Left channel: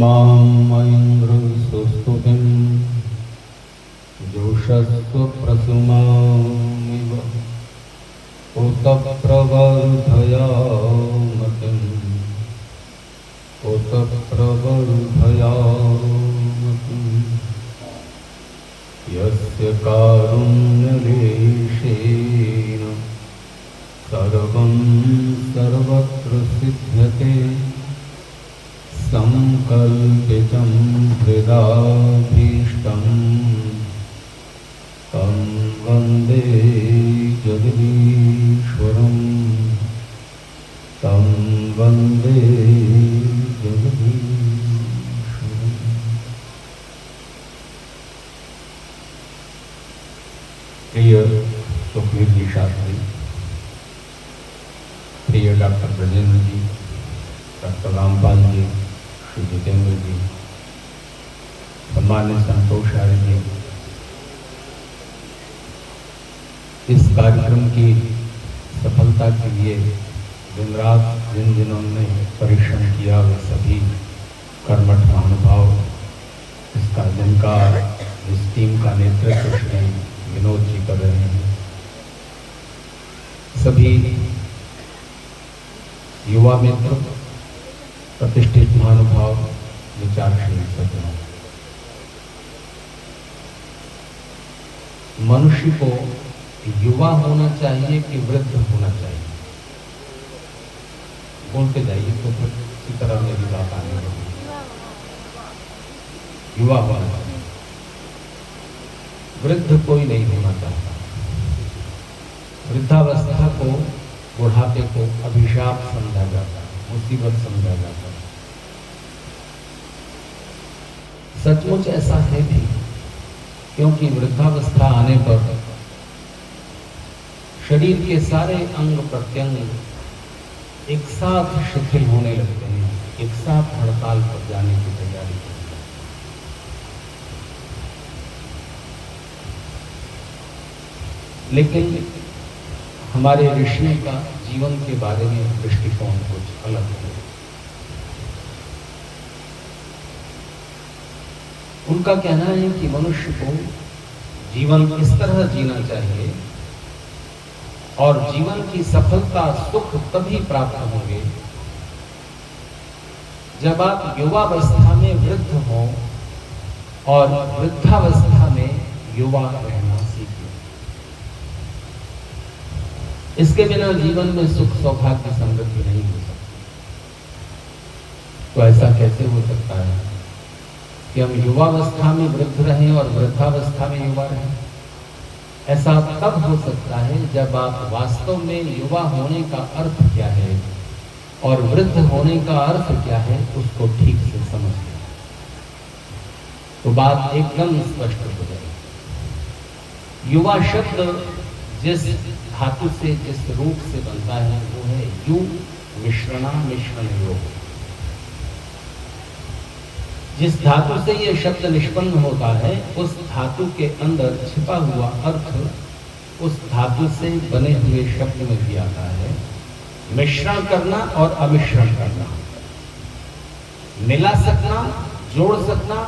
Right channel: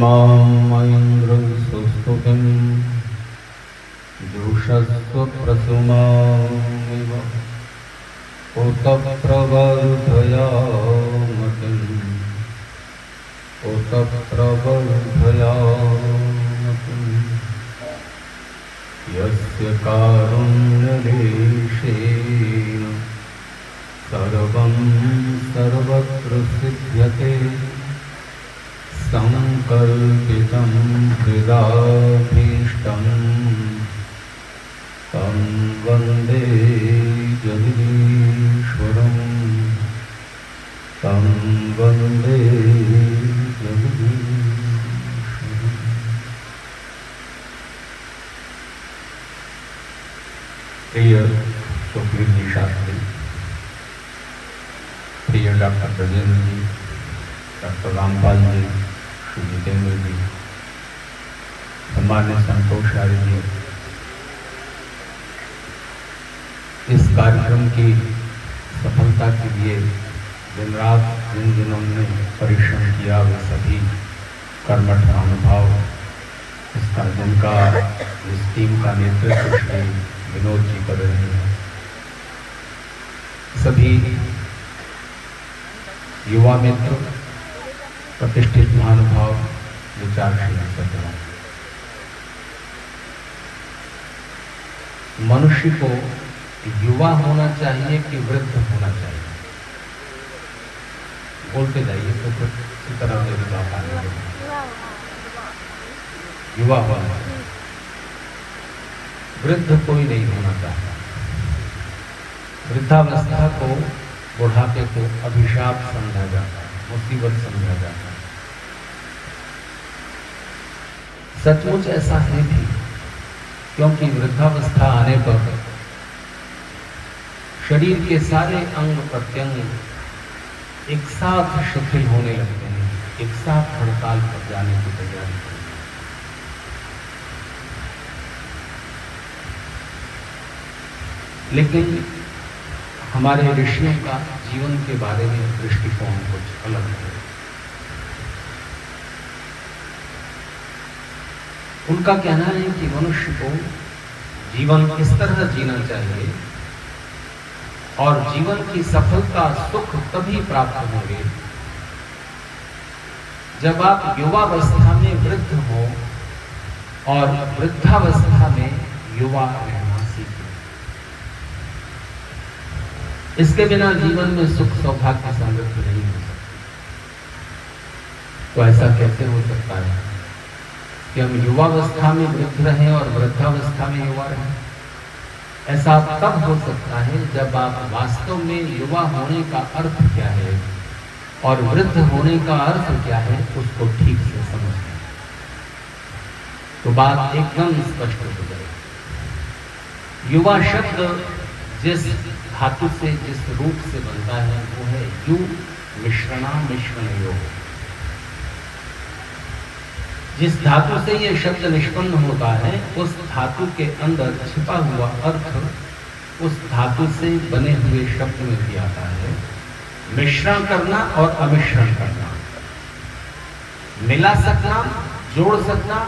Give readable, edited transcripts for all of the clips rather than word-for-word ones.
मामयन्द्र सुस्तुतिं जोषस्व प्रसुमामिव उत प्रवर्धयामतिम् उत प्रवर्धयामतिम् यस्य कारुण्यलेशेन सर्वं सर्वत्र सिद्ध्यते संकल्पितं हृदाभीष्टं तं वन्दे जगदीश्वरं तं वन्दे जगदीश्वरम्। प्रिय सुखवीर जी शास्त्री, प्रिय डॉक्टर ब्रजेंद्र जी, डॉक्टर रामपाल जी, श्री जितेंद्र जी, सम्मान्य संतोष आर्य जी, इस कार्यक्रम की सफलता के लिए दिन रात जिन जिन्होंने परिश्रम किया वे सभी कर्मठ महानुभाव, जिनका इस टीम का नेतृत्व श्री विनोद जी कर रहे हैं, सभी युवा मित्र, प्रतिष्ठित महानुभाव, विचारशील सज्जनों, मनुष्य को युवा होना चाहिए कि वृद्ध होना चाहिए? बोलते जाइए तो फिर इसी तरह मेरी बात आगे बढ़ेगी। युवा होना चाहिए, वृद्ध कोई नहीं होना चाहता। वृद्धावस्था को, बुढ़ापे को अभिशाप समझा जाता है, मुसीबत समझा जाता है। सचमुच ऐसा है भी, क्योंकि वृद्धावस्था आने पर शरीर के सारे अंग प्रत्यंग एक साथ शिथिल होने लगते हैं, एक साथ हड़ताल पर जाने की तैयारी करते हैं। लेकिन हमारे ऋषियों का जीवन के बारे में दृष्टिकोण कुछ अलग है। उनका कहना है कि मनुष्य को जीवन इस तरह जीना चाहिए और जीवन की सफलता, सुख तभी प्राप्त होंगे जब आप युवावस्था में वृद्ध हो और वृद्धावस्था में युवा रहना सीखें। इसके बिना जीवन में सुख सौभाग्य समृद्धि नहीं हो सकती। तो ऐसा कैसे हो सकता है कि हम युवावस्था में वृद्ध रहें और वृद्धावस्था में युवा रहें? ऐसा तब हो सकता है जब आप वास्तव में युवा होने का अर्थ क्या है और वृद्ध होने का अर्थ क्या है उसको ठीक से समझ लें, तो बात एकदम स्पष्ट हो जाएगी। युवा शब्द जिस धातु से, जिस रूप से बनता है वो है यु मिश्रणा मिश्रण योग। जिस धातु से यह शब्द निष्पन्न होता है उस धातु के अंदर छिपा हुआ अर्थ उस धातु से बने हुए शब्द में भी आता है। मिश्रण करना और अमिश्रण करना, मिला सकना, जोड़ सकना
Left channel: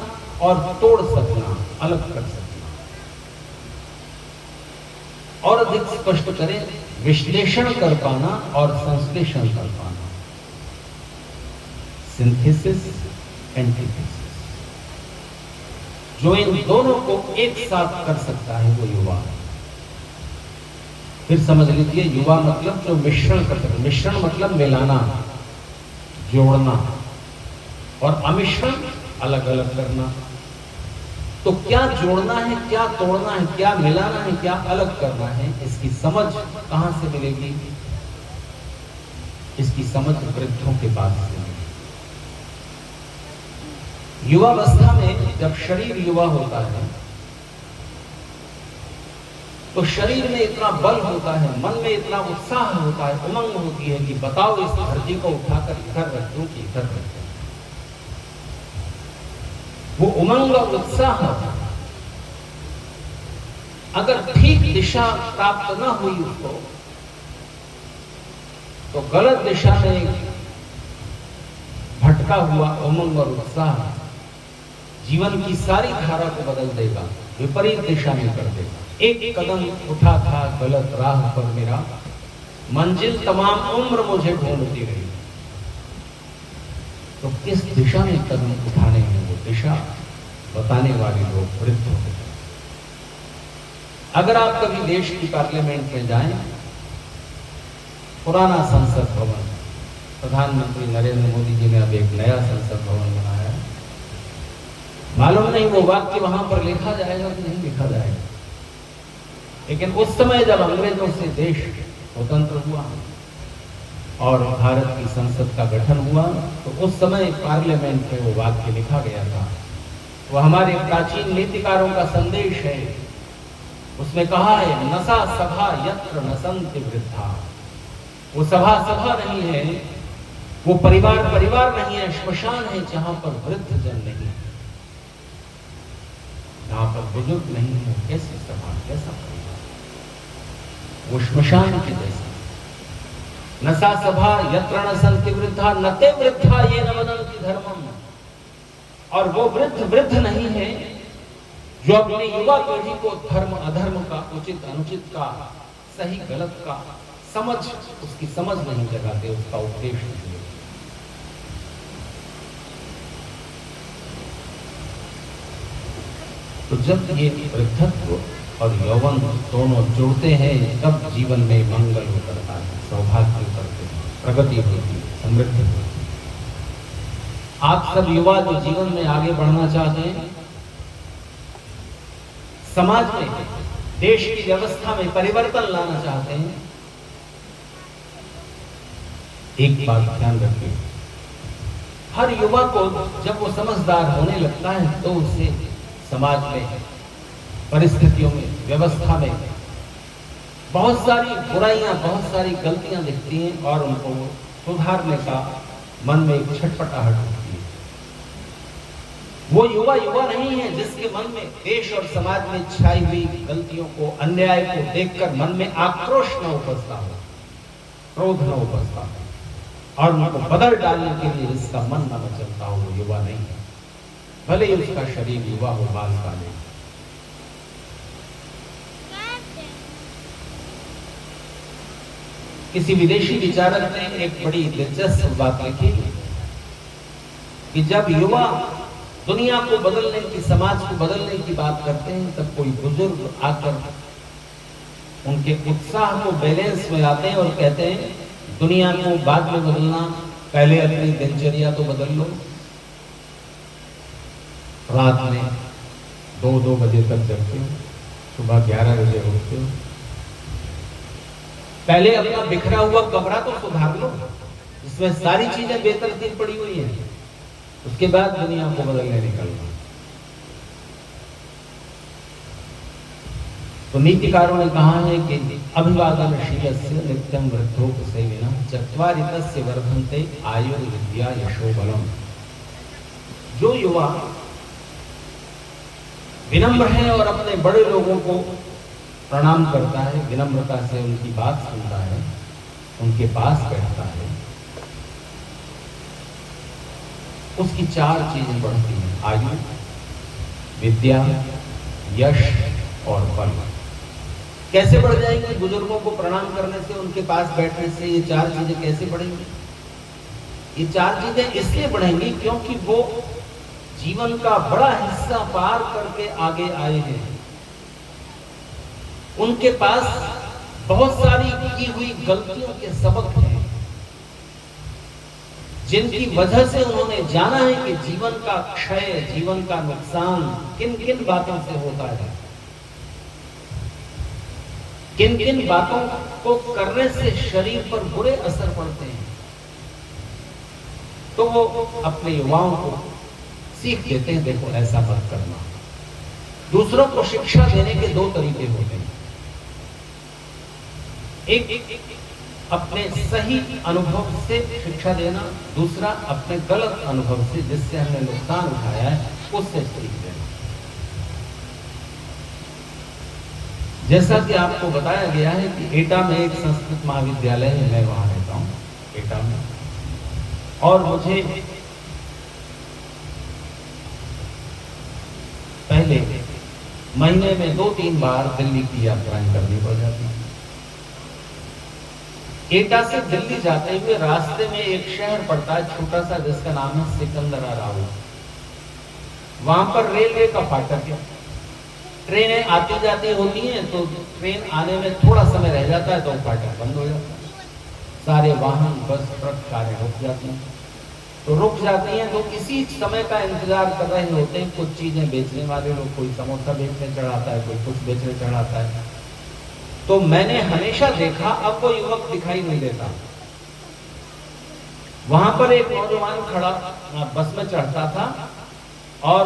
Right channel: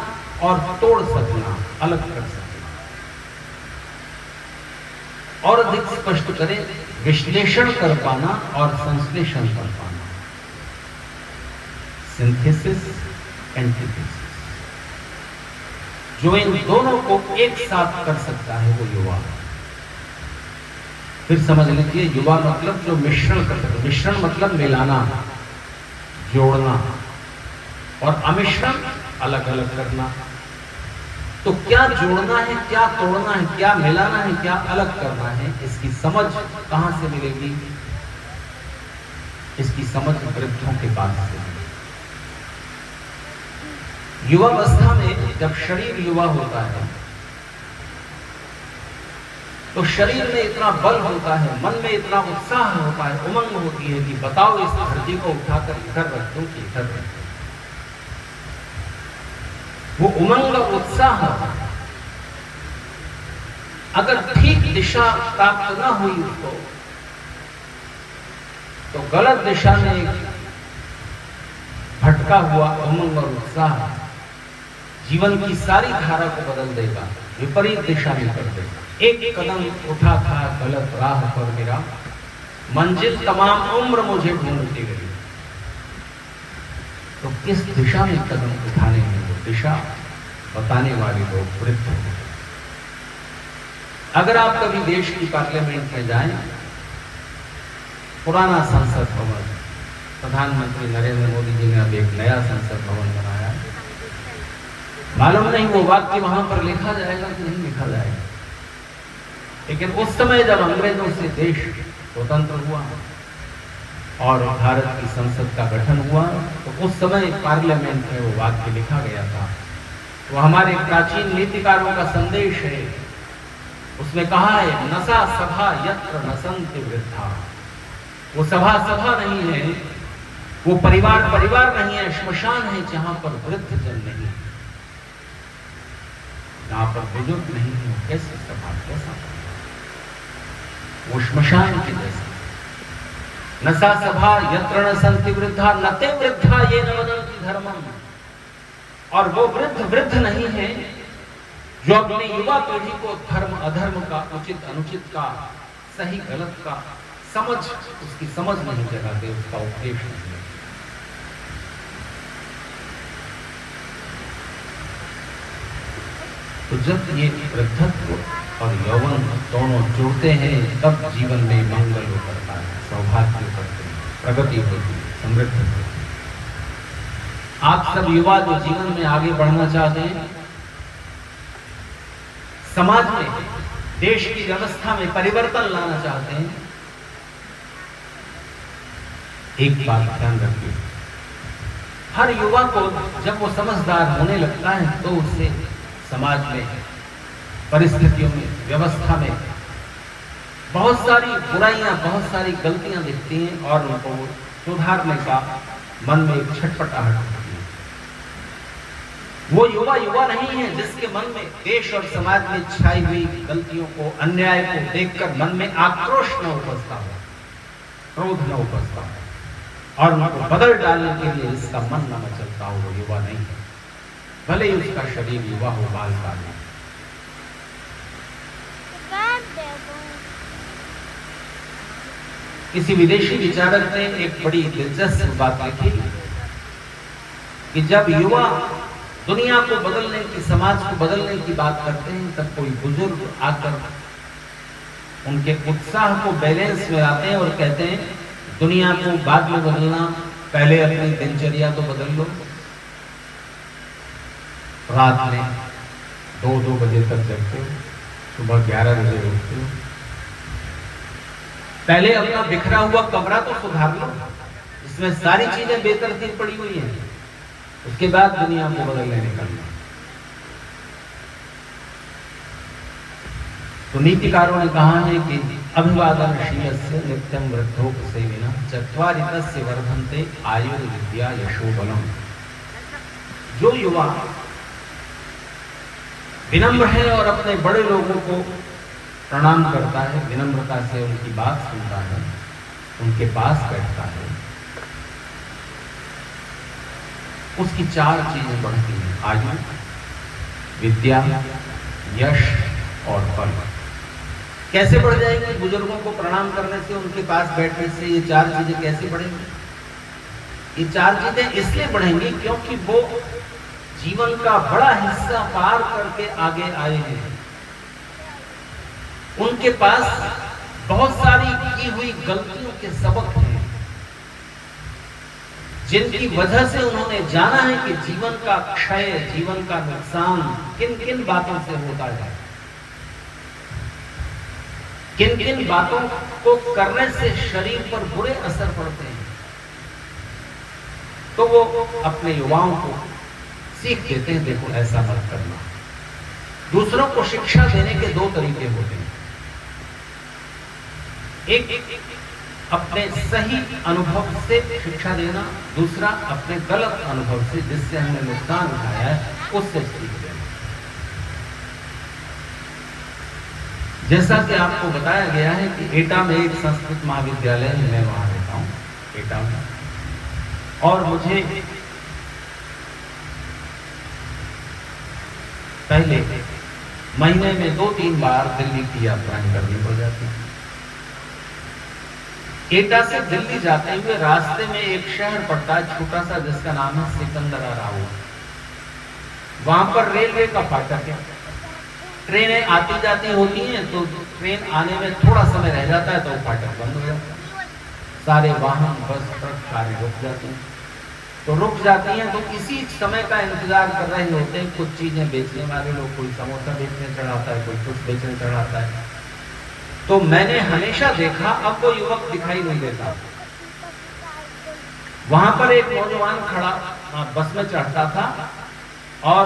और तोड़ सकना, अलग कर सकना। और अधिक स्पष्ट करें, विश्लेषण कर पाना और संश्लेषण कर पाना। Synthesis, antithesis. जो इन दोनों को एक साथ कर सकता है वो युवा। फिर समझ लीजिए, युवा मतलब जो मिश्रण कर सकता है। मिश्रण मतलब मिलाना, जोड़ना, और अमिश्रण अलग अलग करना। तो क्या जोड़ना है, क्या तोड़ना है, क्या मिलाना है, क्या अलग करना है, इसकी समझ कहां से मिलेगी? इसकी समझ वृद्धों के पास से। युवावस्था में जब शरीर युवा होता है तो शरीर में इतना बल होता है, मन में इतना उत्साह होता है, उमंग होती है कि बताओ इस धरती को उठाकर इधर रख दूं कि इधर रख दूं। वो उमंग और उत्साह अगर ठीक दिशा प्राप्त न हुई उसको, तो गलत दिशा में भटक भटका हुआ उमंग और उत्साह जीवन की सारी धारा को बदल देगा, विपरीत दिशा में कर देगा। एक कदम उठा था गलत राह पर मेरा, मंजिल तमाम उम्र मुझे ढूंढती रही। तो किस दिशा में कदम उठाने हैं, वो दिशा बताने वाले लोग वृद्ध होते। अगर आप कभी देश की पार्लियामेंट में जाएं, पुराना संसद भवन, प्रधानमंत्री नरेंद्र मोदी जी ने अब एक नया संसद भवन बनाया है। मालूम नहीं वो वाक्य वहां पर लिखा जाएगा कि नहीं लिखा जाएगा, लेकिन उस समय जब अंग्रेजों से देश स्वतंत्र हुआ और भारत की संसद का गठन हुआ, तो उस समय पार्लियामेंट में वो वाक्य लिखा गया था। वो हमारे प्राचीन नीतिकारों का संदेश है। उसमें कहा है, नसा सभा यत्र नसन्ति वृद्धा। वो सभा सभा नहीं है, वो परिवार परिवार नहीं है, श्मशान है जहां पर वृद्ध जन नहीं, जहां पर बुजुर्ग नहीं है। कैसी सभा, कैसा परिवार, वो श्मशान की जैसा। नसा सभा यत्र नसन्ति वृद्धा नते वृद्धा ये न वदन्ति धर्मम्। और वो वृद्ध वृद्ध नहीं है जो अपनी युवा पीढ़ी को धर्म अधर्म का, उचित अनुचित का, सही गलत का समझ, उसकी समझ नहीं जगाते, उसका उपदेश नहीं देते। तो जब ये वृद्धत्व और यौवन दोनों जुड़ते हैं, तब जीवन में मंगल उतरता है, सौभाग्य उतरते हैं, प्रगति होती है, समृद्धि होती है। आप सब युवा जो जीवन में आगे बढ़ना चाहते हैं, समाज में, देश की व्यवस्था में परिवर्तन लाना चाहते हैं, एक बात ध्यान रखिए, हर युवा को जब वो समझदार होने लगता है तो उसे समाज में, परिस्थितियों में, व्यवस्था में बहुत सारी बुराइयां, बहुत सारी गलतियां दिखती हैं और उनको सुधारने का मन में एक छटपटाहट होती है। वो युवा युवा नहीं है जिसके मन में देश और समाज में छाई हुई गलतियों को, अन्याय को देखकर मन में आक्रोश न उपजता हो, क्रोध न उपजता हो और उनको बदल डालने के लिए इसका मन न मचलता हो, वो युवा नहीं है। भले ही उसका शरीर युवा हो, बाल काले। किसी विदेशी विचारक ने एक बड़ी दिलचस्प बात लिखी कि जब युवा दुनिया को बदलने की, समाज को बदलने की बात करते हैं, तब कोई बुजुर्ग आकर उनके उत्साह को बैलेंस में लाते हैं और कहते हैं, दुनिया को बाद में बदलना, पहले अपनी दिनचर्या तो बदल लो। रात में 2-2 बजे तक जगते हो, सुबह 11 बजे उठते हो, पहले अपना बिखरा हुआ कमरा तो सुधार लो, इसमें सारी चीजें बेतरतीब पड़ी हुई हैं, उसके बाद दुनिया को बदलने निकलना। तो नीतिकारों ने कहा है कि अभिवादनशीलस्य नित्यं वृद्धोपसेविनः चत्वारितस्य वर्धन्ते आयुर्विद्या यशोबलम्। जो युवा विनम्र है और अपने बड़े लोगों को प्रणाम करता है, विनम्रता से उनकी बात सुनता है, उनके पास बैठता है, उसकी 4 चीजें बढ़ती हैं, आयु, विद्या, यश और बल। कैसे बढ़ जाएंगी? बुजुर्गों को प्रणाम करने से, उनके पास बैठने से ये 4 चीजें कैसे बढ़ेंगी? ये 4 चीजें इसलिए बढ़ेंगी क्योंकि वो जीवन का बड़ा हिस्सा पार करके आगे आए हैं। उनके पास बहुत सारी की हुई गलतियों के सबक हैं, जिनकी वजह से उन्होंने जाना है कि जीवन का क्षय, जीवन का नुकसान किन किन बातों से होता है, किन किन बातों को करने से शरीर पर बुरे असर पड़ते हैं। तो वो अपने युवाओं को सीख देते हैं, देखो ऐसा मत करना। दूसरों को शिक्षा देने के 2 तरीके होते हैं, एक अपने सही अनुभव से शिक्षा देना, दूसरा अपने गलत अनुभव से, जिससे हमने नुकसान उठाया है, उससे सीख देना। जैसा कि आपको बताया गया है कि एटा में एक संस्कृत महाविद्यालय है, मैं वहां रहता हूं एटा में, और मुझे पहले महीने में 2-3 बार दिल्ली की यात्राएं करनी हो जाती थी। एटा से दिल्ली जाते हुए रास्ते में एक शहर पड़ता है छोटा सा, जिसका नाम है सिकंदराबाद। वहां पर रेलवे का फाटक है, ट्रेनें आती जाती होती हैं, तो ट्रेन आने में थोड़ा समय रह जाता है तो फाटक बंद हो जाता है। सारे वाहन, बस, ट्रक सारे रुक जाते हैं। तो रुक जाती हैं तो इसी समय का इंतजार कर रहे होते हैं कुछ चीजें बेचने वाले लोग। कोई समोसा बेचने चढ़ाता है, कोई कुछ बेचने चढ़ाता है। तो मैंने हमेशा देखा, अब वो युवक दिखाई नहीं देता। वहां पर एक नौजवान खड़ा बस में चढ़ता था और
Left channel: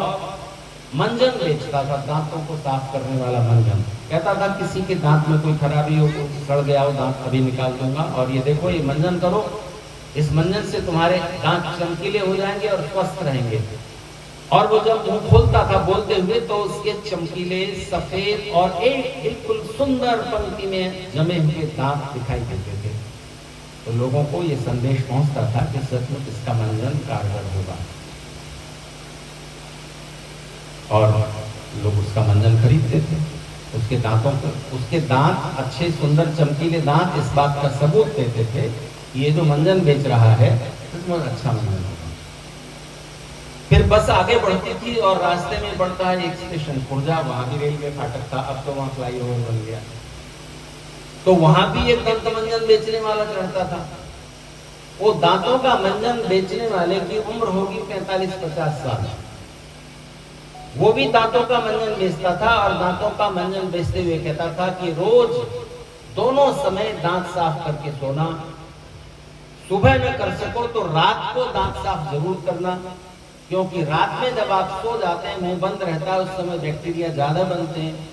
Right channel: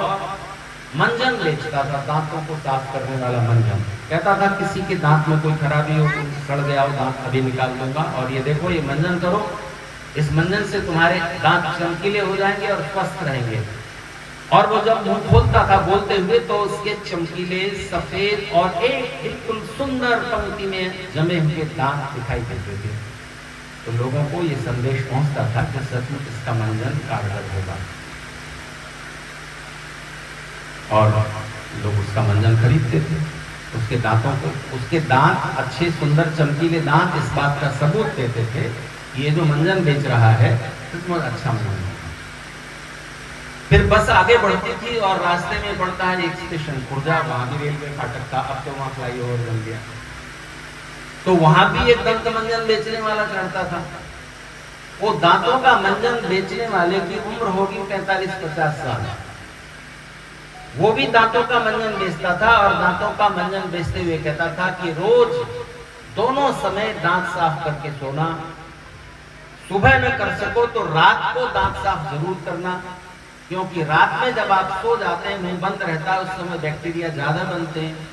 मंजन बेचता था, दांतों को साफ करने वाला मंजन। कहता था किसी के दांत में कोई खराबी हो, सड़ गया हो दांत, अभी निकाल दूंगा, और ये देखो ये मंजन करो, इस मंजन से तुम्हारे दांत चमकीले हो जाएंगे और स्वस्थ रहेंगे। और वो जब मुंह खोलता था बोलते हुए तो उसके चमकीले, सफेद और एक बिल्कुल सुंदर पंक्ति में जमे हुए दांत दिखाई देते थे। तो लोगों को ये संदेश पहुंचता था कि सचमुच इसका मंजन कारगर होगा, और लोग उसका मंजन खरीदते थे। उसके दांतों को, उसके दांत अच्छे, सुंदर, चमकीले दांत इस बात का सबूत देते थे ये जो मंजन बेच रहा है सचमुच अच्छा मंजन होगा। फिर बस आगे बढ़ती थी और रास्ते में बढ़ता है एक स्टेशन खुर्जा, वहां भी रेलवे फाटक था, अब तो वहां फ्लाईओवर बन गया। तो वहां भी एक दंत मंजन बेचने वाला चढ़ता था। वो दांतों का मंजन बेचने वाले की उम्र होगी 45-50 साल। वो भी दांतों का मंजन बेचता था और दांतों का मंजन बेचते हुए कहता था कि रोज दोनों समय दांत साफ करके सोना, सुबह न कर सको तो रात को दांत साफ जरूर करना, क्योंकि रात में जब आप सो जाते हैं मुंह बंद रहता है, उस समय बैक्टीरिया ज्यादा बनते हैं।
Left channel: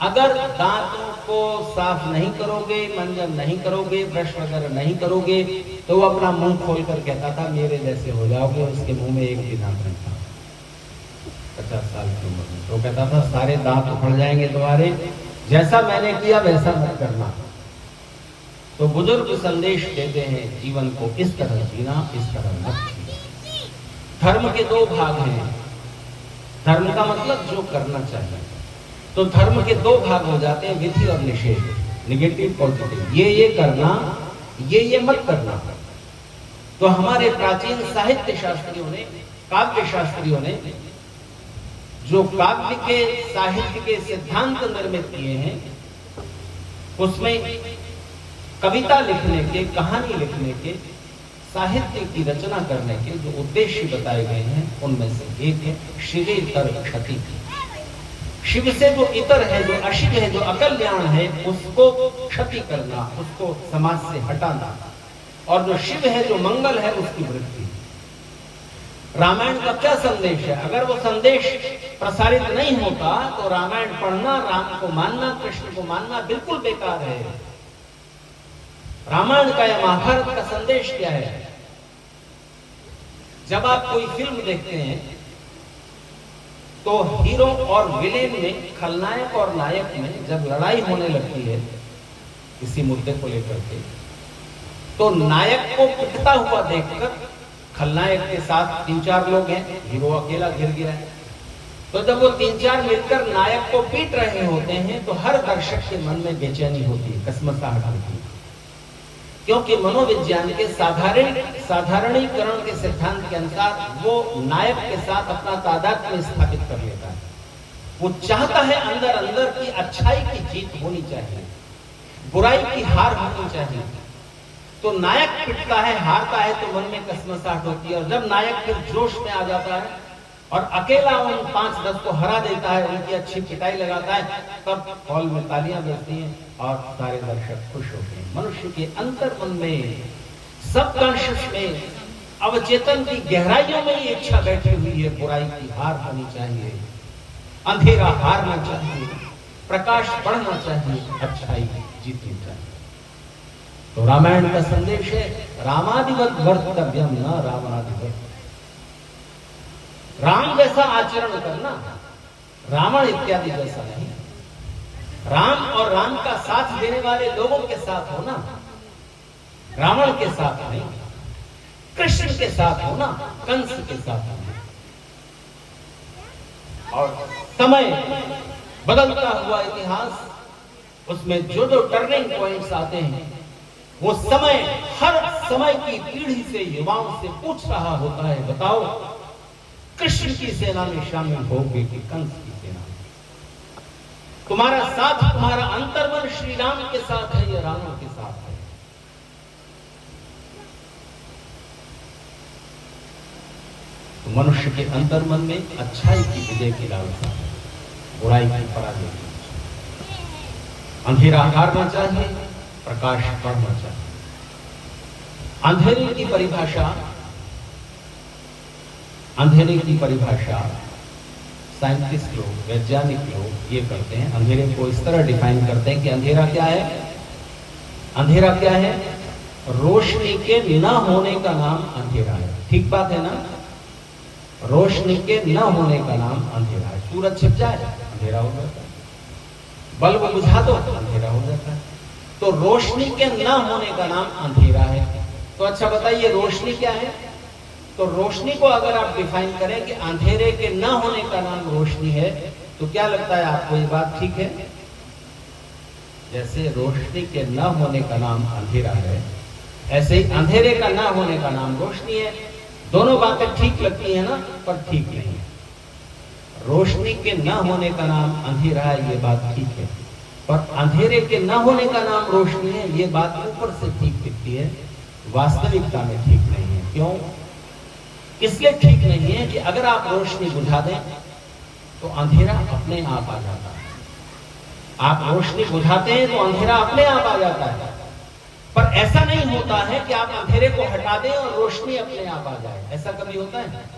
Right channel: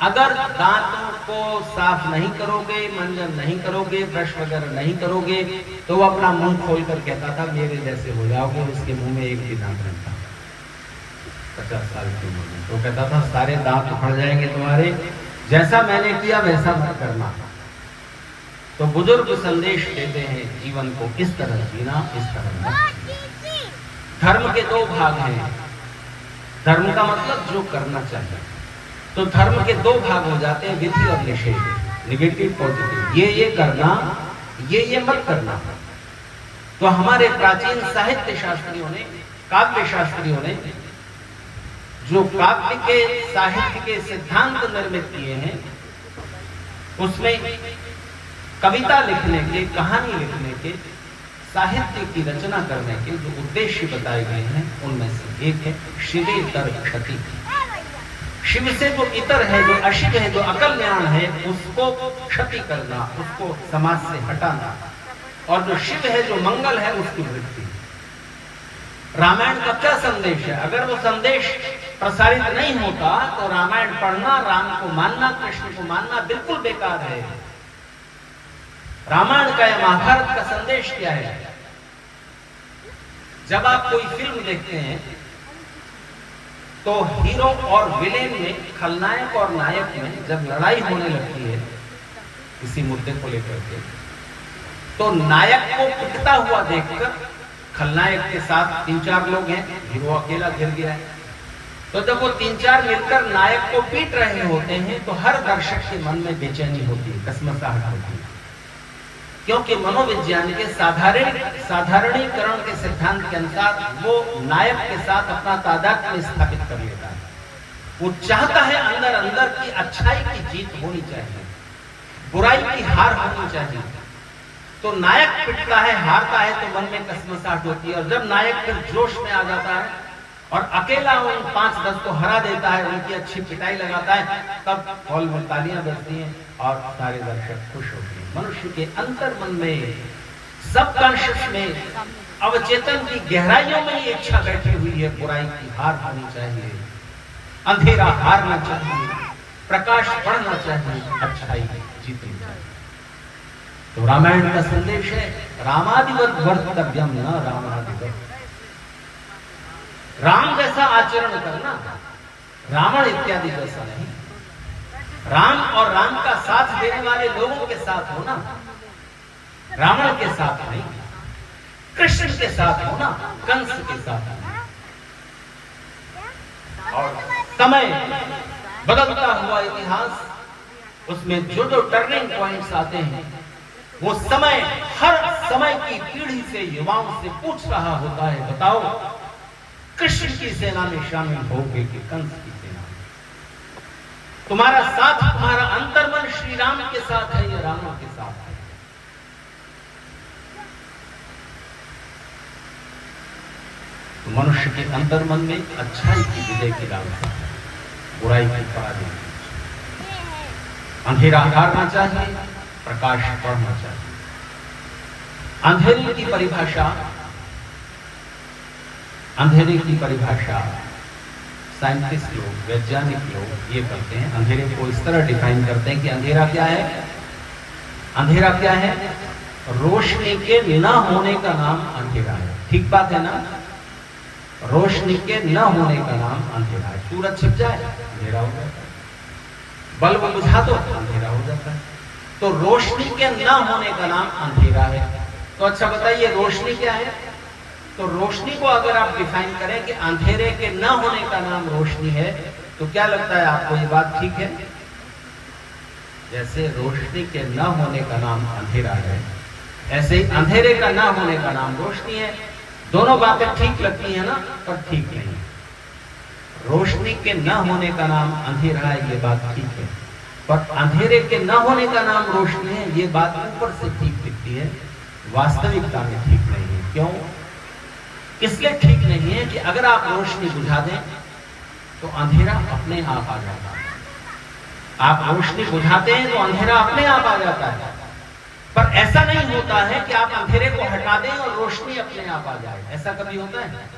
अगर दांतों को साफ नहीं करोगे, मंजन नहीं करोगे, ब्रश वगैरह नहीं करोगे, तो वो अपना मुंह खोलकर कहता था मेरे जैसे हो जाओगे। उसके मुंह में एक भी दांत नहीं था 50 साल की उम्र में। तो कहता था सारे दांत उखड़ जाएंगे तुम्हारे, जैसा मैंने किया वैसा मत करना। तो बुजुर्ग संदेश देते हैं जीवन को इस तरह जीना, इस तरह मत जीना। धर्म के 2 भाग हैं। धर्म का मतलब जो करना चाहिए। तो धर्म के 2 भाग हो जाते हैं, विधि और निषेध, नेगेटिव पॉजिटिव। ये करना, ये मत करना। तो हमारे प्राचीन साहित्य शास्त्रियों ने, काव्य शास्त्रियों ने जो काव्य के साहित्य के सिद्धांत निर्मित किए हैं, उसमें कविता लिखने के, कहानी लिखने के, साहित्य की रचना करने के जो उद्देश्य बताए गए हैं, उनमें से एक है शिवे इतर क्षति। शिव से जो इतर है, जो अशिव है, जो अकल्याण है, उसको क्षति करना, उसको समाज से हटाना, और जो शिव है, जो मंगल है, उसकी वृद्धि। रामायण का क्या संदेश है? अगर वो संदेश प्रसारित नहीं होता तो रामायण पढ़ना, राम को मानना, कृष्ण को मानना बिल्कुल बेकार है। रामायण का या महाभारत का संदेश क्या है? जब आप कोई फिल्म देखते हैं तो हीरो और विलेन में, खलनायक और नायक में जब लड़ाई होने लगती है किसी मुद्दे को लेकर के, तो नायक को पिटता हुआ देखकर खलनायक के साथ 3-4 लोग हैं, हीरो अकेला घिर गया है, तो जब वो 3-4 मिलकर नायक को पीट रहे होते हैं तो हर दर्शक के मन में बेचैनी होती है, कसमसाहट होती है, क्योंकि मनोविज्ञान के साधारणीकरण के सिद्धांत के अनुसार वो नायक के साथ अपना तादात्म्य स्थापित कर लेता है। वो चाहता है अंदर अंदर की अच्छाई की जीत होनी चाहिए, बुराई की हार होनी चाहिए। तो नायक पिटता है, हारता है, तो मन में कसमसाहट होती है, और जब नायक फिर जोश में आ जाता है और अकेला उन 5-10 को हरा देता है, उनकी अच्छी पिटाई लगाता है, तब हॉल में तालियां बजती हैं और सारे दर्शक खुश होते हैं। मनुष्य के अंतर मन में, सबकॉन्शियस में, अवचेतन की गहराइयों में ये इच्छा बैठी हुई है, बुराई की हार होनी चाहिए, अंधेरा हारना चाहिए, प्रकाश बढ़ना चाहिए, अच्छाई जीतनी चाहिए। तो रामायण का संदेश है रामादिवत वर्तव्यम न रामादिवत। राम जैसा आचरण करना, रावण इत्यादि जैसा नहीं। राम और राम का साथ देने वाले लोगों के साथ होना, रावण के साथ नहीं, कृष्ण के साथ होना, कंस के साथ होना। और समय, बदलता हुआ इतिहास, उसमें जो जो टर्निंग पॉइंट्स आते हैं, वो समय हर समय की पीढ़ी से युवाओं से पूछ रहा होता है, बताओ कृष्ण की सेना में शामिल होगे कि कंस की सेना में? तुम्हारा साथ, तुम्हारा अंतर्मन श्री राम के साथ है या रावण के साथ है? तो मनुष्य के अंतर्मन में अच्छाई की विजय की लालसा है, बुराई की पराजय की। अंधेरा हटाना चाहिए, प्रकाश बढ़ना चाहिए। अंधेरे की परिभाषा, अंधेरे की परिभाषा साइंटिस्ट लोग, वैज्ञानिक लोग ये करते हैं, अंधेरे को इस तरह डिफाइन करते हैं कि अंधेरा क्या है? अंधेरा क्या है? रोशनी के न होने का नाम अंधेरा है। ठीक बात है ना? रोशनी के न होने का नाम अंधेरा है। सूरज छिप जाए, अंधेरा हो जाता है। बल्ब बुझा दो, अंधेरा हो जाता है। तो रोशनी के न होने का नाम अंधेरा है। तो अच्छा बताइए, रोशनी क्या है? तो रोशनी को अगर आप डिफाइन करें कि अंधेरे के न होने का नाम रोशनी है, तो क्या लगता है आपको ये बात ठीक है? जैसे रोशनी के न होने का नाम अंधेरा है, ऐसे ही अंधेरे का न होने का नाम रोशनी है। दोनों बातें ठीक लगती है ना, पर ठीक नहीं। रोशनी के न होने का नाम अंधेरा है, ये बात ठीक है, पर अंधेरे के न होने का नाम रोशनी है, ये बात ऊपर से ठीक दिखती है, वास्तविकता में ठीक नहीं है। क्यों? इसलिए ठीक नहीं है कि अगर आप रोशनी बुझा दें तो अंधेरा अपने आप आ जाता है। आप रोशनी बुझाते हैं तो अंधेरा अपने आप आ जाता है, पर ऐसा नहीं होता है कि आप अंधेरे को हटा दें और रोशनी अपने आप आ जाए। ऐसा कभी होता है?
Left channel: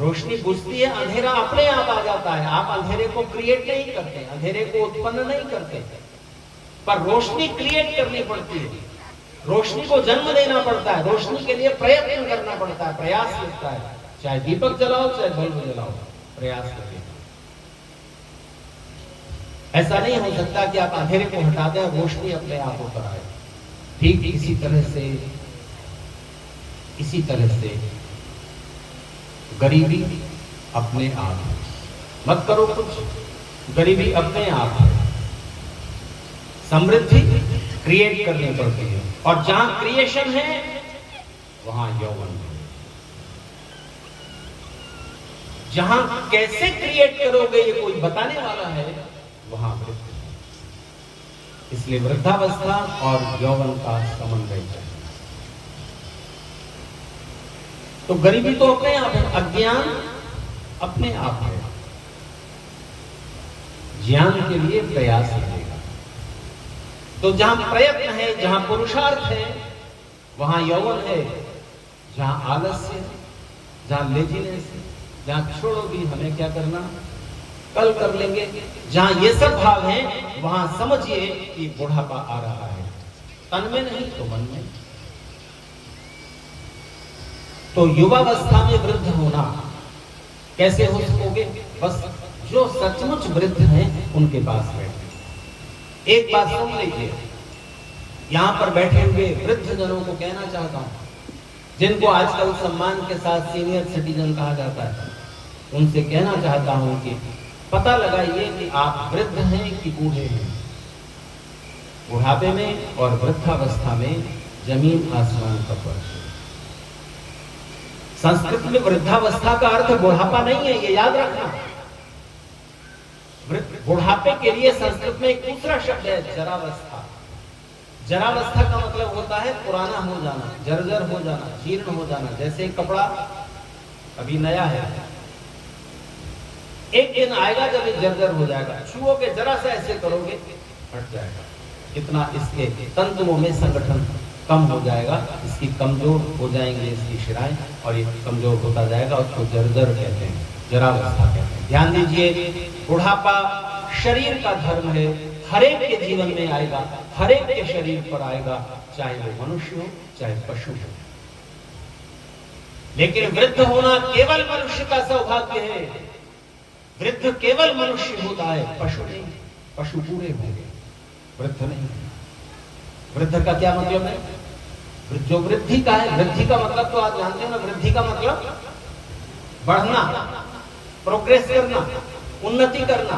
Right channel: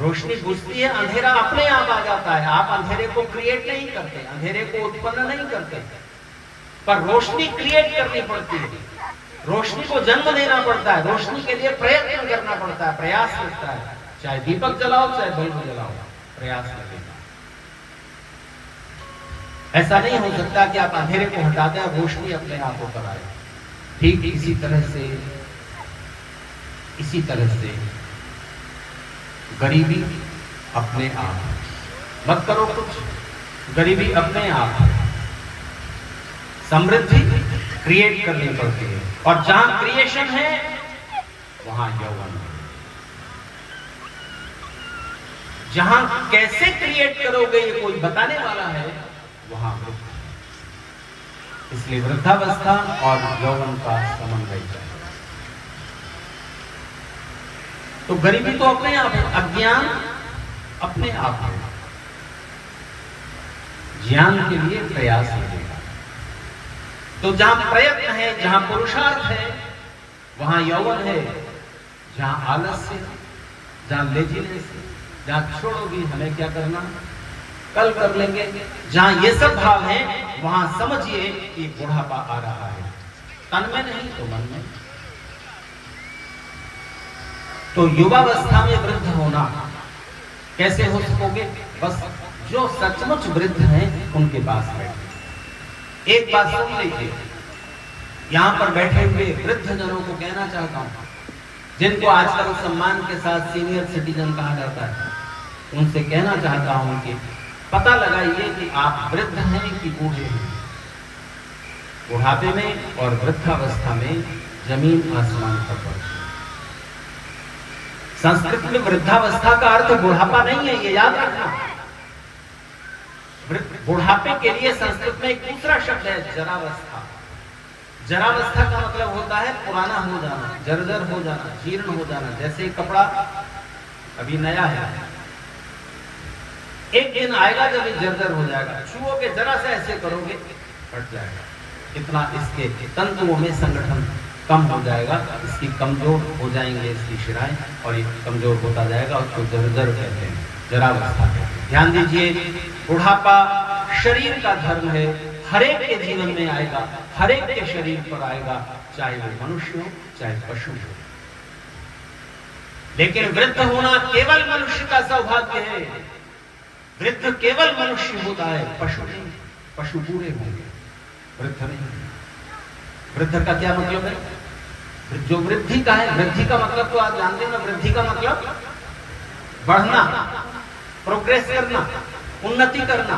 रोशनी बुझती है, अंधेरा अपने आप आ जाता है। आप अंधेरे को क्रिएट नहीं करते, अंधेरे को उत्पन्न नहीं करते, पर रोशनी क्रिएट करनी पड़ती है, रोशनी को जन्म देना पड़ता है, रोशनी के लिए प्रयत्न करना पड़ता है, प्रयास लगता है। चाहे दीपक जलाओ, चाहे बल्ब जलाओ, प्रयास लगेगा। ऐसा नहीं हो सकता कि आप अंधेरे को हटा दें और रोशनी अपने आप ऊपर आए। ठीक इसी तरह से गरीबी अपने आप मत करो कुछ, गरीबी अपने आप है। समृद्धि क्रिएट करनी पड़ती है, और जहां क्रिएशन है वहां यौवन है। जहां कैसे क्रिएट करोगे ये कोई बताने वाला है, वहां वृद्ध। इसलिए वृद्धावस्था और यौवन का समन्वय चाहिए। तो गरीबी तो अपने आप है, अज्ञान अपने आप है। ज्ञान के लिए प्रयास लगेगा। तो जहां प्रयत्न है, जहां पुरुषार्थ है, वहां यौवन है। जहां आलस्य, जहां लेजीनेस, जहां छोड़ोगी हमें क्या करना, कल कर लेंगे, जहां ये सब भाव हैं, वहां समझिए कि बुढ़ापा आ रहा है। तन में नहीं तो मन में। तो युवावस्था में वृद्ध होना कैसे हो सकोगे? बस जो सचमुच वृद्ध हैं उनके पास बैठे। एक बात सुन लीजिए, यहां पर बैठे हुए वृद्ध जनों को कहना चाहता हूं, जिनको आजकल सम्मान के साथ सीनियर सिटीजन कहा जाता है, उनसे कहना चाहता हूं कि पता लगाइए कि आप वृद्ध हैं कि बूढ़े हैं। बुढ़ापे में और वृद्धावस्था में जमीन आसमान का फर्क है। संस्कृत में वृद्धावस्था का अर्थ बुढ़ापा नहीं है, ये याद रखना। बुढ़ापे के लिए संस्कृत में एक दूसरा शब्द है, जरावस्था। जरावस्था का मतलब होता है पुराना हो जाना, जर्जर हो जाना, जीर्ण हो जाना। जैसे कपड़ा अभी नया है, एक दिन आएगा जब ये जर्जर हो जाएगा, छुओगे, जरा से ऐसे करोगे, हट जाएगा। कितना इसके तंतुओं में संगठन कम हो जाएगा, इसकी कमजोर हो जाएंगे इसकी शिराएं, और ये कमजोर होता जाएगा, और उसको जर्जर कहते हैं, जरावस्था कहते हैं। ध्यान दीजिए, बुढ़ापा शरीर का धर्म है, हरेक के जीवन में आएगा, हरेक के शरीर पर आएगा, चाहे वो मनुष्य हो चाहे पशु हो। लेकिन वृद्ध होना केवल मनुष्य का सौभाग्य है। वृद्ध केवल मनुष्य होता है, पशु नहीं। पशु पूरे होंगे, वृद्ध नहीं। वृद्ध का क्या मतलब है? जो वृद्धि का है, वृद्धि का मतलब तो आप जानते हैं ना, वृद्धि का मतलब बढ़ना। प्रोग्रेस करना, उन्नति करना,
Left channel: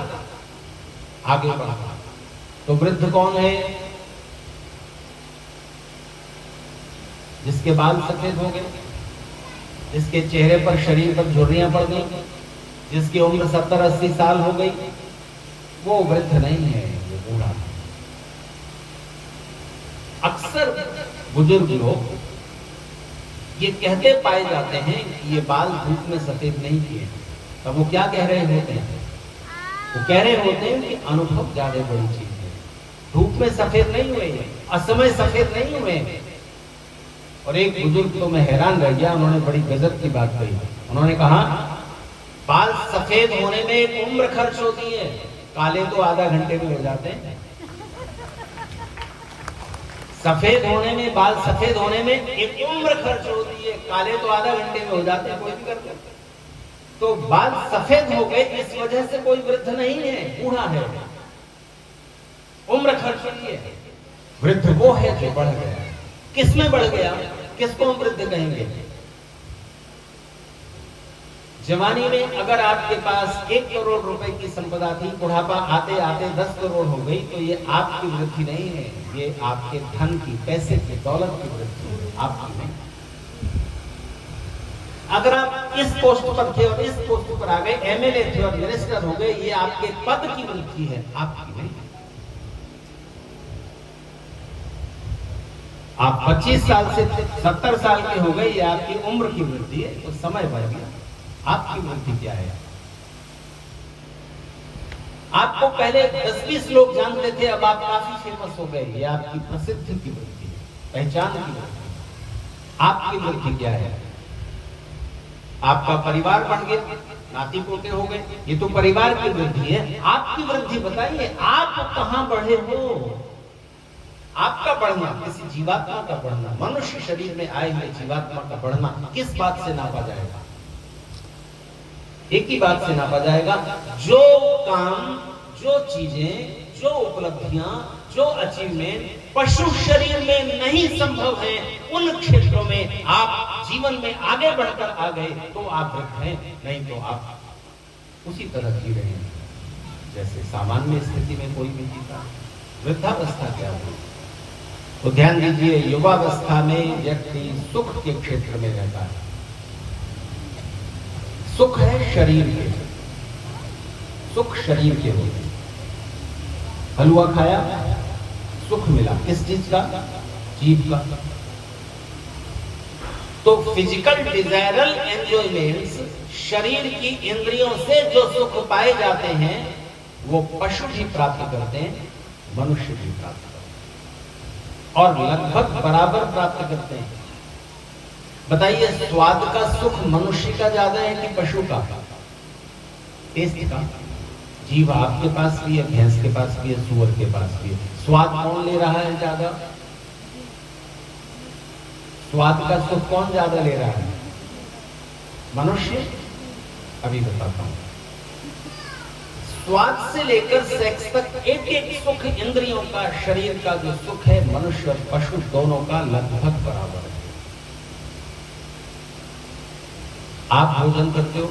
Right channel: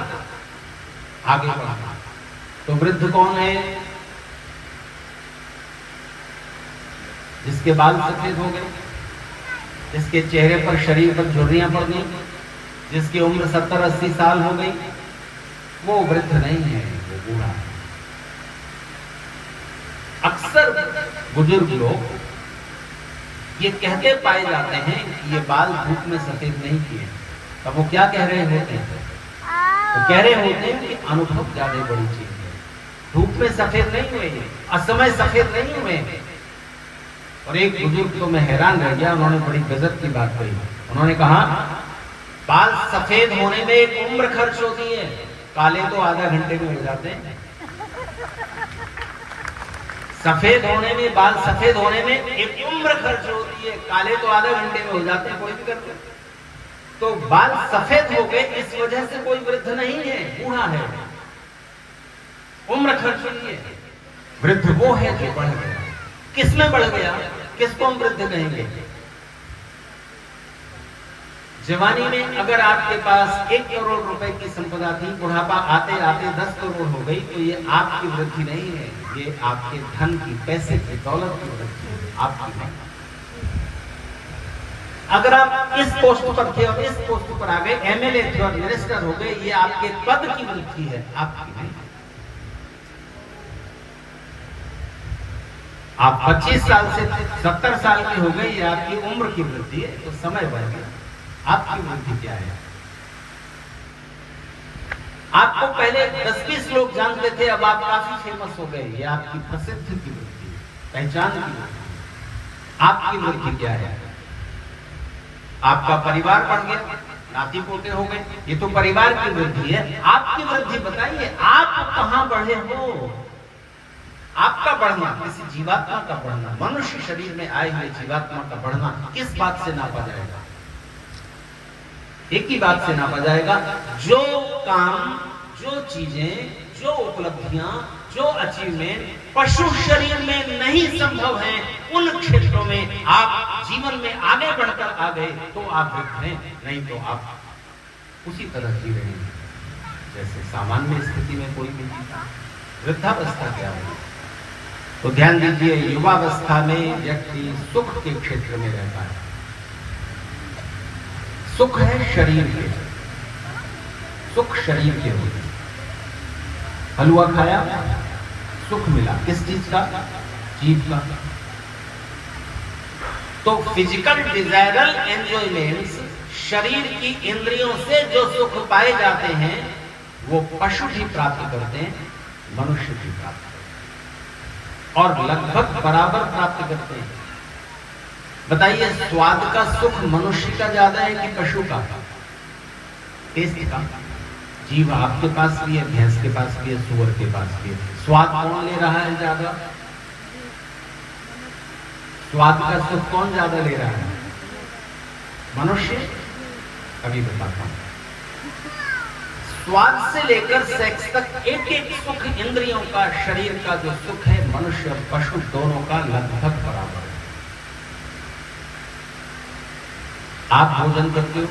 आगे बढ़ना। तो वृद्ध कौन है? जिसके बाल सफेद हो गए, जिसके चेहरे पर, शरीर पर झुर्रियां पड़ गई, जिसकी उम्र 70-80 साल हो गई, वो वृद्ध नहीं है, वो बूढ़ा है। अक्सर बुजुर्ग लोग ये कहते पाए जाते हैं कि ये बाल धूप में सफेद नहीं किए। तब वो क्या कह रहे होते हैं? वो कह रहे होते हैं कि अनुभव ज्यादा बड़ी चीज है। धूप में सफेद नहीं हुए, असमय सफेद नहीं हुए। और एक बुजुर्ग तो मैं हैरान रह गया, उन्होंने बड़ी गजब की बात कही। उन्होंने कहा बाल सफेद होने में एक उम्र खर्च होती है, काले तो आधा घंटे में हो जाते हैं। सफेद होने में, बाल सफेद होने में एक उम्र खर्च होती है, काले तो आधा घंटे में हो जाते हैं, कोई भी करते। तो बाल सफेद हो गए इस वजह से कोई वृद्ध नहीं है, बूढ़ा है। उम्र खर्च हुई है। वृद्ध वो है जो बढ़ गया। किसमें बढ़ गया? किसको हम वृद्ध कहेंगे? जवानी में अगर आपके पास 1 करोड़ रुपए की संपदा थी, बुढ़ापा आते आते 10 करोड़ हो गई, तो ये आपकी वृद्धि नहीं है, ये आपके धन की, पैसे की, दौलत की वृद्धि है, आपकी नहीं। अगर आप इस पोस्ट पर थे और इस पोस्ट पर आ गए, एमएलए थे और मिनिस्टर हो गए, ये आपके पद की वृद्धि है, आपकी नहीं। आप 25 साल से 70 साल के हो गए, ये आपकी उम्र की वृद्धि है, तो समय बढ़ गया। आपकी वृद्धि क्या है? आपको पहले 10-20 लोग जानते थे, अब आप काफी फेमस हो गए, ये आपकी प्रसिद्धि की वृद्धि, पहचान की वृद्धि। आपकी वृद्धि क्या है? आपका परिवार बढ़ गया, नाती पोते हो गए, ये तो परिवार की वृद्धि है। आपकी वृद्धि बताइए, आप कहां बढ़े हो? आपका बढ़ना, किसी जीवात्मा का बढ़ना, मनुष्य शरीर में आए हुए जीवात्मा का बढ़ना किस बात से नापा जाएगा? एक ही बात से नापा जाएगा, जो काम, जो चीजें, जो उपलब्धियां, जो अचीवमेंट पशु शरीर में नहीं संभव है, उन क्षेत्रों में आप जीवन में आगे बढ़कर आ गए तो आप वृद्ध हैं, नहीं तो आप उसी तरह जी रहे हैं जैसे सामान्य स्थिति में कोई भी जीता। वृद्धावस्था क्या है? तो ध्यान दीजिए, युवावस्था में व्यक्ति सुख के क्षेत्र में रहता है। सुख है शरीर के, सुख शरीर के होते। हलवा खाया, सुख मिला, किस चीज का? जीभ का। तो फिजिकल डिजायरल एंजॉयमेंट्स, शरीर की इंद्रियों से जो सुख पाए जाते हैं, वो पशु भी प्राप्त करते हैं, मनुष्य भी प्राप्त करते हैं, और लगभग बराबर प्राप्त करते हैं। बताइए, स्वाद का सुख मनुष्य का ज्यादा है कि पशु का? टेस्ट का। जीभ आपके पास भी है, भैंस के पास भी है, सूअर के पास भी है। स्वाद कौन ले रहा है ज्यादा? स्वाद का सुख कौन ज्यादा ले रहा है? मनुष्य। अभी बताता हूं। स्वाद से लेकर सेक्स तक एक एक सुख इंद्रियों का, शरीर का जो सुख है, मनुष्य और पशु दोनों का लगभग बराबर है। आप भोजन करते हो,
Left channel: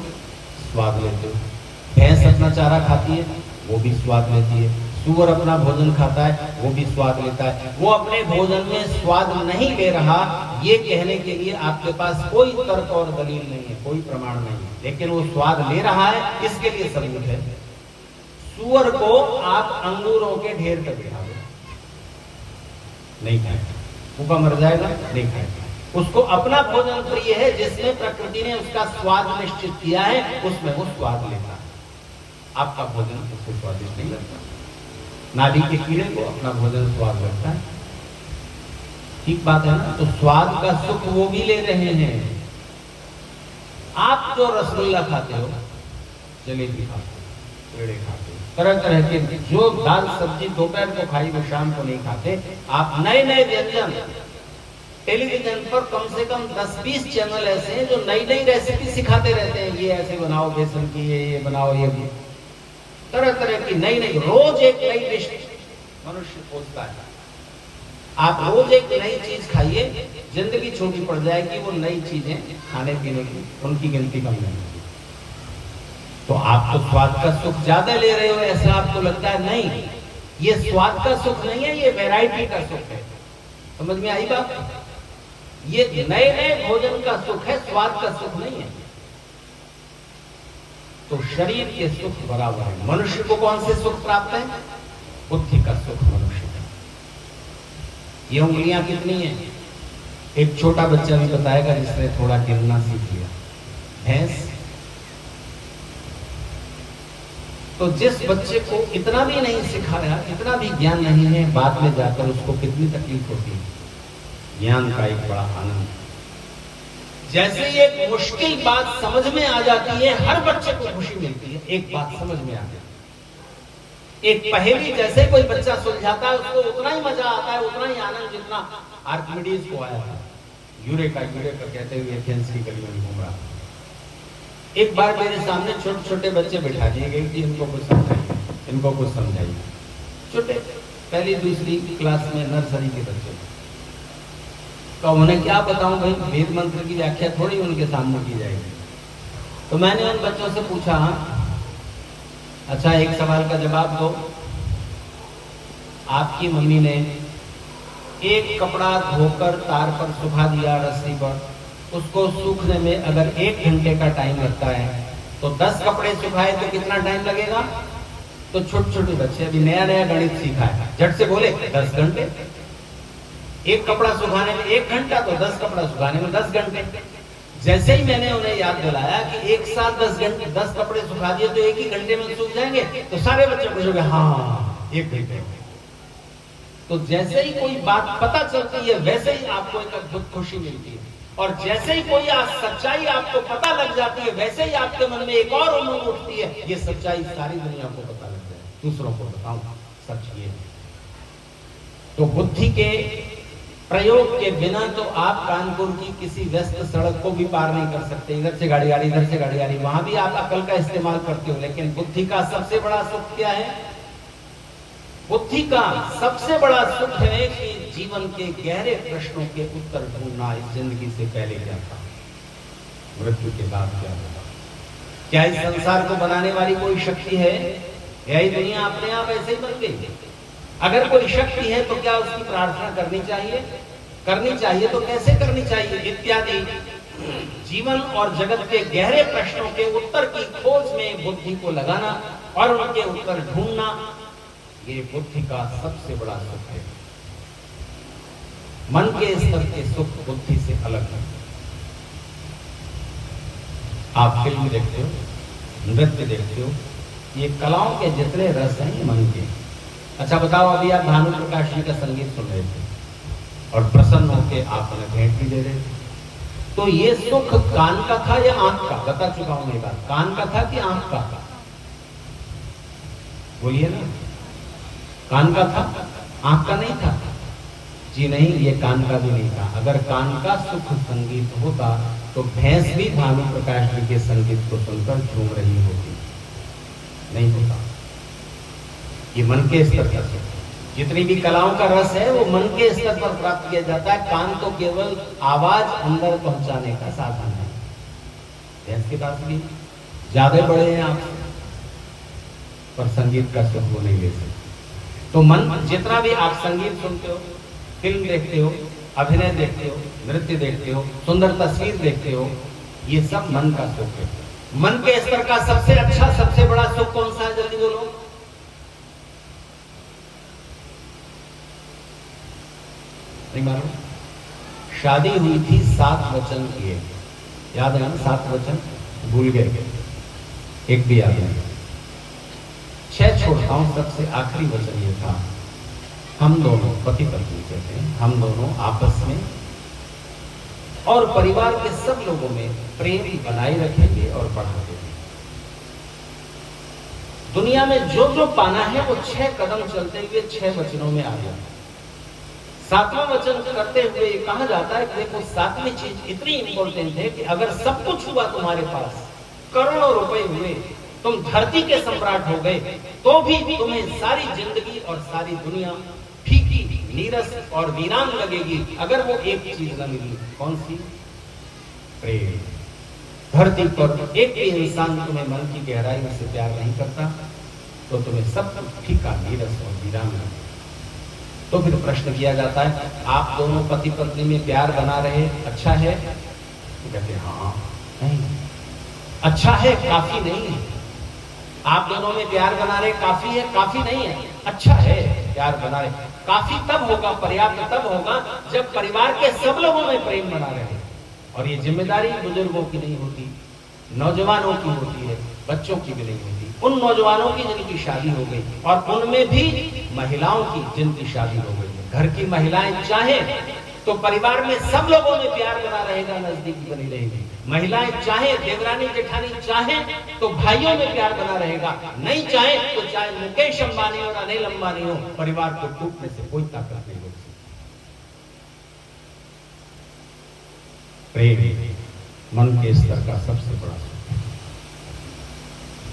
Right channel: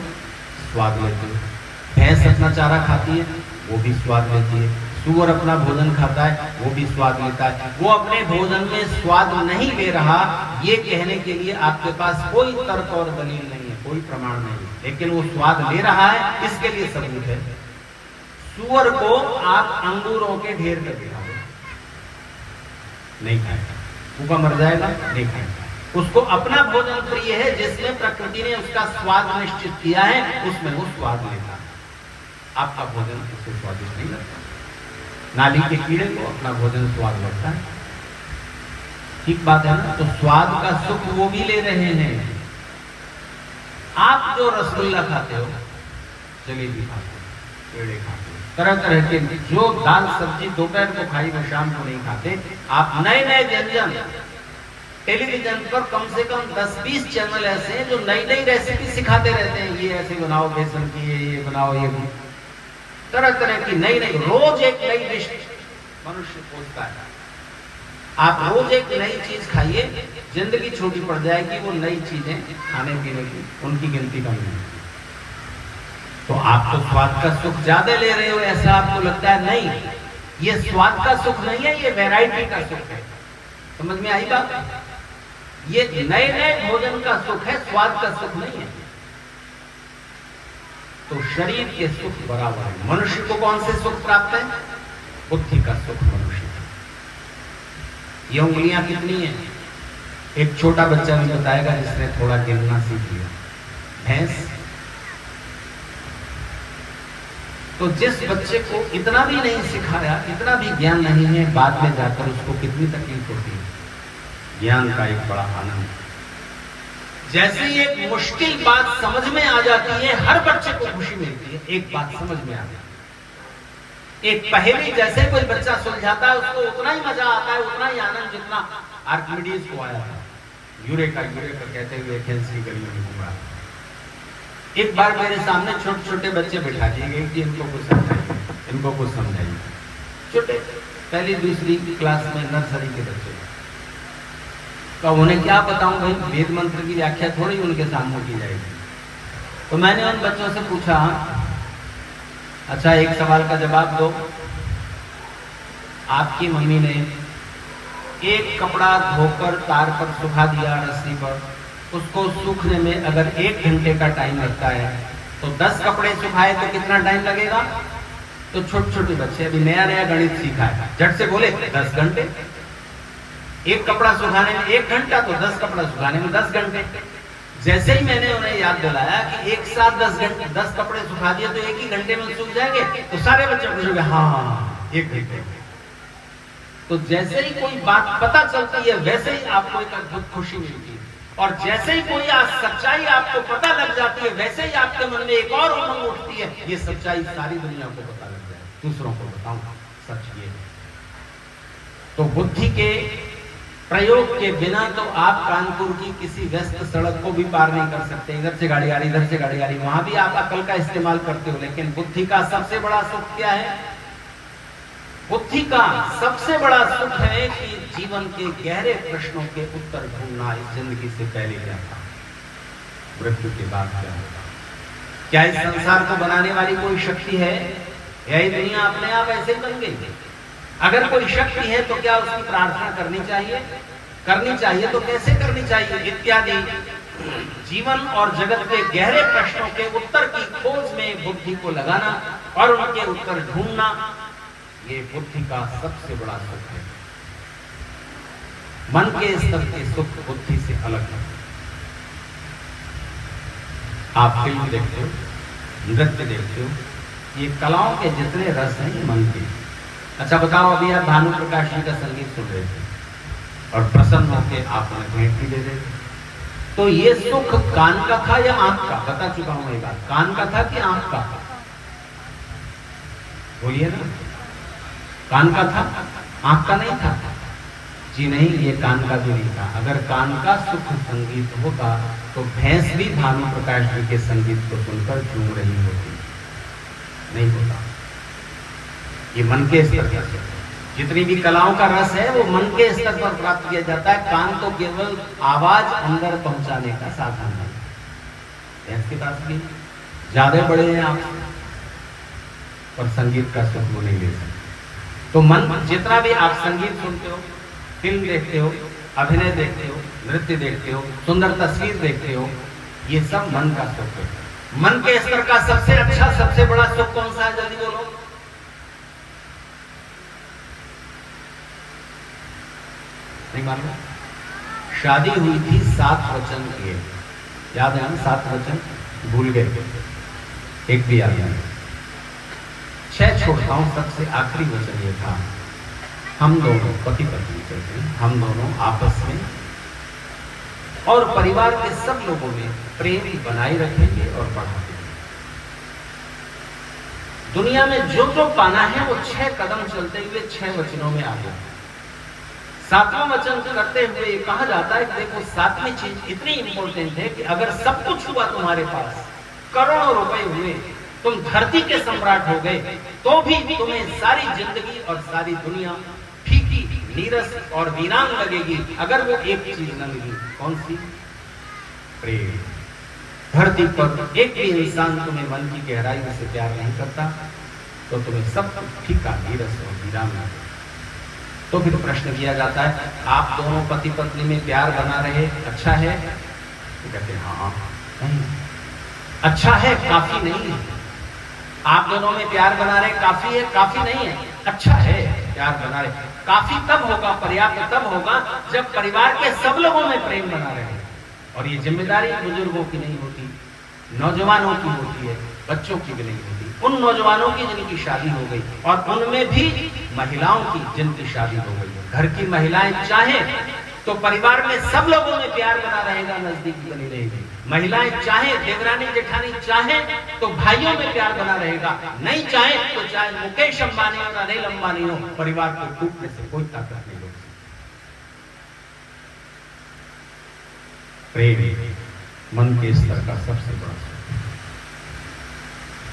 स्वाद लेते हो। भैंस अपना चारा खाती है, वो भी स्वाद लेती है। सूअर अपना भोजन खाता है, वो भी स्वाद लेता है। वो अपने भोजन में स्वाद नहीं ले रहा, ये कहने के लिए आपके पास कोई तर्क और दलील नहीं है, कोई प्रमाण नहीं है, लेकिन वो स्वाद ले रहा है, इसके लिए सबूत है। सूअर को आप अंगूरों के ढेर तक खिला दो, नहीं खाएगा, भूखा मर जाएगा, नहीं खाएगा। उसको अपना भोजन प्रिय है, जिसमें प्रकृति ने उसका स्वाद निश्चित किया है, उसमें वो स्वाद लेता है। आपका भोजन उससे स्वादिष्ट नहीं लगता। नाली के कीड़े को अपना भोजन स्वाद लगता है, ठीक बात है ना? तो स्वाद का सुख वो भी ले रहे हैं। आप जो रसगुल्ला खाते हो, जलेबी खाते हो, पेड़े खाते हो, तरह तरह के जो दाल सब्जी दोपहर को खाई वो शाम को नहीं खाते। आप नए नए व्यंजन, टेलीविजन पर कम से कम 10-20 चैनल ऐसे हैं जो नई नई रेसिपी सिखाते रहते हैं। ये ऐसे बनाओ बेसन की, ये बनाओ, ये तरह तरह की नई नई, रोज एक नई डिश मनुष्य खोजता है। आप रोज एक नई चीज खाइए, जिंदगी छोटी पड़ जाएगी। वो नई चीजें खाने पीने की, उनकी गिनती कम नहीं। तो आप तो स्वाद का सुख ज्यादा ले रहे हो, ऐसा आपको लगता है। नहीं, ये स्वाद का सुख नहीं है, ये वैरायटी का सुख है। समझ में आई बात? ये नए नए भोजन का सुख है, स्वाद का सुख नहीं है। तो शरीर के सुख भरा हुआ है। मनुष्य को कौन से सुख प्राप्त है? बुद्धि का सुख मनुष्य का। ये उंगलियां कितनी है? एक छोटा बच्चा भी बताएगा जिसने थोड़ा गिनना सीख लिया। भैंस। तो जिस बच्चे को इतना भी नहीं सिखाया, इतना भी ज्ञान नहीं है, बाद में जाकर उसको कितनी तकलीफ होती है। ज्ञान का एक बड़ा आनंद। जैसे ही एक मुश्किल बात समझ में आ जाती है, हर बच्चे को खुशी मिलती है। एक बात समझ में आ जाती है, एक पहेली जैसे कोई बच्चा सुलझाता है, उसको उतना ही मजा आता है, उतना ही आनंद जितना आर्किमिडीज को आया था। यूरेका यूरेका कहते हुए एथेंस की गलियों में घूम रहा। एक बार मेरे सामने छोटे छोटे बच्चे बिठा दिए गए कि इनको कुछ समझाइए, इनको कुछ समझाइए। छोटे पहली दूसरी क्लास में नर्सरी के बच्चे। तो उन्हें क्या बताऊं भाई, वेद मंत्र की व्याख्या थोड़ी उनके सामने की जाएगी। तो मैंने उन बच्चों से पूछा, अच्छा एक सवाल का जवाब दो। आपकी मम्मी ने एक कपड़ा धोकर तार पर सुखा दिया रस्सी पर, उसको सूखने में अगर 1 घंटे का टाइम लगता है, तो 10 कपड़े सुखाए तो कितना टाइम लगेगा? तो छोटे छोटे बच्चे अभी नया नया गणित सीखा है, झट से बोले 10 घंटे। एक कपड़ा सुखाने में 1 घंटा, तो 10 कपड़ा सुखाने में 10 घंटे। जैसे ही मैंने उन्हें याद दिलाया कि एक साथ 10 कपड़े सुखा दिए तो 1 ही घंटे में सूख जाएंगे, तो सारे बच्चे खुश हो गए, हाँ 1 घंटे। तो जैसे ही कोई बात पता चलती है, वैसे ही आपको एक अद्भुत खुशी मिलती है। और जैसे ही कोई सच्चाई आपको पता लग जाती है, वैसे ही आपके मन में एक और उमंग उठती है, ये सच्चाई सारी दुनिया को पता लग जाए, दूसरों को बताऊं सच ये। तो बुद्धि के प्रयोग के बिना तो आप कानपुर की किसी व्यस्त सड़क को भी पार नहीं कर सकते। इधर से गाड़ी आ रही, इधर से गाड़ी आ रही, वहां भी आप अकल का इस्तेमाल करते हो। लेकिन बुद्धि का सबसे बड़ा सुख क्या है? बुद्धि का सबसे बड़ा सुख है कि जीवन के गहरे प्रश्नों के उत्तर ढूंढना। इस जिंदगी से पहले क्या था, मृत्यु के बाद क्या होगा, क्या इस संसार को बनाने वाली कोई शक्ति है, यही दुनिया अपने आप ऐसे ही बन गई? अगर कोई शक्ति है तो क्या उसकी प्रार्थना करनी चाहिए? करनी चाहिए तो कैसे करनी चाहिए? इत्यादि जीवन और जगत के गहरे प्रश्नों के उत्तर की खोज में बुद्धि को लगाना और उनके उत्तर ढूंढना, ये बुद्धि का सबसे बड़ा सुख है। मन के स्तर के सुख बुद्धि से अलग है। आप फिल्म देखते हो, नृत्य देखते हो, ये कलाओं के जितने रस हैं ये मन के। अच्छा बताओ, अभी आप भानु प्रकाश जी का संगीत सुन रहे थे और प्रसन्न होकर आपने भेंट भी दे रहे थे, तो ये सुख कान का था या आंख का? बता चुका हूं मैं बात, कान का था कि आंख का? बोलिए ना। कान का था, आंख का नहीं था? जी नहीं, ये कान का भी नहीं था। अगर कान का सुख संगीत होता तो भैंस भी भानु प्रकाश जी के संगीत को सुनकर झूम रही होती। नहीं होता। ये मन के स्तर पर, जितनी भी कलाओं का रस है वो मन के स्तर पर प्राप्त किया जाता है। कान तो केवल आवाज अंदर पहुंचाने का साधन है। भैंस के पास भी ज्यादा बड़े हैं आप, पर संगीत का सुख वो नहीं ले सकते। तो मन, जितना भी आप संगीत सुनते हो, फिल्म देखते हो, अभिनय देखते हो, नृत्य देखते हो, सुंदर तस्वीर देखते हो, ये सब मन का सुख है। मन के स्तर का सबसे अच्छा, सबसे बड़ा सुख कौन सा है? जल्दी बोलो। नहीं मालूम? शादी हुई थी, 7 वचन किए, याद है ना? 7 वचन भूल गए, एक भी याद नहीं। 6 छोड़ता हूं, सबसे आखिरी वचन ये था, हम दोनों पति पत्नी कहते हैं, हम दोनों आपस में और परिवार के सब लोगों में प्रेम बनाए रखेंगे और बढ़ाते हैं। दुनिया में जो जो पाना है वो 6 कदम चलते हुए 6 वचनों में आ गया। 7वां वचन करते हुए ये कहा जाता है कि देखो, 7वीं चीज इतनी इंपॉर्टेंट है कि अगर सब कुछ हुआ तुम्हारे पास, करोड़ों रुपए हुए, तुम धरती के सम्राट हो गए, तो भी तुम्हें सारी जिंदगी और सारी दुनिया फीकी, नीरस और वीरान लगेगी अगर वो एक चीज न मिली। कौन सी? प्रेम। धरती पर एक भी इंसान तुम्हें मन की गहराई से प्यार नहीं करता तो तुम्हें सब फीका नीरस और विराम लगेगा। तो फिर प्रश्न किया जाता है, आप दोनों पति पत्नी में प्यार बना रहे अच्छा है? वो कहते हैं हाँ। नहीं, अच्छा है, काफी नहीं है। आप दोनों में प्यार बना रहे काफी है? काफी नहीं है, अच्छा है प्यार बना रहे। काफी तब होगा, पर्याप्त तब होगा जब परिवार के सब लोगों में प्रेम बना रहे। और ये जिम्मेदारी बुजुर्गों की नहीं होती, नौजवानों की होती है, बच्चों की भी नहीं होती। उन नौजवानों की जिनकी शादी हो गई और उनमें भी महिलाओं की जिनकी शादी हो गई। घर की महिलाएं चाहे तो परिवार में सब लोगों में प्यार बना रहेगा, नजदीकी बनी रहेगी। महिलाएं चाहे, देवरानी जेठानी चाहे तो भाइयों में प्यार बना रहेगा, नहीं चाहे तो चाहे मुकेश अंबानी हो, अनिल अंबानी हो, परिवार को टूटने से कोई ताकत नहीं रोक सकती। प्रेम मन के स्तर का सबसे बड़ा सुख है।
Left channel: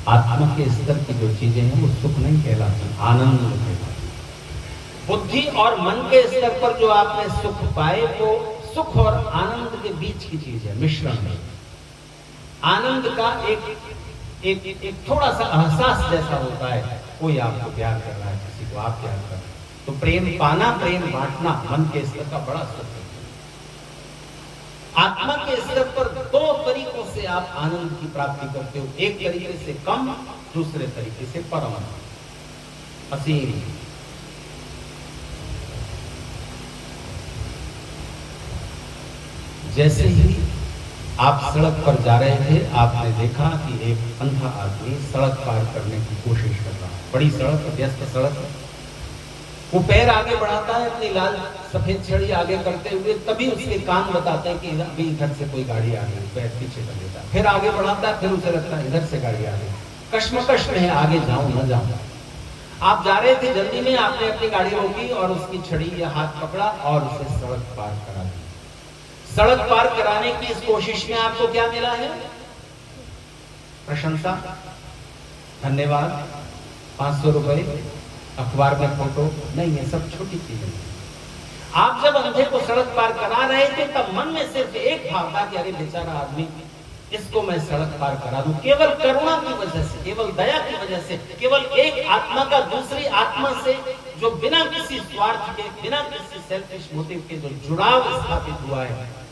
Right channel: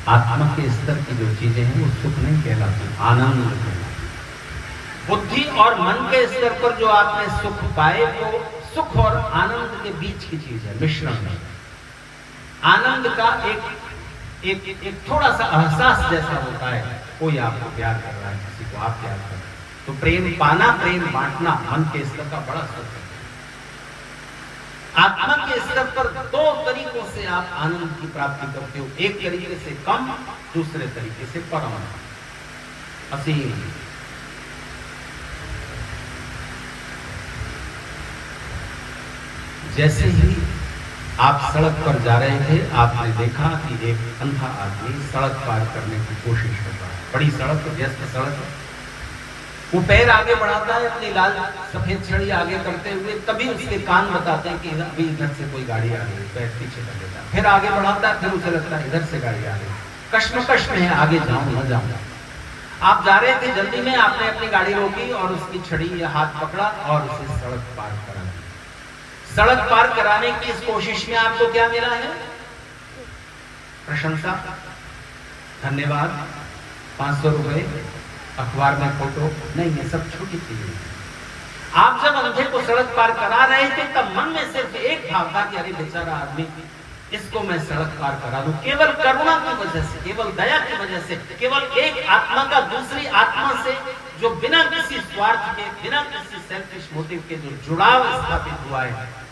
आत्मा के स्तर की जो चीजें हैं वो सुख नहीं कहलाती, आनंद कहलाती। बुद्धि और मन के स्तर पर जो आपने सुख पाए वो सुख और आनंद के बीच की चीज है, मिश्रण है। आनंद का एक थोड़ा सा एहसास जैसा होता है, कोई आपको प्यार कर रहा है, किसी को आप प्यार कर रहे हैं, तो प्रेम पाना, प्रेम बांटना मन के स्तर का बड़ा सुख है। आत्मा के स्तर पर दो तरीकों से आप आनंद की प्राप्ति करते हो, एक तरीके से कम, दूसरे तरीके से परम, असीम। जैसे ही आप सड़क पर जा रहे थे, आपने देखा कि एक अंधा आदमी सड़क पार करने की कोशिश कर रहा है। बड़ी सड़क, व्यस्त सड़क, वो पैर आगे बढ़ाता है अपनी लाल सफेद छड़ी आगे करते हुए, तभी उसके कान बताते हैं कि अभी इधर से कोई गाड़ी आ गई, पैर पीछे कर लेता है। फिर आगे बढ़ाता है, फिर उसे लगता है इधर से गाड़ी आ गई, कश्मकश में है, आगे जाऊं न जाऊं। आप जा रहे थे जल्दी में, आपने अपनी गाड़ी रोकी और उसकी छड़ी या हाथ पकड़ा और उसे सड़क पार करा दी। सड़क पार कराने की इस कोशिश में आपको क्या मिला है? प्रशंसा, धन्यवाद, 500 रुपए, अखबार में फोटो नहीं, ये सब छोटी चीजें। आप जब अंधे को सड़क पार करा रहे थे तब मन में सिर्फ एक भाव था कि अरे बेचारा आदमी, इसको मैं सड़क पार करा दूं, केवल करुणा की वजह से, केवल दया की वजह से, केवल एक आत्मा का दूसरी आत्मा से जो बिना किसी स्वार्थ के, बिना किसी सेल्फिश मोटिव के जो जुड़ाव स्थापित हुआ है।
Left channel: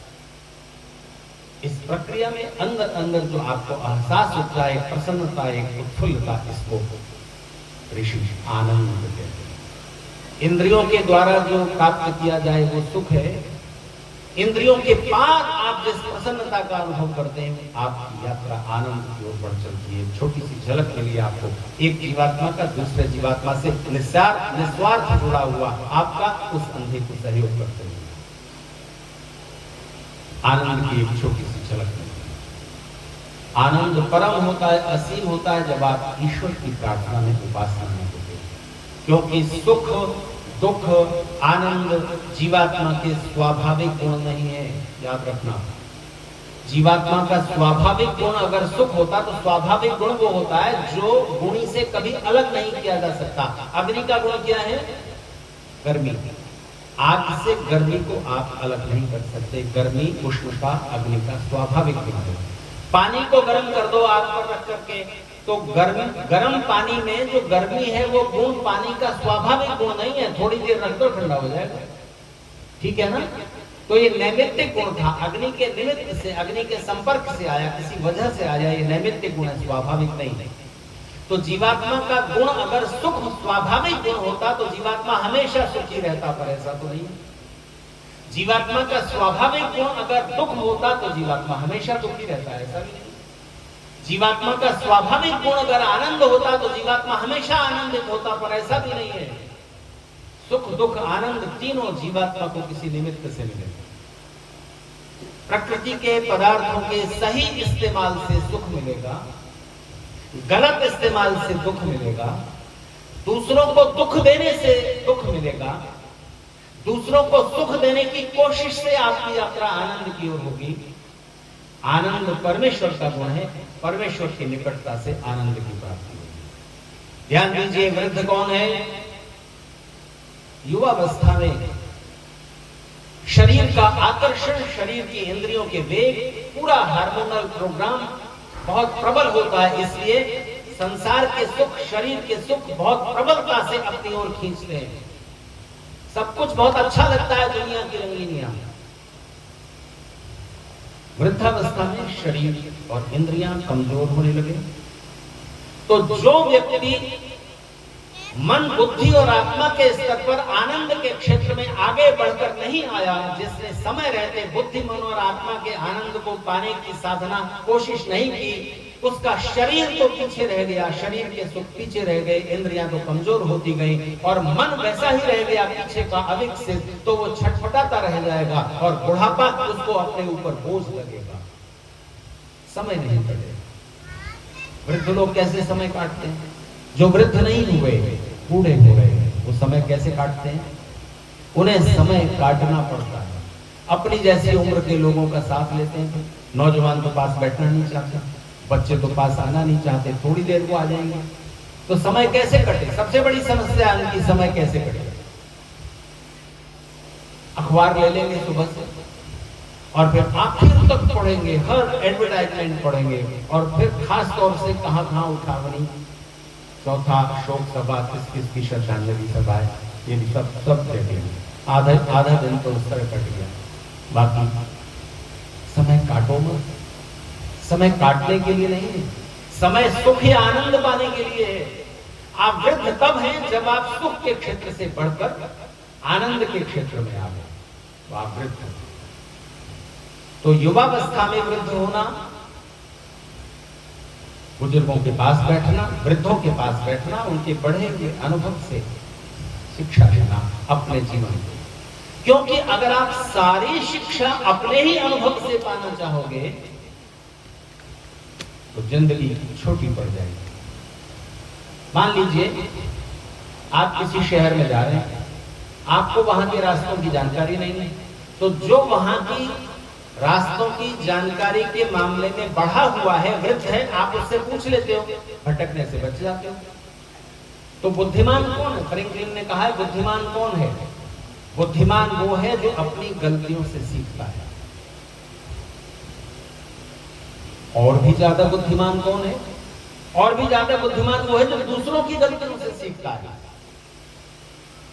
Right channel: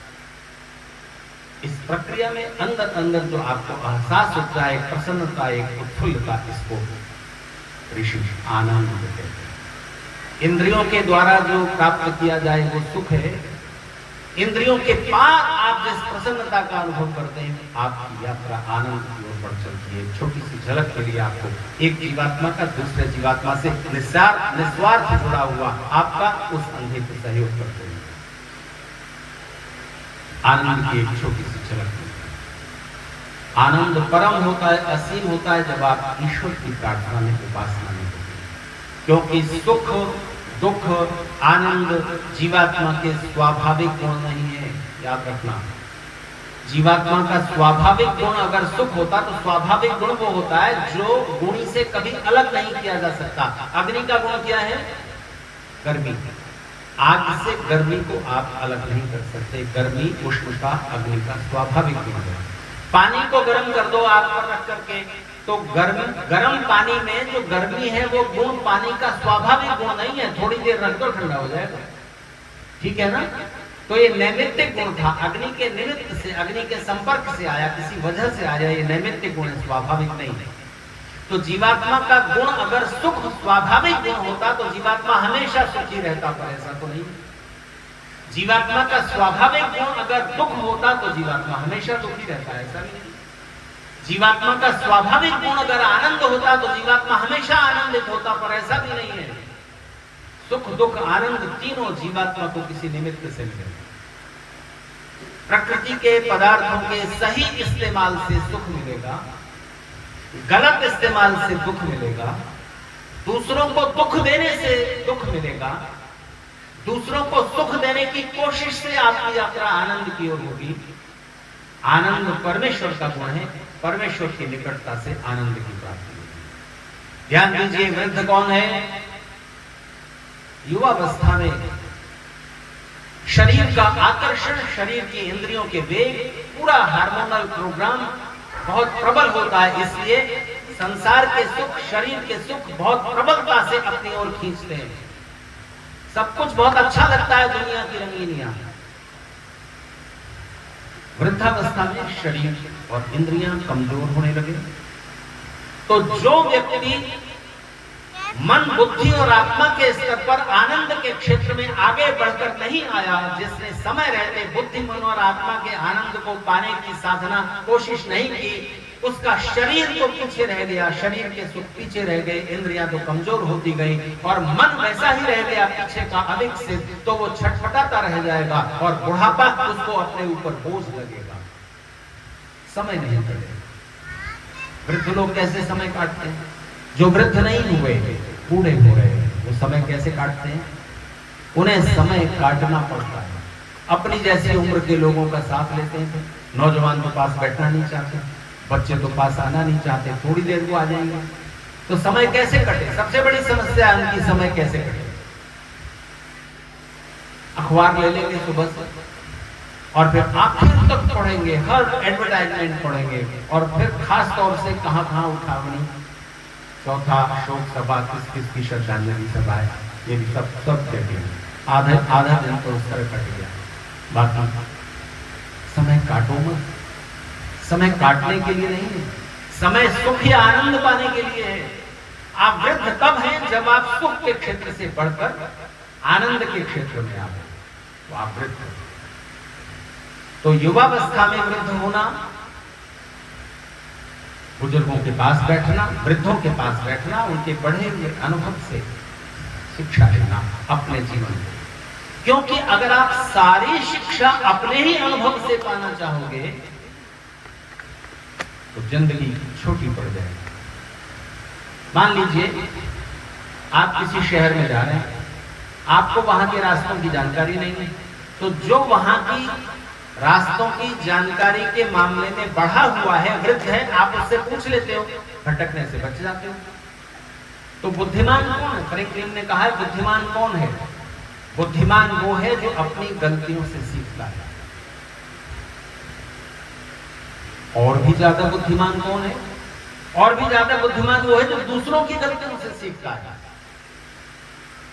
इस प्रक्रिया में अंदर अंदर जो आपको एहसास होता है, प्रसन्नता, एक उत्फुल्लता, इसको ऋषि आनंद कहते हैं। इंद्रियों के द्वारा जो प्राप्त किया जाए वो सुख है। इंद्रियों के पार आप जिस प्रसन्नता का अनुभव करते हैं, आपकी यात्रा आनंद की ओर बढ़ चलती है। छोटी सी झलक के लिए आपको एक जीवात्मा का दूसरे जीवात्मा से निस्वार्थ जुड़ा हुआ आपका उस अंधे को सहयोग करते हैं। आनंद की एक छोटी सी झलक है। आनंद परम होता है, असीम होता है जब आप ईश्वर की प्रार्थना में, उपासना में होते हैं। क्योंकि सुख, दुख, आनंद जीवात्मा के स्वाभाविक गुण नहीं है, याद रखना। जीवात्मा का स्वाभाविक गुण अगर सुख होता तो स्वाभाविक गुण वो होता है जो गुणी से कभी अलग नहीं किया जा सकता। अग्नि का गुण क्या है? गर्मी। आग से गर्मी को आप अलग नहीं कर सकते। गर्मी, उष्णता अग्नि का स्वाभाविक गुण है। पानी को गर्म कर दो आग पर रख करके, तो गर्म पानी में जो गर्मी है वो गुण पानी का स्वाभाविक गुण नहीं है। थोड़ी देर रख दो, ठंडा हो जाएगा, ठीक है ना? तो ये नैमित्तिक गुण था, अग्नि के निमित्त से, अग्नि के संपर्क से आया, किसी वजह से आया, ये नैमित्तिक गुण है, स्वाभाविक नहीं। तो जीवात्मा का गुण अगर सुख स्वाभाविक गुण होता तो जीवात्मा हमेशा सुखी रहता, पर ऐसा तो नहीं। जीवात्मा का स्वाभाविक गुण अगर दुख होता तो जीवात्मा हमेशा दुखी रहता, ऐसा नहीं। जीवात्मा का स्वाभाविक गुण अगर आनंद होता तो जीवात्मा हमेशा आनंदित होता, पर ऐसा भी नहीं है। सुख, दुख, आनंद तीनों जीवात्मा को किसी निमित्त से मिले। प्रकृति के पदार्थों के सही इस्तेमाल से सुख मिलेगा, गलत इस्तेमाल से दुख मिलेगा। दूसरों को दुख देने से दुख मिलेगा, दूसरों को सुख देने की कोशिश से आपकी यात्रा आनंद की ओर होगी। आनंद परमेश्वर का गुण है, परमेश्वर की निकटता से आनंद की प्राप्ति होगी। ध्यान दीजिए, वृद्ध कौन है? युवावस्था में शरीर का आकर्षण, शरीर की इंद्रियों के वेग, पूरा हार्मोनल प्रोग्राम बहुत प्रबल होता है। इसलिए संसार के सुख, शरीर के सुख बहुत प्रबलता से अपनी ओर खींचते हैं। सब कुछ बहुत अच्छा लगता है दुनिया की रंगीनियां। वृद्धावस्था में शरीर और इंद्रियां कमजोर होने लगे तो जो व्यक्ति मन, बुद्धि और आत्मा के स्तर पर आनंद के क्षेत्र में आगे बढ़कर नहीं आया, जिसने समय रहते बुद्धि, मन और आत्मा के आनंद को पाने की साधना कोशिश नहीं की, उसका शरीर तो पीछे रह गया, शरीर के सुख पीछे रह गए, इंद्रियां तो कमजोर होती गई और मन वैसा ही रह गया पीछे का अविकसित, तो वो छटपटाता रह जाएगा और बुढ़ापा उसको अपने ऊपर बोझ लगेगा, समय नहीं कटेगा। वृद्ध लोग कैसे समय काटते हैं? जो वृद्ध नहीं हुए, बूढ़े हुए, वो समय कैसे काटते हैं? उन्हें समय काटना पड़ता है। अपनी जैसी उम्र के लोगों का साथ लेते हैं। नौजवान तो पास बैठना नहीं चाहते, बच्चे तो पास आना नहीं चाहते, थोड़ी देर को आ जाएंगे। तो समय कैसे कटे? सबसे बड़ी समस्या है उनकी, समय कैसे कटे। अखबार ले लेंगे सुबह से और फिर आखिर तक पढ़ेंगे, हर एडवर्टाइजमेंट पढ़ेंगे और फिर खास तौर से कहां उठावनी, चौथा शोक सभा, किस श्रद्धांजलि सभा है, ये भी सब देखेंगे। आधा दिन तो उस तरह कट गया। बाकी समय काटो मत। समय काटने के लिए नहीं है, समय सुख या आनंद पाने के लिए है। आप वृद्ध तब हैं जब आप सुख के क्षेत्र से बढ़कर आनंद के क्षेत्र में आ गए, तो आप वृद्ध हैं। तो युवावस्था में वृद्ध होना, बुजुर्गों के पास बैठना, वृद्धों के पास बैठना, उनके बढ़े हुए अनुभव से शिक्षा लेना अपने जीवन में। क्योंकि अगर आप सारी शिक्षा अपने ही अनुभव से पाना चाहोगे तो जिंदगी छोटी पड़ जाएगी। मान लीजिए आप किसी शहर में जा रहे हैं, आपको वहां के रास्तों की जानकारी नहीं है, तो जो वहां की रास्तों की जानकारी के मामले में बढ़ा हुआ है, वृद्ध है, आप उससे पूछ लेते हो, भटकने से बच जाते हो। तो बुद्धिमान कौन है? फ्रैंकलिन ने कहा है बुद्धिमान कौन है? बुद्धिमान वो है जो अपनी गलतियों से सीखता है। और भी ज्यादा बुद्धिमान कौन है? और भी ज्यादा बुद्धिमान वो है जो दूसरों की गलतियों से सीखता है।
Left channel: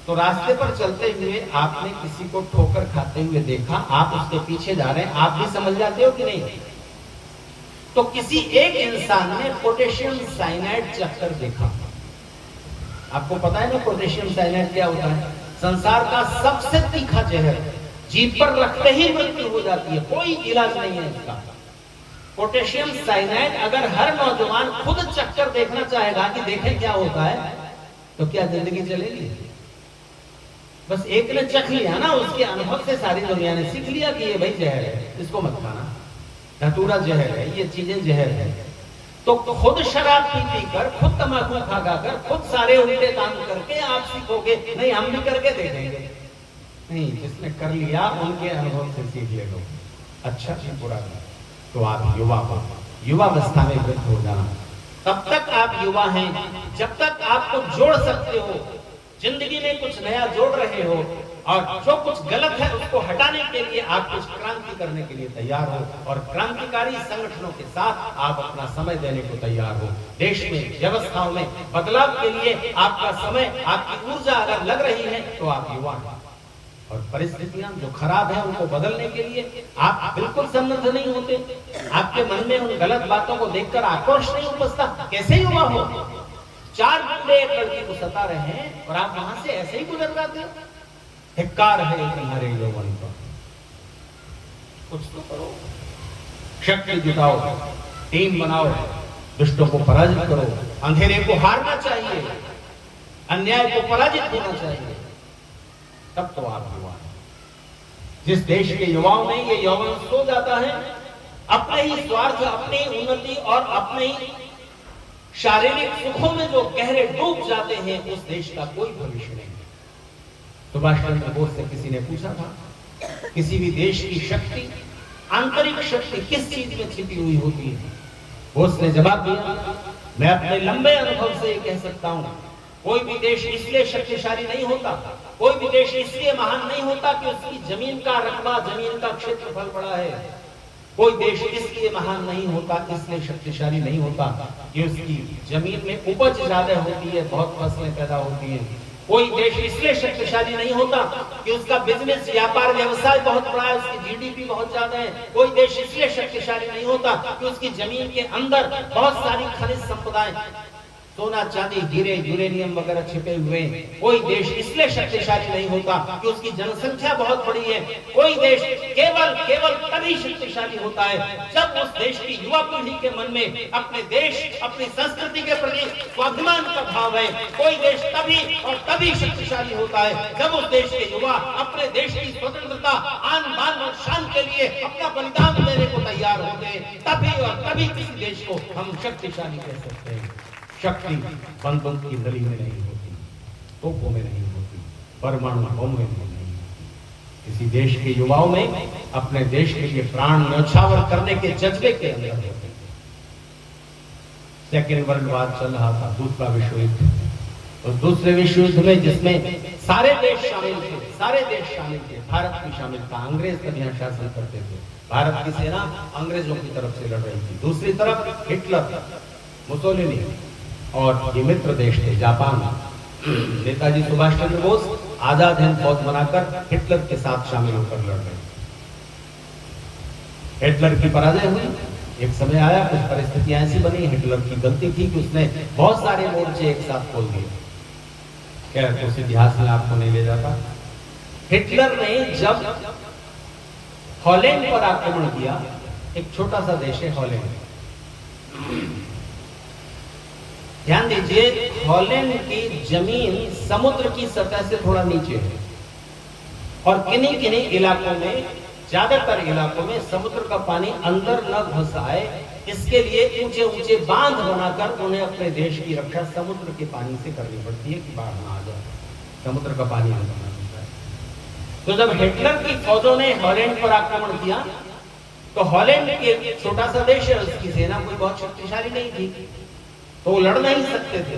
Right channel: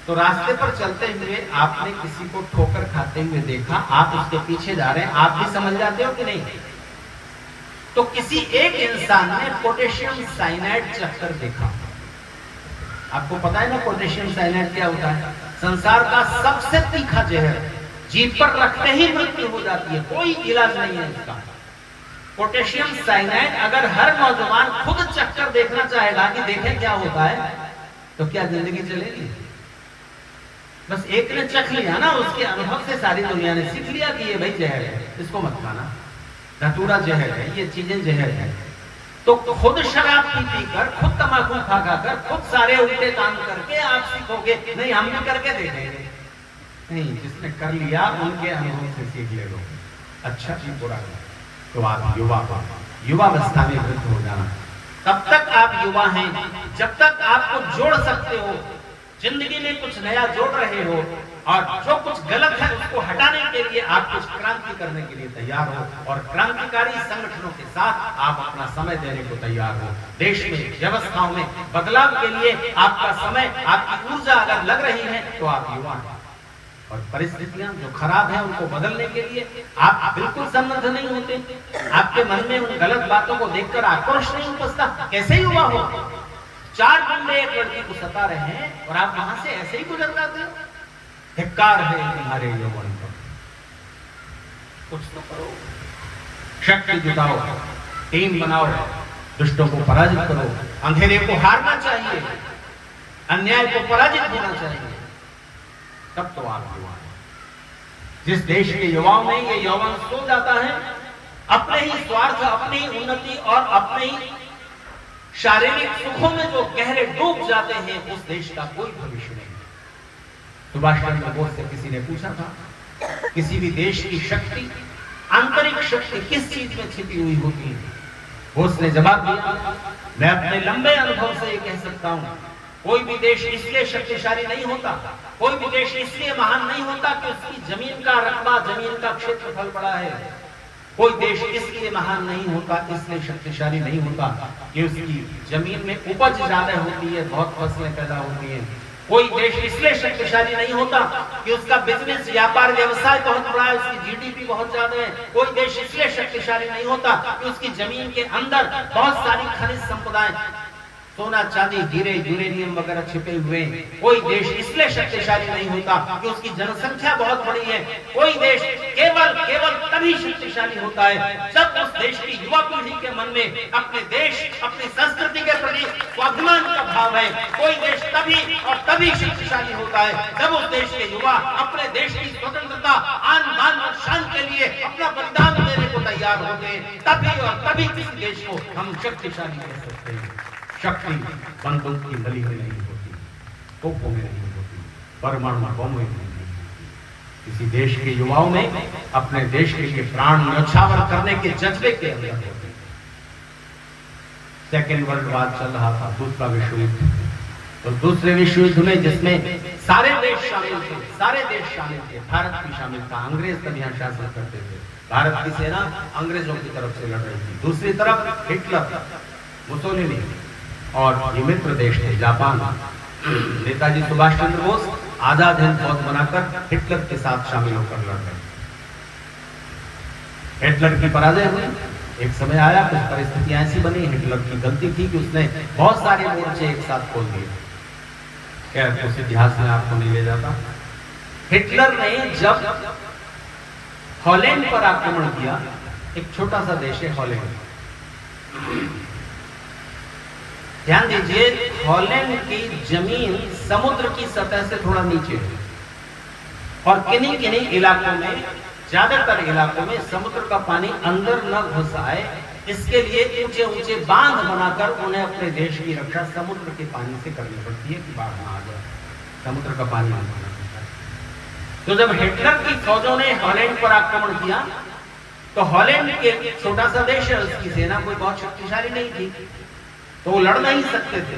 तो रास्ते पर चलते हुए आपने किसी को ठोकर खाते हुए देखा, आप उसके पीछे जा रहे हैं, आप भी समझ जाते हो कि नहीं? तो किसी एक इंसान ने पोटेशियम साइनाइड चक्कर देखा। आपको पता है ना पोटेशियम साइनाइड क्या होता है? संसार का सबसे तीखा जहर, जीभ पर रखते ही मृत्यु हो जाती है, कोई इलाज नहीं है इसका। पोटेशियम साइनाइड अगर हर नौजवान खुद चक्कर देखना चाहेगा कि देखें क्या होता है, तो क्या जिंदगी चलेगी? बस एक ने चख लिया ना, उसके अनुभव से सारी दुनिया ने सीख लिया कि ये भाई जहर है, इसको मत खाना, धतूरा जहर है, ये चीजें जहर है। तो खुद शराब पी कर, खुद तंबाकू खाकर, खुद सारे उल्टे काम करके आप सीखोगे नहीं, हम भी करके देखेंगे नहीं। जिसने कर लिया उनके अनुभव से सीख ले लो, अच्छा जी बुरा नहीं। तो आप युवावस्था में वृद्ध हो जाना। तब तक आप युवा हैं जब तक आपको जोड़ सकते हो, जिंदगी में कुछ नया जोड़ रहे हो, और जो कुछ गलत है उसको हटाने के लिए आप कुछ क्रांति करने के लिए तैयार हो, और क्रांतिकारी संगठनों के साथ आप अपना समय देने को तैयार हो। देश में व्यवस्थाओं में बदलाव के लिए आपका समय, आपकी ऊर्जा अगर लग रही है तो आप युवा हैं, और परिस्थितियां जो खराब है उनको बदलने के लिए आप बिल्कुल सन्नद्ध नहीं होते। आपके मन में उन गलत बातों को देखकर आक्रोश नहीं उपजता। कैसे युवा हो? 4 गुंडे एक लड़की को सता रहे हैं और आप वहां से ऐसे ही गुजर जाते हो। धिक्कार है तुम्हारे यौवन पर, कुछ तो करो, शक्ति जुटाओ, टीम बनाओ, दुष्टों को पराजित करो, अंधेरे को हारना चाहिए, अन्याय को पराजित होना चाहिए, तब तो आप युवा हैं। जिस देश के युवाओं में ये यौवन सो जाता है, अपने ही स्वार्थ, अपनी ही उन्नति और अपने ही शारीरिक सुखों में जो गहरे डूब जाते हैं, उस देश का कोई भविष्य नहीं। सुभाष चंद्र बोस से किसी ने पूछा था, किसी भी देश की शक्ति, आंतरिक शक्ति किस चीज में छिपी हुई होती है? बोस ने जवाब दिया, मैं अपने लंबे अनुभव से ये कह सकता हूं, कोई भी देश इसलिए शक्तिशाली नहीं होता, कोई भी देश इसलिए महान नहीं होता कि उसकी जमीन का रकबा, जमीन का क्षेत्रफल बड़ा है। कोई देश इसलिए महान नहीं होता, इसलिए शक्तिशाली नहीं होता कि उसकी जमीन में उपज ज्यादा होती है, बहुत फसलें पैदा होती हैं। कोई देश इसलिए शक्तिशाली नहीं होता कि उसका बिजनेस, व्यापार, व्यवसाय बहुत बड़ा है, उसकी जीडीपी बहुत ज्यादा है। कोई देश इसलिए शक्तिशाली नहीं होता कि उसकी जमीन के अंदर बहुत सारी खनिज संपदाएं, सोना, चांदी, हीरे, यूरेनियम वगैरह छिपे हुए। कोई देश इसलिए शक्तिशाली नहीं होता कि उसकी जनसंख्या बहुत बड़ी है। कोई देश केवल तभी शक्तिशाली होता है जब उस देश की युवा पीढ़ी के मन में अपने देश, अपनी संस्कृति के प्रति स्वाभिमान का भाव है। कोई देश तभी शक्तिशाली होता है जब उस देश के युवा अपने देश की स्वतंत्रता, आन बान और शान के लिए अपना बलिदान देने को तैयार होते हैं। तभी किसी देश को हम शक्तिशाली कह सकते हैं। शक्ति बंदूक की नली में नहीं होती, तोपों में नहीं होती, परमाणु बम में नहीं होती। किसी देश के युवाओं में अपने देश के लिए प्राण न्यौछावर करने के जज्बे के अंदर होते। सेकेंड वर्ल्ड वॉर चल रहा था, दूसरा विश्व युद्ध। तो दूसरे विश्व युद्ध में जिसमें सारे देश शामिल थे, भारत भी शामिल था। अंग्रेज तब यहाँ शासन करते थे, भारत की सेना अंग्रेजों की तरफ से लड़ रही थी। दूसरी तरफ हिटलर, मुसोलिनी और ये मित्र देश थे, जापान। नेताजी सुभाष चंद्र बोस आजाद हिंद फौज बनाकर हिटलर के साथ शामिल होकर लड़ रहे। हिटलर की पराजय हुई। एक समय आया, कुछ परिस्थितियां ऐसी बनी, हिटलर की गलती थी कि उसने बहुत सारे मोर्चे एक साथ खोल दिए। खैर, उस इतिहास में आपको नहीं ले जाता। हिटलर ने जब हॉलैंड पर आक्रमण किया, एक छोटा सा देश है हॉलैंड, ध्यान दीजिए, हॉलैंड की जमीन समुद्र की सतह से थोड़ा नीचे है और किन्हीं इलाकों में, ज्यादातर इलाकों में समुद्र का पानी अंदर न घुस आए, इसके लिए ऊंचे बांध बनाकर उन्हें अपने देश की रक्षा समुद्र के पानी से करनी पड़ती है कि बाढ़ ना आ जाए, समुद्र का पानी अंदर न घुस आए। तो जब हिटलर की फौजों ने हॉलैंड पर आक्रमण किया तो हॉलैंड एक छोटा सा देश है, उसकी सेना कोई बहुत शक्तिशाली नहीं थी, तो वो लड़ नहीं सकते थे,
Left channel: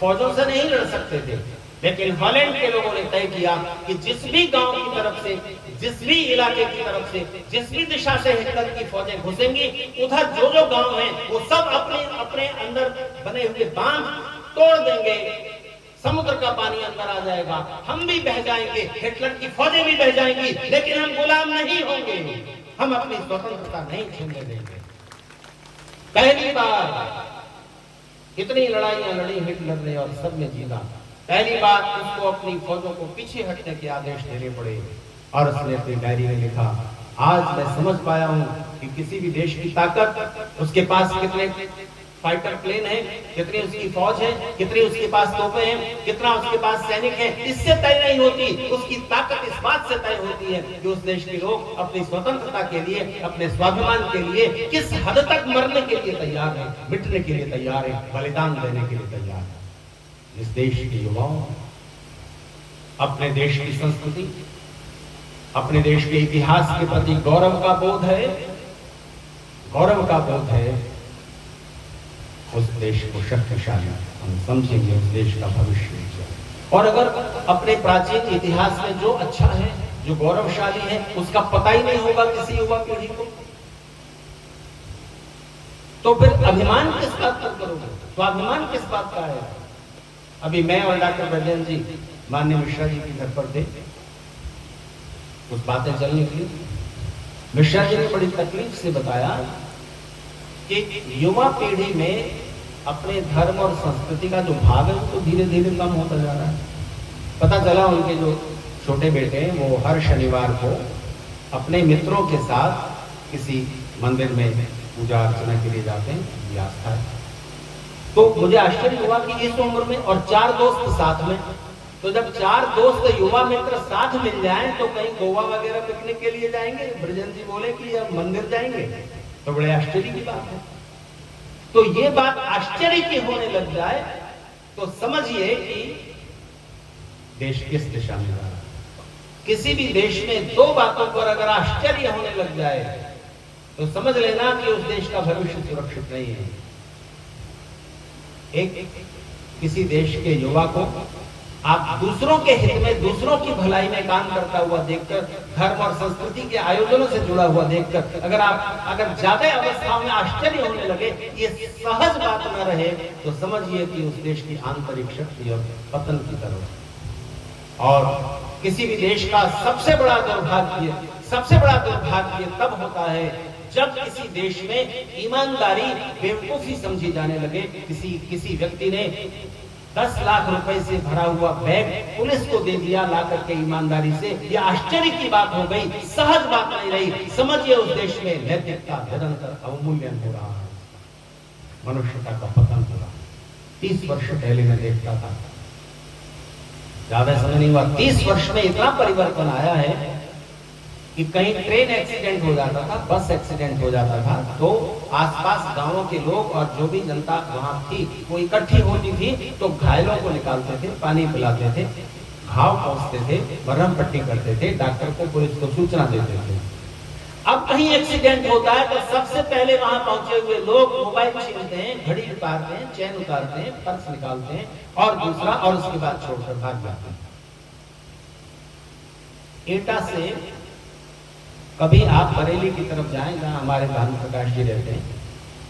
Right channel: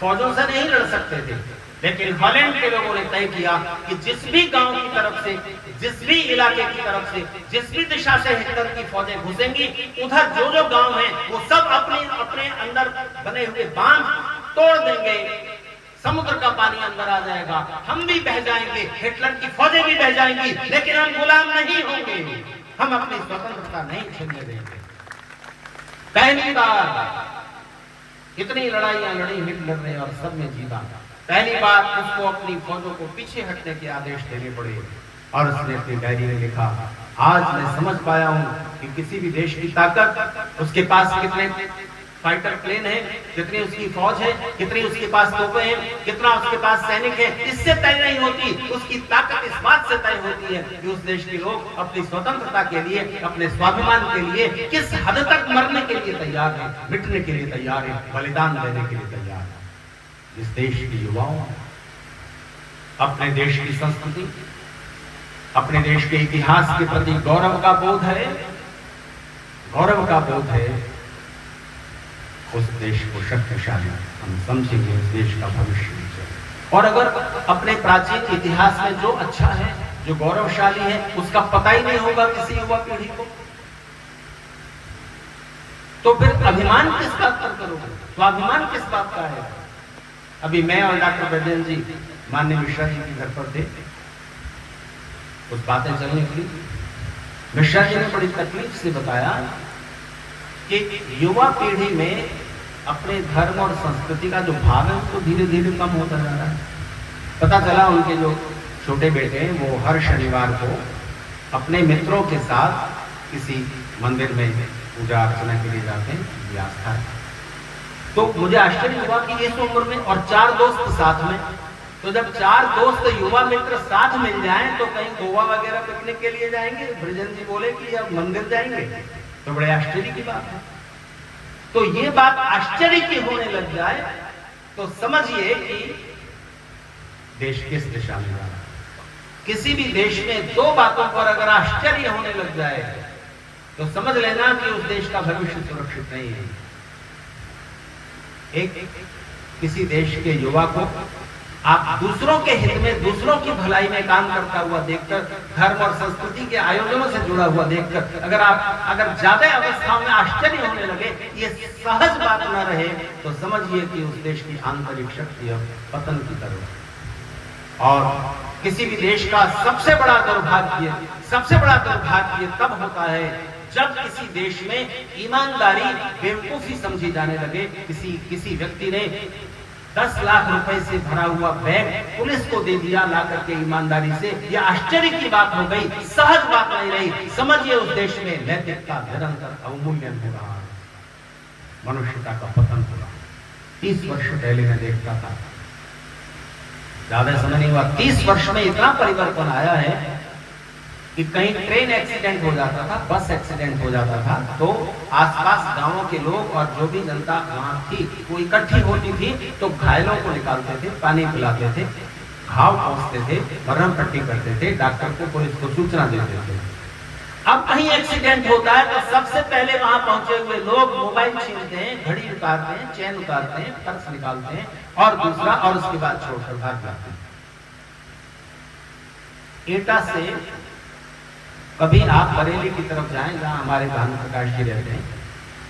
फौजों से नहीं लड़ सकते थे। लेकिन हॉलैंड के लोगों ने तय किया कि जिस भी गांव की तरफ से, जिस भी इलाके की तरफ से, जिस भी दिशा से हिटलर की फौजें घुसेंगी, उधर जो गांव हैं वो सब अपने अंदर बने हुए बांध तोड़ देंगे, समुद्र का पानी अंदर आ जाएगा, हम भी बह जाएंगे, हिटलर की फौजें भी बह जाएंगी, लेकिन हम गुलाम नहीं होंगे, हम अपनी स्वतंत्रता नहीं छीनने देंगे। पहली बार कितनी लड़ाइयां लड़ी हिटलर ने और सब में जीता। पहली बार उसको अपनी फौजों को पीछे हटने के आदेश देने पड़े और उसने अपनी डायरी में लिखा, आज मैं समझ पाया हूं कि किसी भी देश की ताकत, उसके पास कितने फाइटर प्लेन है, कितनी उसकी फौज है, कितनी उसके पास तोपें हैं, कितना उसके पास सैनिक है, इससे तय नहीं होती। उसकी ताकत इस बात से तय होती है कि उस देश के लोग अपनी स्वतंत्रता के लिए, अपने स्वाभिमान के लिए किस हद तक मरने के लिए तैयार है, मिटने के लिए तैयार है, बलिदान देने के लिए तैयार है। इस देश के युवाओं अपने देश की संस्कृति, अपने देश के इतिहास के प्रति गौरव का बोध है, उस देश को शक्तिशाली हम समझेंगे, उस देश का भविष्य उज्जवल। और अगर अपने प्राचीन इतिहास में जो अच्छा है, जो गौरवशाली है, उसका पता ही नहीं होगा किसी युवा पीढ़ी को, तो फिर अभिमान किस बात पर करोगे, स्वाभिमान किस बात का है। अभी मैं और डॉक्टर बैजयंत जी माननीय मिश्रा जी के घर पर थे, कुछ बातें चलने की। मिश्रा जी ने बड़ी तकलीफ से बताया कि युवा पीढ़ी में अपने धर्म और संस्कृति का जो भाग है तो धीरे धीरे कम होता जा रहा है। पता चला उनके जो छोटे बेटे हैं वो हर शनिवार को अपने मित्रों के साथ किसी मंदिर में पूजा अर्चना के लिए जाते हैं, ये आस्था है। तो मुझे आश्चर्य हुआ कि इस उम्र में और 4 दोस्त साथ में, तो जब 4 दोस्त युवा मित्र साथ मिल जाएं तो कहीं गोवा वगैरह पिकनिक के लिए जाएंगे, ब्रजन जी बोले कि अब मंदिर जाएंगे, तो बड़े आश्चर्य की बात है। तो ये बात आश्चर्य की होने लग जाए तो समझिए कि देश किस दिशा में जा रहा है। किसी भी देश में 2 बातों पर अगर आश्चर्य होने लग जाए तो समझ लेना कि उस देश का भविष्य सुरक्षित नहीं है। एक, किसी देश के युवा को आप दूसरों के हित में, दूसरों की भलाई में काम करता हुआ देखकर, धर्म और संस्कृति के आयोजनों से जुड़ा हुआ देखकर अगर ज्यादा अवस्थाओं में आश्चर्य होने लगे, ये सहज बात न रहे, तो समझिए कि उस देश की आंतरिक शक्ति अब पतन की तरफ। और किसी भी देश का सबसे बड़ा दुर्भाग्य तब होता है जब किसी देश में ईमानदारी बेवकूफी समझी जाने लगे। किसी व्यक्ति ने 10 लाख रुपए से भरा हुआ बैग पुलिस को दे दिया ला करके ईमानदारी से, यह आश्चर्य की बात हो गई, सहज बात नहीं रही। समझिए उस देश में नैतिकता निरंतर अवमूल्यन हो रहा है, मनुष्यता का पतन हो रहा है। 30 वर्ष पहले मैं देखता था, ज्यादा समय नहीं हुआ, 30 वर्ष में इतना परिवर्तन आया है कि कहीं ट्रेन एक्सीडेंट हो जाता था, बस एक्सीडेंट हो जाता था, तो आसपास गांवों के लोग और जो भी जनता वहां थी वो इकट्ठी होती थी, तो घायलों को निकालते थे, पानी पिलाते थे, घाव पोंछते थे, मरहम पट्टी करते थे, डॉक्टर को, पुलिस को सूचना देते थे। अब कहीं एक्सीडेंट होता है तो सबसे पहले वहां पहुंचे हुए लोग मोबाइल छीनते हैं, घड़ी उतारते हैं, चैन उतारते हैं, पर्स निकालते हैं और दूसरा, और उसके बाद छोड़कर भाग जाते हैं। एटा से कभी आप बरेली की तरफ जाएं, जहां हमारे भानु प्रकाश जी रहते हैं,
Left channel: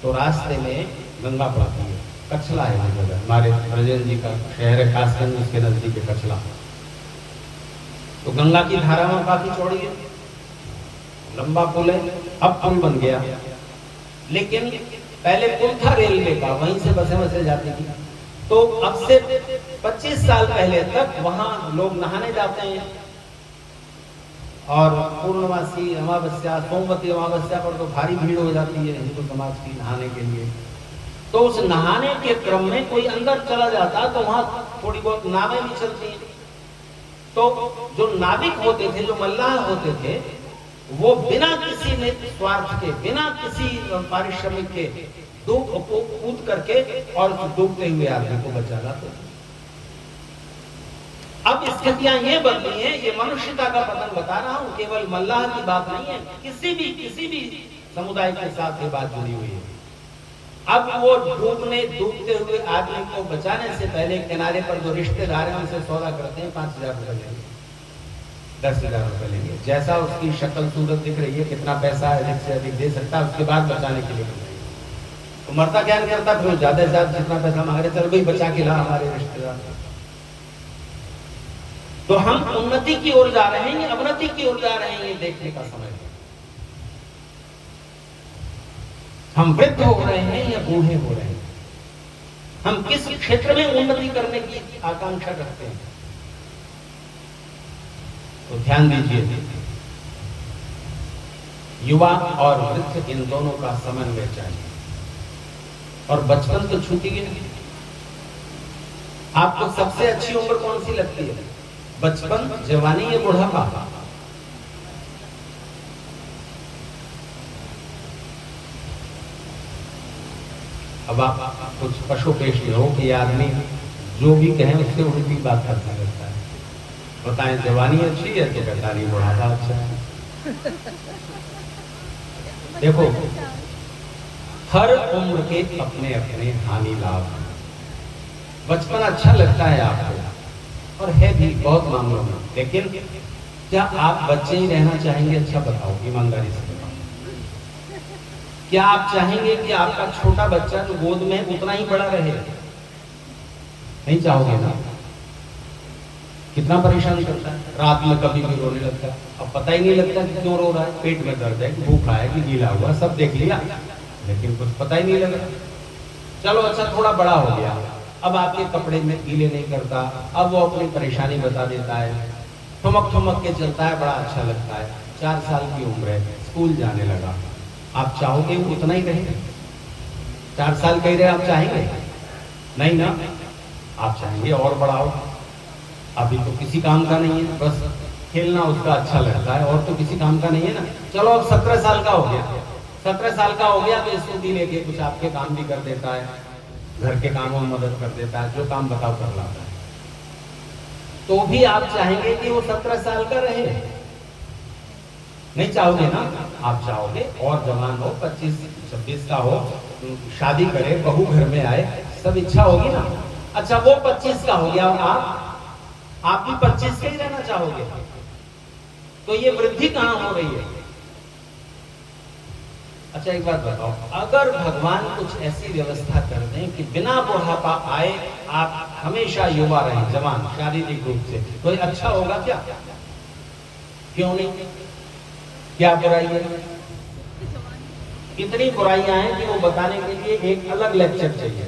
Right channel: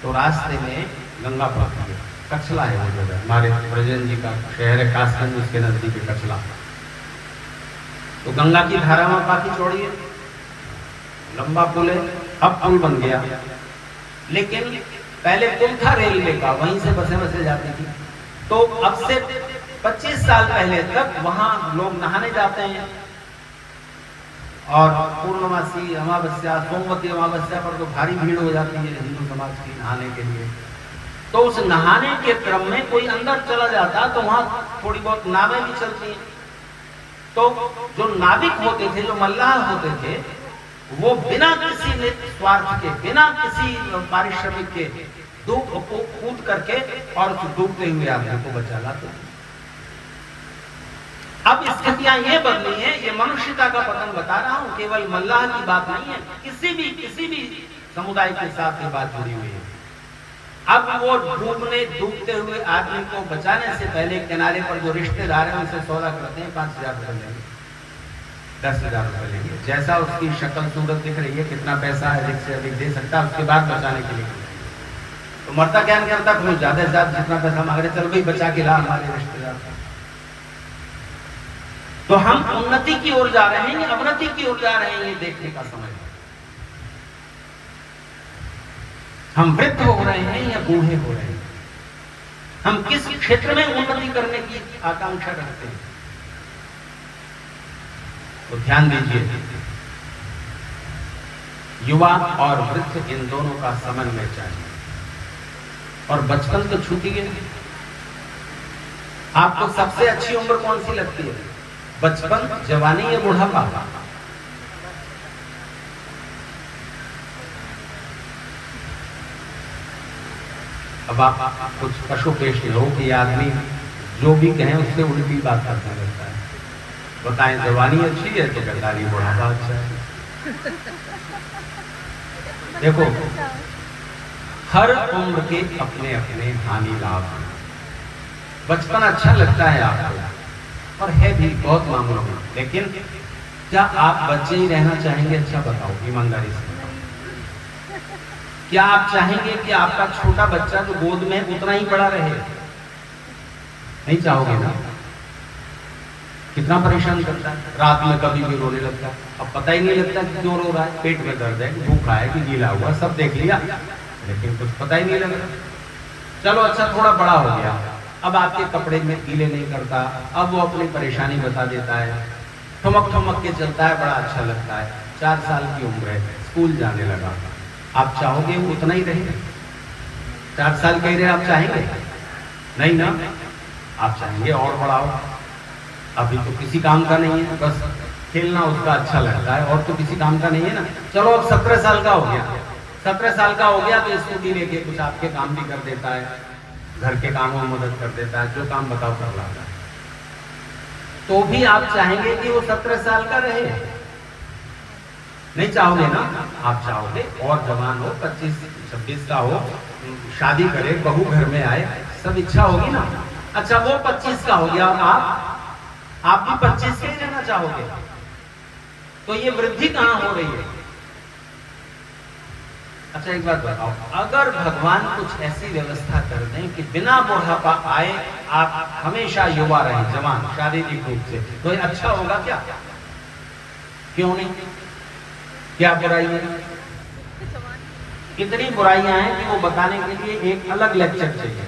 तो रास्ते में गंगा पड़ती है, कछला है हमारे ब्रजन जी का शहर है, कासगंज उसके नजदीक है कछला। तो गंगा की धारा वहां काफी चौड़ी है, लंबा पुल है, अब पुल बन गया, लेकिन पहले पुल था रेलवे का, वहीं से बसें जाती थी। तो अब से 25 साल पहले तक वहां लोग नहाने जाते हैं, और पूर्णमासी अमावस्या, सोमवती अमावस्या पर तो भारी भीड़ हो जाती है हिंदू समाज की नहाने के लिए। तो उस नहाने के क्रम में कोई अंदर चला जाता तो वहां थोड़ी बहुत नावें भी चलती हैं। तो जो नाविक होते थे, जो मल्लाह होते थे, वो बिना किसी स्वार्थ के, बिना किसी पारिश्रमिक के कूद करके और डूबते हुए आदमी को बचा लाते। अब स्थितियां ये बदली है, ये मनुष्यता का पतन बता रहा हूं, केवल मल्लाह की बात नहीं है, किसी भी समुदाय के साथ ये बात जुड़ी हुई है। अब वो डूबते हुए आदमी को बचाने से पहले किनारे पर जो रिश्तेदार हैं उनसे सौदा करते हैं, 5,000 रुपए लेंगे, 10,000 रुपए लेंगे, जैसा उसकी शक्ल सूरत दिख रही है, कितना पैसा अधिक से अधिक दे सकता है, उसके बाद बचाने के लिए। तो मरता क्या नहीं करता, फिर ज्यादा से ज्यादा जितना पैसा मांगे, चल भाई बचा के ला हमारे रिश्तेदार। तो हम उन्नति की ओर जा रहे हैं या अवनति की ओर जा रहे हैं, ये देखने का समय है। हम वृद्ध हो रहे हैं या बूढ़े हो रहे हैं, हम किस क्षेत्र में उन्नति करने की आकांक्षा रखते हैं, तो ध्यान दीजिए। युवा और वृद्ध इन दोनों का समन्वय चाहिए। और बचपन तो छूटी है। आपको सबसे अच्छी उम्र कौन सी लगती है, बचपन, जवानी या बुढ़ापा? अब आप कुछ पशु पेश हो कि आदमी जो भी कहे उससे उल्टी बात करने लगता है। बताएं जवानी अच्छी है तो कहता नहीं बुढ़ापा अच्छा है। देखो, हर उम्र के अपने अपने हानि लाभ। बचपन अच्छा लगता है आपको, और है भी बहुत मामलों में, लेकिन क्या आप बच्चे ही रहना चाहेंगे? अच्छा बताओ, ईमानदारी से बताओ। क्या आप चाहेंगे कि आपका छोटा बच्चा जो गोद में है उतना ही बड़ा रहे? नहीं चाहोगे ना? कितना परेशान करता है, रात में कभी भी रोने लगता है, अब पता ही नहीं लगता कि क्यों रो रहा है, पेट में दर्द है, भूखा है कि गीला हुआ, सब देख लिया, लेकिन कुछ पता ही नहीं लगा। चलो अच्छा, थोड़ा बड़ा हो गया, अब आपके कपड़े में गीले नहीं करता, अब वो अपनी परेशानी बता देता है, ठुमक ठुमक के चलता है, बड़ा अच्छा लगता है। 4 साल की उम्र है, स्कूल जाने लगा, आप चाहोगे वो उतना ही रहे? 4 साल का ही रहे, आप चाहेंगे? नहीं ना, आप चाहेंगे और बड़ा हो। अभी तो किसी काम का नहीं है, बस खेलना उसका अच्छा लगता है, और तो किसी काम का नहीं है ना। चलो अब 17 साल का हो गया, 17 साल का हो गया तो स्कूटी लेके कुछ आपके काम भी कर देता है, घर के कामों में मदद कर देता है, जो काम बताओ कर लाता है। तो भी आप चाहेंगे कि वो 17 साल का रहे? नहीं चाहोगे ना? आप चाहोगे और जवान हो, 25-26 का हो, शादी करे, बहू घर में आए, सब इच्छा होगी ना। अच्छा, वो 25 का हो गया और आप आप भी 25 के ही रहना चाहोगे, तो ये वृद्धि कहां हो रही है? अच्छा एक बात बताओ, अगर भगवान कुछ ऐसी व्यवस्था कर दें कि बिना बुढ़ापा आए आप हमेशा युवा रहें, जवान शारीरिक रूप से, तो ये अच्छा होगा क्या? क्यों नहीं? क्या बुराई है? इतनी बुराइयां हैं कि वो बताने के लिए एक अलग लेक्चर चाहिए।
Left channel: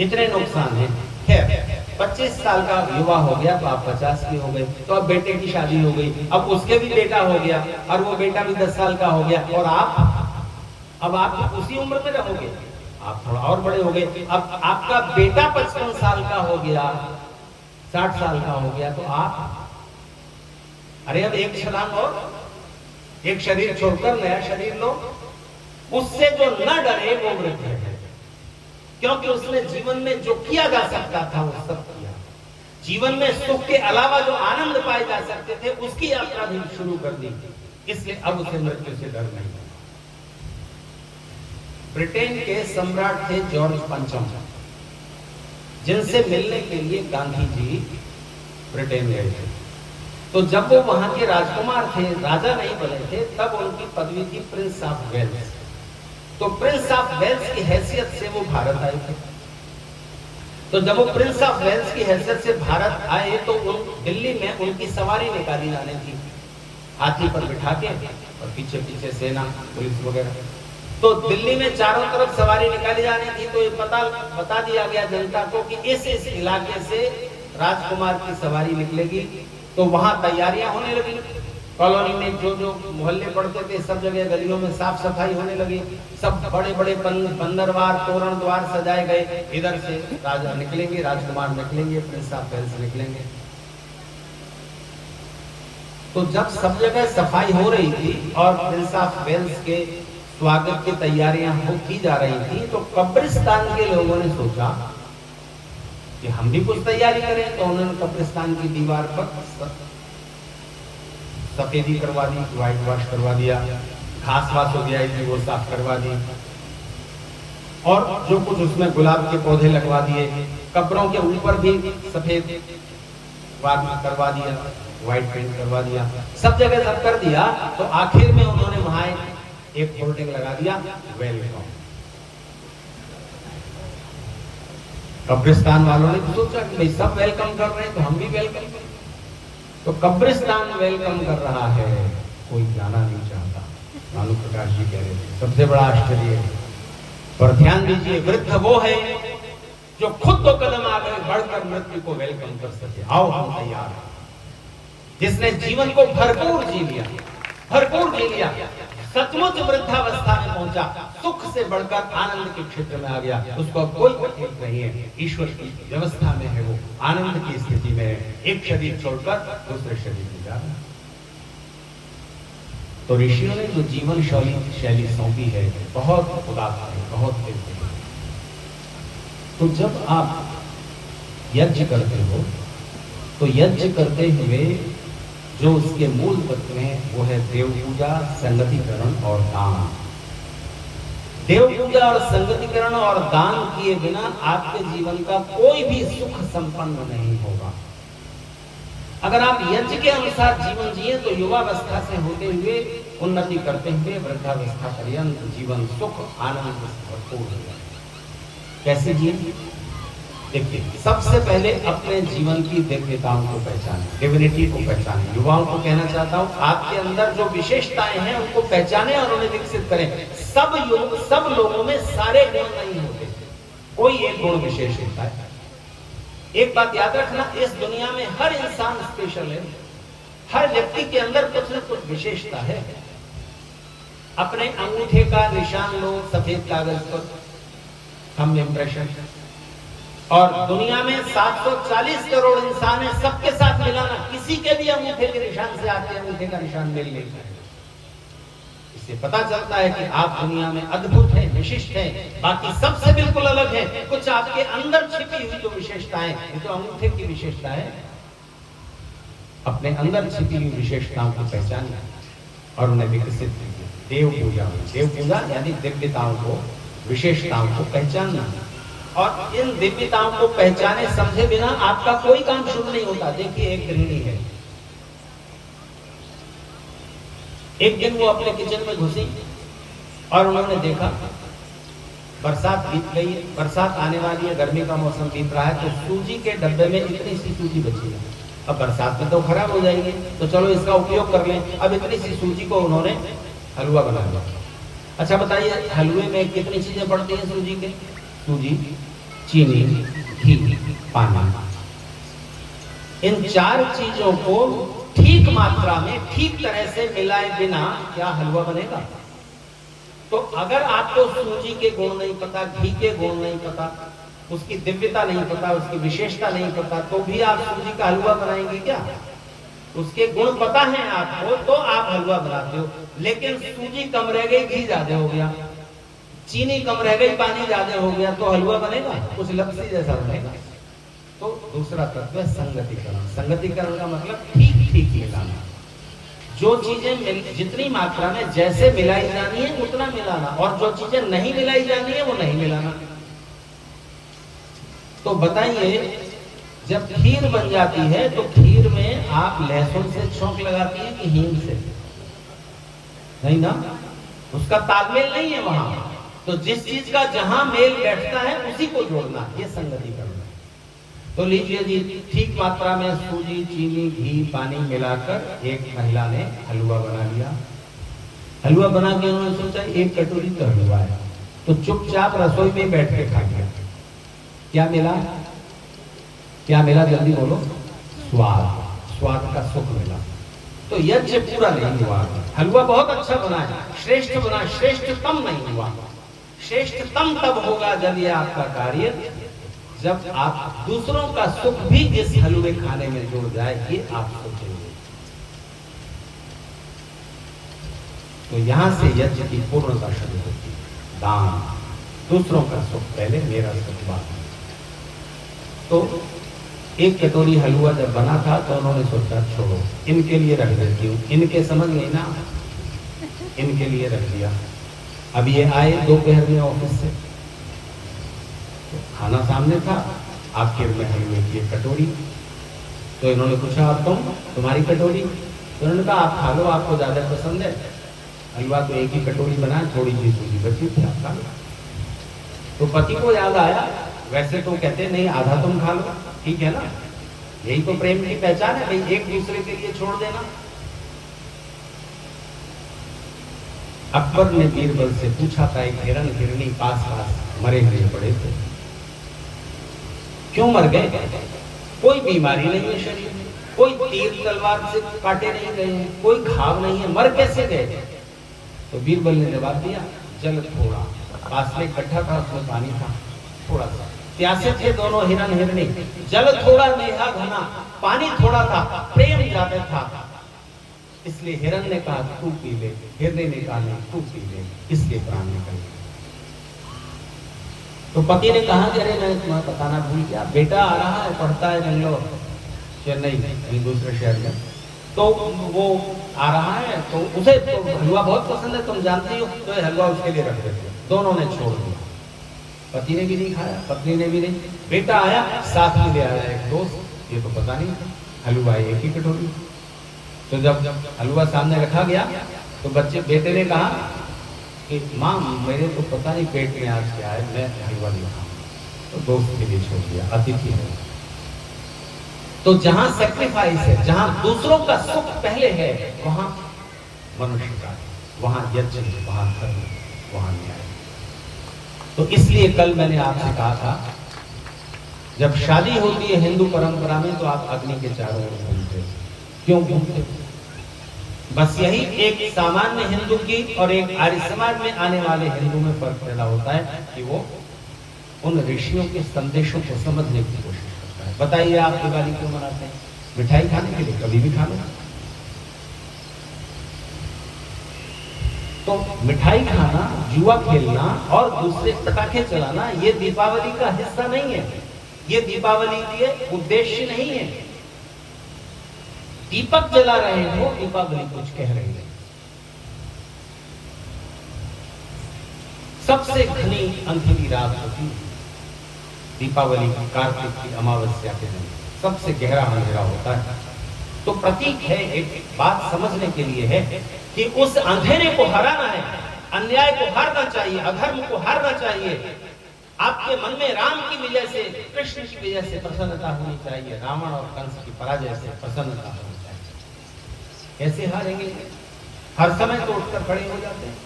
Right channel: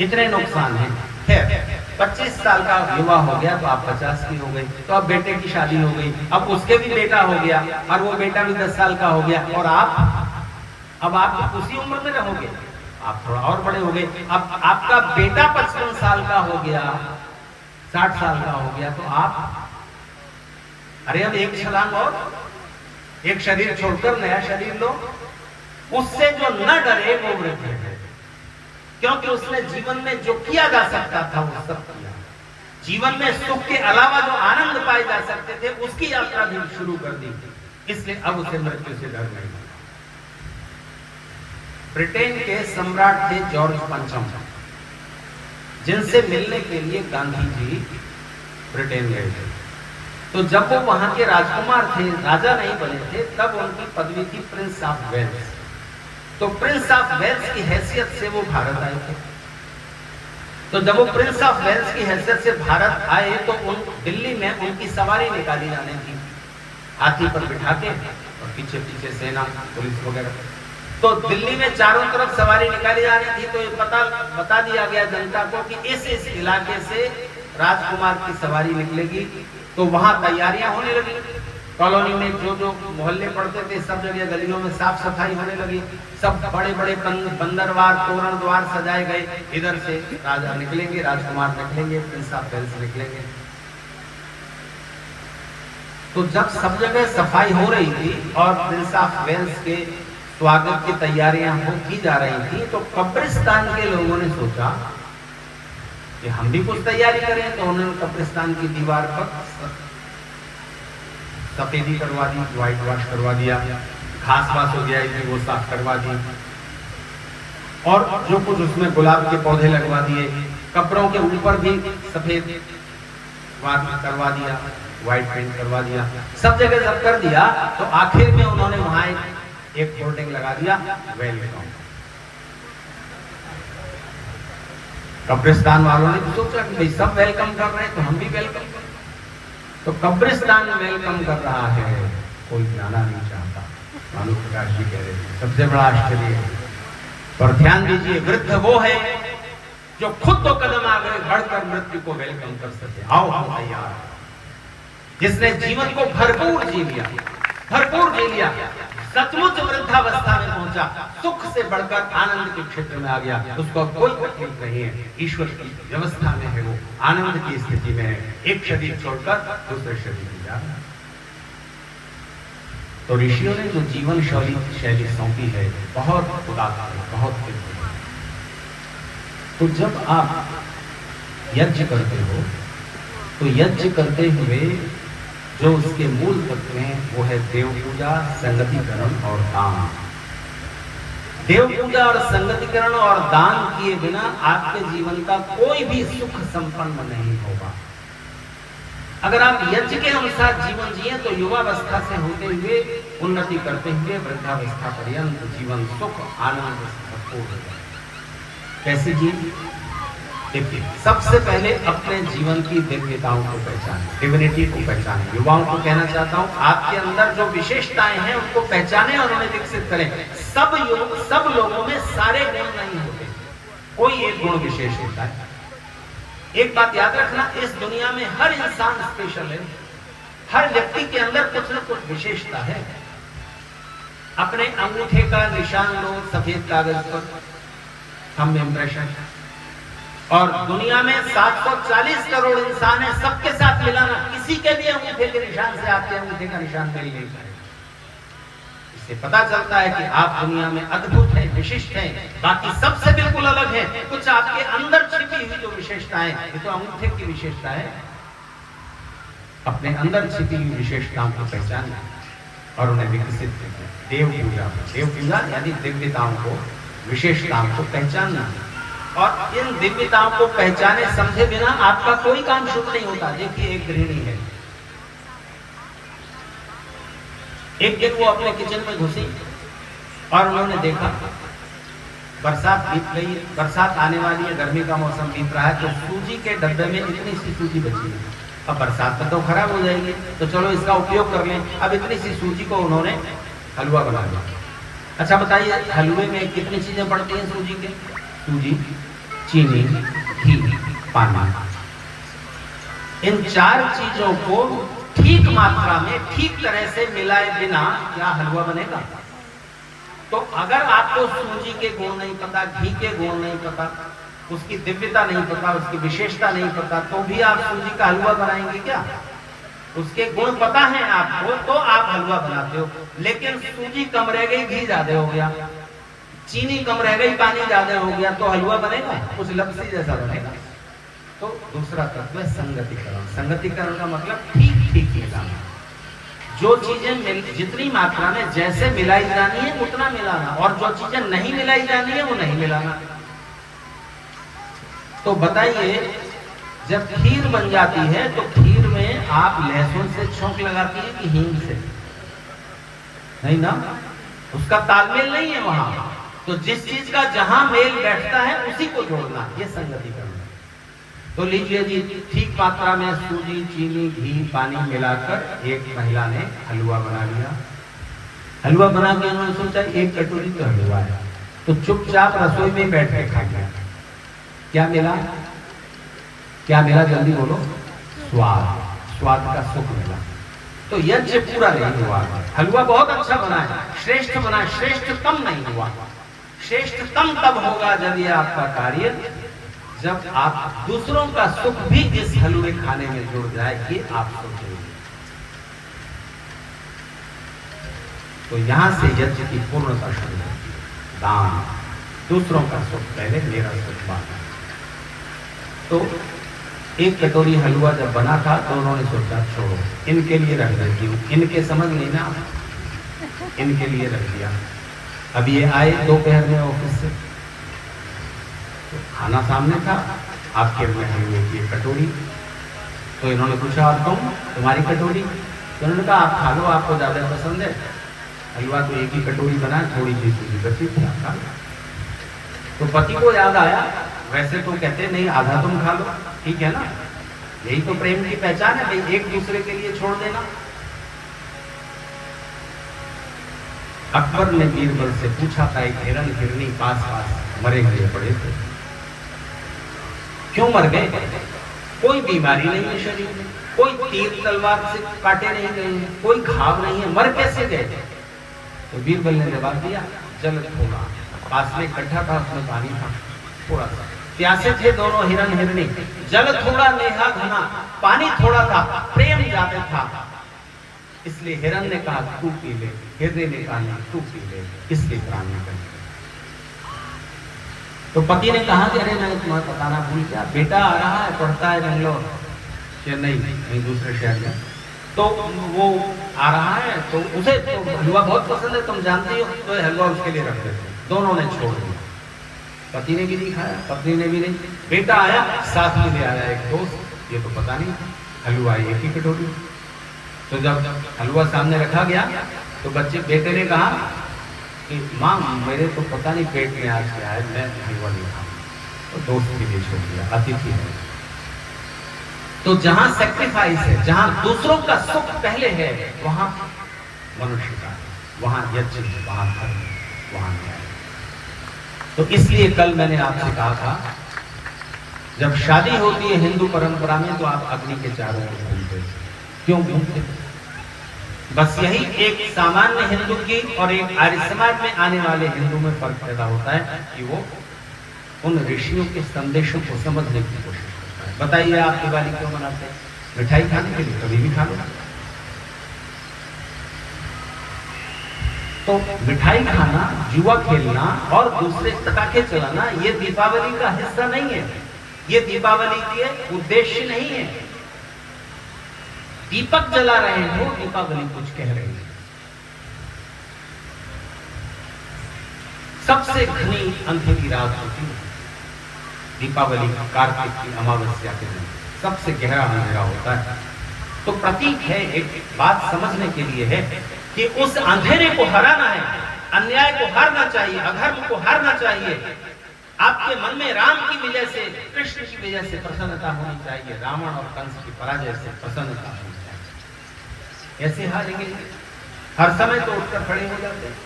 इतने नुकसान हैं। खैर, 25 साल का युवा हो गया तो आप 50 की हो गए, तो अब बेटे की शादी हो गई, अब उसके भी बेटा हो गया और वो बेटा भी 10 साल का हो गया, और अब आप उसी उम्र में रहोगे, आप थोड़ा और बड़े हो गए। अब आपका बेटा 55 साल का हो गया, 60 साल का हो गया, तो आप अरे अब एक छलांग और, एक शरीर छोड़कर नया शरीर लो। उससे जो न डरे वो वृद्ध है, क्योंकि उसने जीवन में जो किया जा सकता था वो सब किया। जीवन में सुख के अलावा जो आनंद पाए जा सकते थे उसकी यात्रा भी शुरू कर दी, इसलिए अब उसे मृत्यु से डर नहीं। ब्रिटेन के सम्राट थे जॉर्ज पंचम, जिनसे मिलने के लिए गांधी जी ब्रिटेन गए थे। तो जब वो वहां के राजकुमार थे, राजा नहीं बने थे, तब उनकी पदवी थी प्रिंस ऑफ वेल्स। तो प्रिंस ऑफ वेल्स की हैसियत से वो भारत आए थे। तो जब वो प्रिंस ऑफ वेल्स की हैसियत से भारत आए तो उन दिल्ली में उनकी सवारी निकाली जाने थी, हाथी पर बिठा के, और पीछे पीछे सेना पुलिस वगैरह। तो दिल्ली में चारों तरफ सवारी निकाली जा रही थी। तो ये बता दिया गया जनता को कि इस इलाके से राजकुमार की सवारी निकलेगी। तो वहां तैयारियां होने लगी। कॉलोनी में जो जो मोहल्ले पड़ते थे सब जगह गलियों में साफ सफाई होने लगी। सब बड़े बड़े बंदरवार तोरण द्वार सजाए गए। इधर से राजा निकलेंगे, राजकुमार निकलेंगे, प्रिंस ऑफ वेल्स निकलेंगे। तो जब सब जगह सफाई हो रही थी और प्रिंस ऑफ वेल्स के स्वागत की तैयारियां की जा रही थी, तो कब्रिस्तान के लोगों ने सोचा कि हम भी कुछ तैयारी करें। तो उन्होंने कब्रिस्तान की दीवार पर सफेदी करवा दी, व्हाइट वॉश करवा दिया, घास वास हो गया इसमें वो साफ करवा दी, और जो कुछ उसमें गुलाब के पौधे लगवा दिए। कब्रों के ऊपर भी सफेद करवा दिया, व्हाइट पेंट करवा दिया। सब जगह जब कर दिया तो आखिर में उन्होंने वहां एक होर्डिंग लगा दिया, वेलकम। कब्रिस्तान वालों ने सोचा कि सब वेलकम कर रहे हैं तो हम भी वेलकम करें। तो कब्रिस्तान वेलकम कर रहा है, कोई जाना नहीं चाहता। भानु प्रकाश जी कह रहे थे सबसे बड़ा आश्चर्य है। पर ध्यान दीजिए, वृद्ध वो है जो खुद तो कदम आगे बढ़कर मृत्यु को वेलकम कर सके। आओ हम तैयार। जिसने जीवन को भरपूर जी लिया, भरपूर जी लिया, सचमुच वृद्धावस्था में पहुंचा, सुख से बढ़कर आनंद के क्षेत्र में आ गया, उसको कोई तकलीफ नहीं है। ईश्वर की व्यवस्था में है, वो आनंद की स्थिति में है। एक शरीर छोड़कर दूसरे शरीर में जाना। तो ऋषियों ने जो जीवन शैली सौंपी है बहुत उदार है, बहुत दिव्य है। तो जब आप यज्ञ करते हो तो यज्ञ करते हुए जो उसके मूल तत्व हैं वो है देव पूजा, संगतिकरण और दान। देव पूजा और संगतिकरण और दान किए बिना आपके जीवन का कोई भी सुख संपन्न नहीं होगा। अगर आप यज्ञ के अनुसार जीवन जिए तो युवावस्था से होते हुए उन्नति करते हुए वृद्धावस्था पर्यंत जीवन सुख आनंद से भरपूर है। कैसे जिए? देखिए, सबसे पहले अपने जीवन की दिव्यताओं को पहचानें, डिविनिटी को पहचानें। युवाओं को कहना चाहता हूं, आपके अंदर जो विशेषताएं हैं उनको पहचानें और उन्हें विकसित करें। सब लोगों में सारे गुण नहीं होते, कोई एक गुण विशेष होता है। एक बात याद रखना, इस दुनिया में हर इंसान स्पेशल है। हर व्यक्ति के अंदर कुछ न कुछ विशेषता है। अपने अंगूठे का निशान लो सफेद कागज पर, थंब इम्प्रेशन, और दुनिया में 740 करोड़ इंसान है, सबके साथ मिलाना, किसी के भी अंगूठे के निशान से आपके अंगूठे का निशान मेल नहीं करेगा। इससे पता चलता है कि आप दुनिया में अद्भुत हैं, विशिष्ट हैं, बाकी सबसे बिल्कुल अलग है। कुछ आपके अंदर छिपी हुई जो विशेषताएं, ये तो अंगूठे की विशेषता है। अपने अंदर छिपी हुई विशेषताओं को पहचानना और उन्हें विकसित कीजिए। देव पूजा यानी दिव्यताओं को, विशेषताओं को पहचानना और इन दिव्यताओं को पहचाने समझे बिना आपका कोई काम शुभ नहीं होता। देखिए, एक गृहिणी है, एक दिन वो अपने किचन में घुसी और उन्होंने देखा बरसात बीत गई है, बरसात आने वाली है, गर्मी का मौसम बीत रहा है, तो सूजी के डब्बे में इतनी सी सूजी बची है। अब बरसात में तो खराब हो जाएगी, तो चलो इसका उपयोग कर लें। अब इतनी सी सूजी को उन्होंने हलवा बना लिया। अच्छा बताइए, हलवे में कितनी चीजें पड़ती हैं सूजी के? सूजी, चीनी, घी, पानी। इन 4 चीजों को ठीक मात्रा में ठीक तरह से मिलाए बिना क्या हलवा बनेगा? तो अगर आपको सूजी के गुण नहीं पता, घी के गुण नहीं पता, उसकी दिव्यता नहीं पता, उसकी विशेषता नहीं पता, तो भी आप सूजी का हलवा बनाएंगे क्या? उसके गुण पता है आपको तो आप हलवा बनाते हो। लेकिन सूजी कम रह गई, घी ज्यादा हो गया, चीनी कम रह गई, पानी ज्यादा हो गया, तो हलवा बनेगा? कुछ लपसी जैसा बनेगा। तो दूसरा तत्व है संगतिकरण। संगतिकरण का मतलब ठीक ठीक मिलाना। जो चीजें जितनी मात्रा में जैसे मिलाई जानी है उतना मिलाना, और जो चीजें नहीं मिलाई जानी है वो नहीं मिलाना। तो बताइए, जब खीर बन जाती है तो खीर में आप लहसुन से छौंक लगाती है कि हींग से? नहीं ना, उसका तालमेल नहीं है वहां। तो जिस चीज का जहां मेल बैठता है उसी को जोड़ना, ये संगतिकरण। तो लीजिए जी, ठीक मात्रा में सूजी, चीनी, घी, पानी मिलाकर एक महिला ने हलवा बना लिया। हलवा बना के उन्होंने सोचा 1 कटोरी तो हलवा है, तो चुपचाप रसोई में बैठ के खा लिया। क्या मिला? क्या मिला? जल्दी बोलो। स्वाद, स्वाद का सुख मिला। तो यज्ञ पूरा नहीं हुआ। हलवा बहुत अच्छा बना है, श्रेष्ठ बना, श्रेष्ठतम नहीं हुआ। श्रेष्ठतम तब होगा जब यह आपका कार्य, जब आप दूसरों का सुख भी इस हलवे खाने में जुड़ जाए, ये आप सोचेंगे। तो यहां से यज्ञ की पूर्णता शुरू होती है। दान, दूसरों का सुख पहले, मेरा सुख बाद। तो 1 कटोरी हलवा जब बना था तो उन्होंने सोचा छोड़ो, इनके लिए रख देती हूँ। इनके समझ नहीं ना, इनके लिए रख दिया। अब ये आए दोपहर में ऑफिस से, तो खाना सामने था, आपके में हलवे की कटोरी। तो इन्होंने पूछा, और तुम्हारी कटोरी? तो उन्होंने कहा आप खा लो, आपको ज्यादा पसंद है। हलवा तो 1 ही कटोरी बना, थोड़ी सी सूजी बची थी, आप खा लो। तो पति को याद आया, वैसे तो कहते नहीं आधा तुम खा लो, ठीक है ना, यही तो प्रेम की पहचान है भाई, एक दूसरे के लिए छोड़ देना। अकबर ने बीरबल से पूछा था, एक हिरन हिरनी पास पास मरे हुए पड़े थे, क्यों मर गए? कोई बीमारी नहीं है शरीर में, कोई तीर तलवार से काटे नहीं गए हैं, कोई घाव नहीं है, मर कैसे गए? तो बीरबल ने जवाब दिया, जल थोड़ा, पास में गड्ढा था, उसमें पानी था थोड़ा सा, प्यासे थे दोनों हिरन हिरनी, जल थोड़ा नेहा घना, पानी थोड़ा था, प्रेम ज्यादा था, इसलिए हिरन ने कहा तू पी ले, हिरनी ने कहा नहीं तू पी ले, इसलिए प्राण निकल। तो पति ने कहा कि अरे मैं तुम्हें बताना भूल गया, बेटा आ रहा है, पढ़ता है बेंगलोर, चेन्नई, कहीं दूसरे शहर में, तो वो आ रहा है, तो उसे तो हलवा बहुत पसंद है, तुम जानती हो, तो हलवा उसके लिए रख देते। दोनों ने छोड़ दिया, पति ने भी नहीं खाया, पत्नी ने भी नहीं। बेटा आया, साथ में ले आया एक दोस्त, ये तो पता नहीं, हलवा 1 ही कटोरी। तो जब हलवा सामने रखा गया तो बेटे ने कहा कि माँ मेरे तो पता नहीं पेट में आज क्या है, मैं हलवा नहीं खाऊंगा। तो दोस्त के लिए छोड़ दिया, अतिथि है। तो जहां सेक्रीफाइस है, जहां दूसरों का सुख पहले है, वहां मनुष्य का, वहां यज्ञ, वहां धर्म, वहां न्याय। तो इसलिए कल मैंने आपसे कहा था, जब शादी होती है हिंदू परंपरा में तो आप अग्नि के चारों ओर घूमते। क्यों घूमते? बस यही एक सामान्य हिंदू की और एक आर्य समाज में आने वाले हिंदू में फर्क पैदा होता है कि वो उन ऋषियों के संदेशों को समझने की कोशिश करता है। बताइए आप दिवाली क्यों मनाते हैं? मिठाई खाने के लिए, कभी भी खा लो। तो मिठाई खाना, जुआ खेलना और दूसरे पटाखे चलाना ये दीपावली का हिस्सा नहीं है, ये दीपावली के उद्देश्य नहीं है। दीपक जला रहे हो, दीपावली कुछ कह रही है। सबसे घनी अंधेरी रात होती है, दीपावली, कार्तिक की अमावस्या के दिन सबसे गहरा अंधेरा होता है। तो प्रतीक है, एक बात समझने के लिए है कि उस अंधेरे को हराना है, अन्याय को हारना चाहिए, अधर्म को हारना चाहिए। आपके मन में राम की विजय से, कृष्ण की विजय से प्रसन्नता होनी चाहिए, रावण और कंस की पराजय से प्रसन्नता होनी चाहिए। कैसे हारेंगे? हर समय तो उठकर खड़े हो जाते हैं।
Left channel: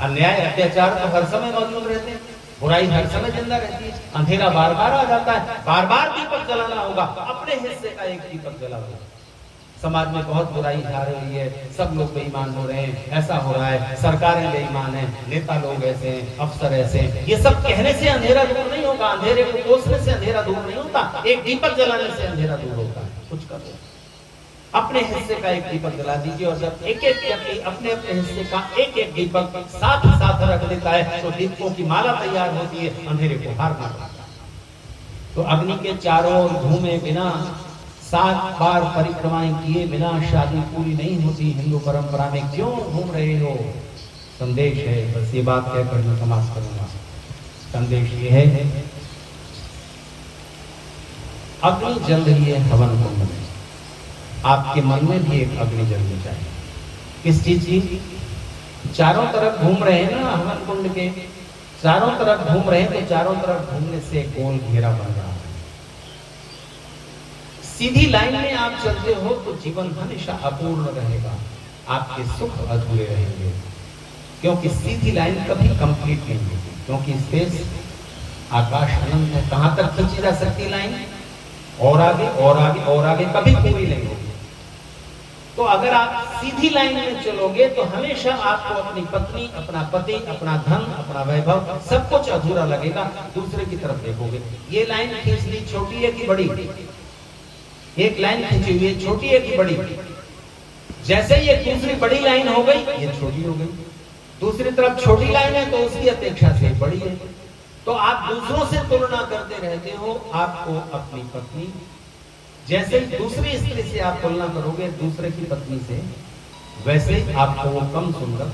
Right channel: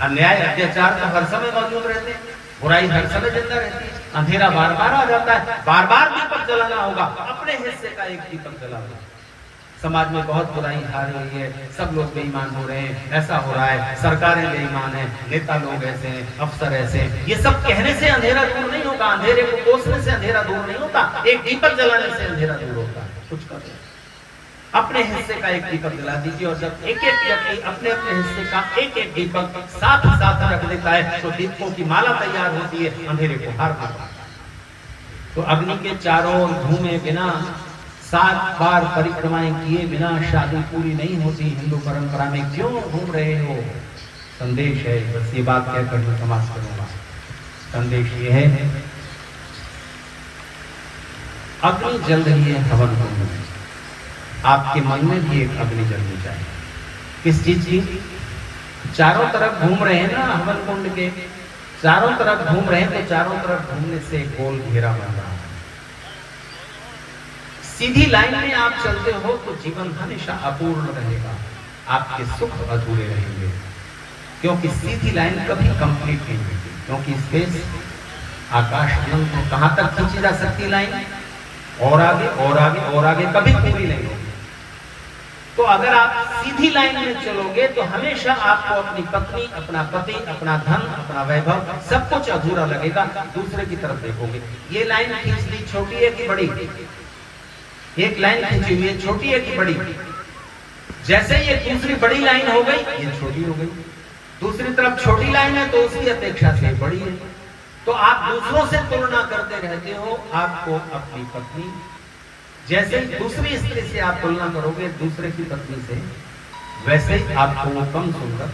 अन्याय अत्याचार तो हर समय मौजूद रहते हैं, बुराई हर समय जिंदा रहती है, अंधेरा बार बार आ जाता है, बार बार दीपक जलाना होगा, अपने हिस्से का एक दीपक जलाना। समाज में बहुत बुराई छा रही है, सब लोग बेईमान हो रहे हैं, ऐसा हो रहा है, सरकारें बेईमान है, नेता लोग ऐसे हैं, अफसर ऐसे हैं। ये सब कहने से अंधेरा दूर नहीं होगा, अंधेरे को कोसने से अंधेरा दूर नहीं होता, एक दीपक जलाने से अंधेरा दूर होता है। कुछ करो, अपने हिस्से का एक दीपक जला दीजिए, और जब एक एक व्यक्ति अपने अपने हिस्से का एक एक दीपक साथ साथ रख देता है तो दीपकों की माला तैयार होती है, अंधेरे को हारना। तो अग्नि के चारों ओर घूमे बिना, 7 बार परिक्रमाएं किए बिना शादी पूरी नहीं होती हिंदू परंपरा में। क्यों घूम रहे हो? संदेश है, बस ये बात कहकर मैं समाप्त करूंगा। संदेश ये है, अग्नि जल रही है हवन कुंड में, आपके मन में भी एक अग्नि जलनी चाहिए। किस चीज की? चारों तरफ घूम रहे हैं ना हवन कुंड के, चारों तरफ घूम रहे हैं, तो चारों तरफ घूमने से गोल घेरा बन रहा है। सीधी लाइन में आप चलते हो तो जीवन हमेशा अपूर्ण रहेगा, आपके सुख अधूरे रहेंगे, क्योंकि सीधी लाइन कभी कंप्लीट नहीं होगी। क्योंकि स्पेस, आकाश में कहां तक खींची जा सकती लाइन, और आगे और आगे और आगे, कभी पूरी नहीं होगी। तो अगर आप सीधी लाइन में चलोगे तो हमेशा आपको अपनी पत्नी, अपना पति, अपना धन, अपना वैभव, सब कुछ अधूरा लगेगा। दूसरे की तरफ देखोगे, ये लाइन खींच ली, छोटी है कि बड़ी? एक लाइन खींची हुई है, छोटी है कि बड़ी? जैसे ये दूसरी बड़ी लाइन हो गई, ये छोटी हो गई। दूसरी तरफ छोटी लाइन है तो उसकी अपेक्षा से बड़ी है। तो आप दूसरों से तुलना करते रहते हो। आपको अपनी पत्नी, जैसे ही दूसरी स्त्री से आप तुलना करोगे दूसरे की पत्नी से, वैसे ही आपको वो कम सुंदर,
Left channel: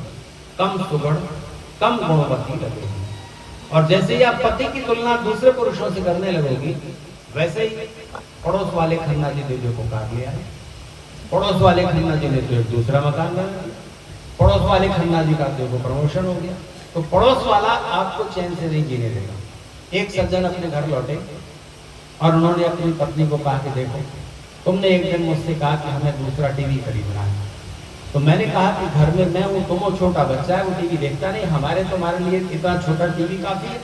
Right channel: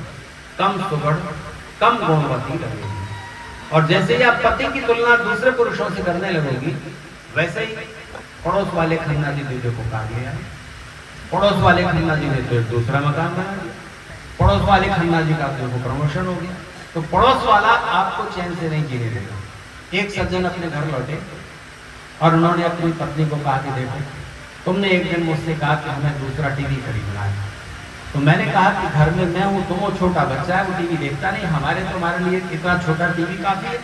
कम सुगढ़, कम गुणवती लगेगी। और जैसे ही आप पति की तुलना दूसरे पुरुषों से करने लगोगी, वैसे ही पड़ोस वाले खन्ना जी दूल्हे को काट लिया है, पड़ोस वाले खन्ना जी ने तो एक दूसरा मकान बनाया, पड़ोस वाले खन्ना जी का तो प्रमोशन हो गया। तो पड़ोस वाला आपको चैन से नहीं जीने देगा। एक सज्जन अपने घर लौटे और उन्होंने अपनी पत्नी को कहा कि देखो, तुमने एक दिन मुझसे कहा कि हमें दूसरा टीवी खरीदना है। तो मैंने कहा कि घर में मैं हूं, तुम वो छोटा बच्चा है, वो टीवी देखता नहीं, तुम्हारे लिए इतना छोटा टीवी काफी है।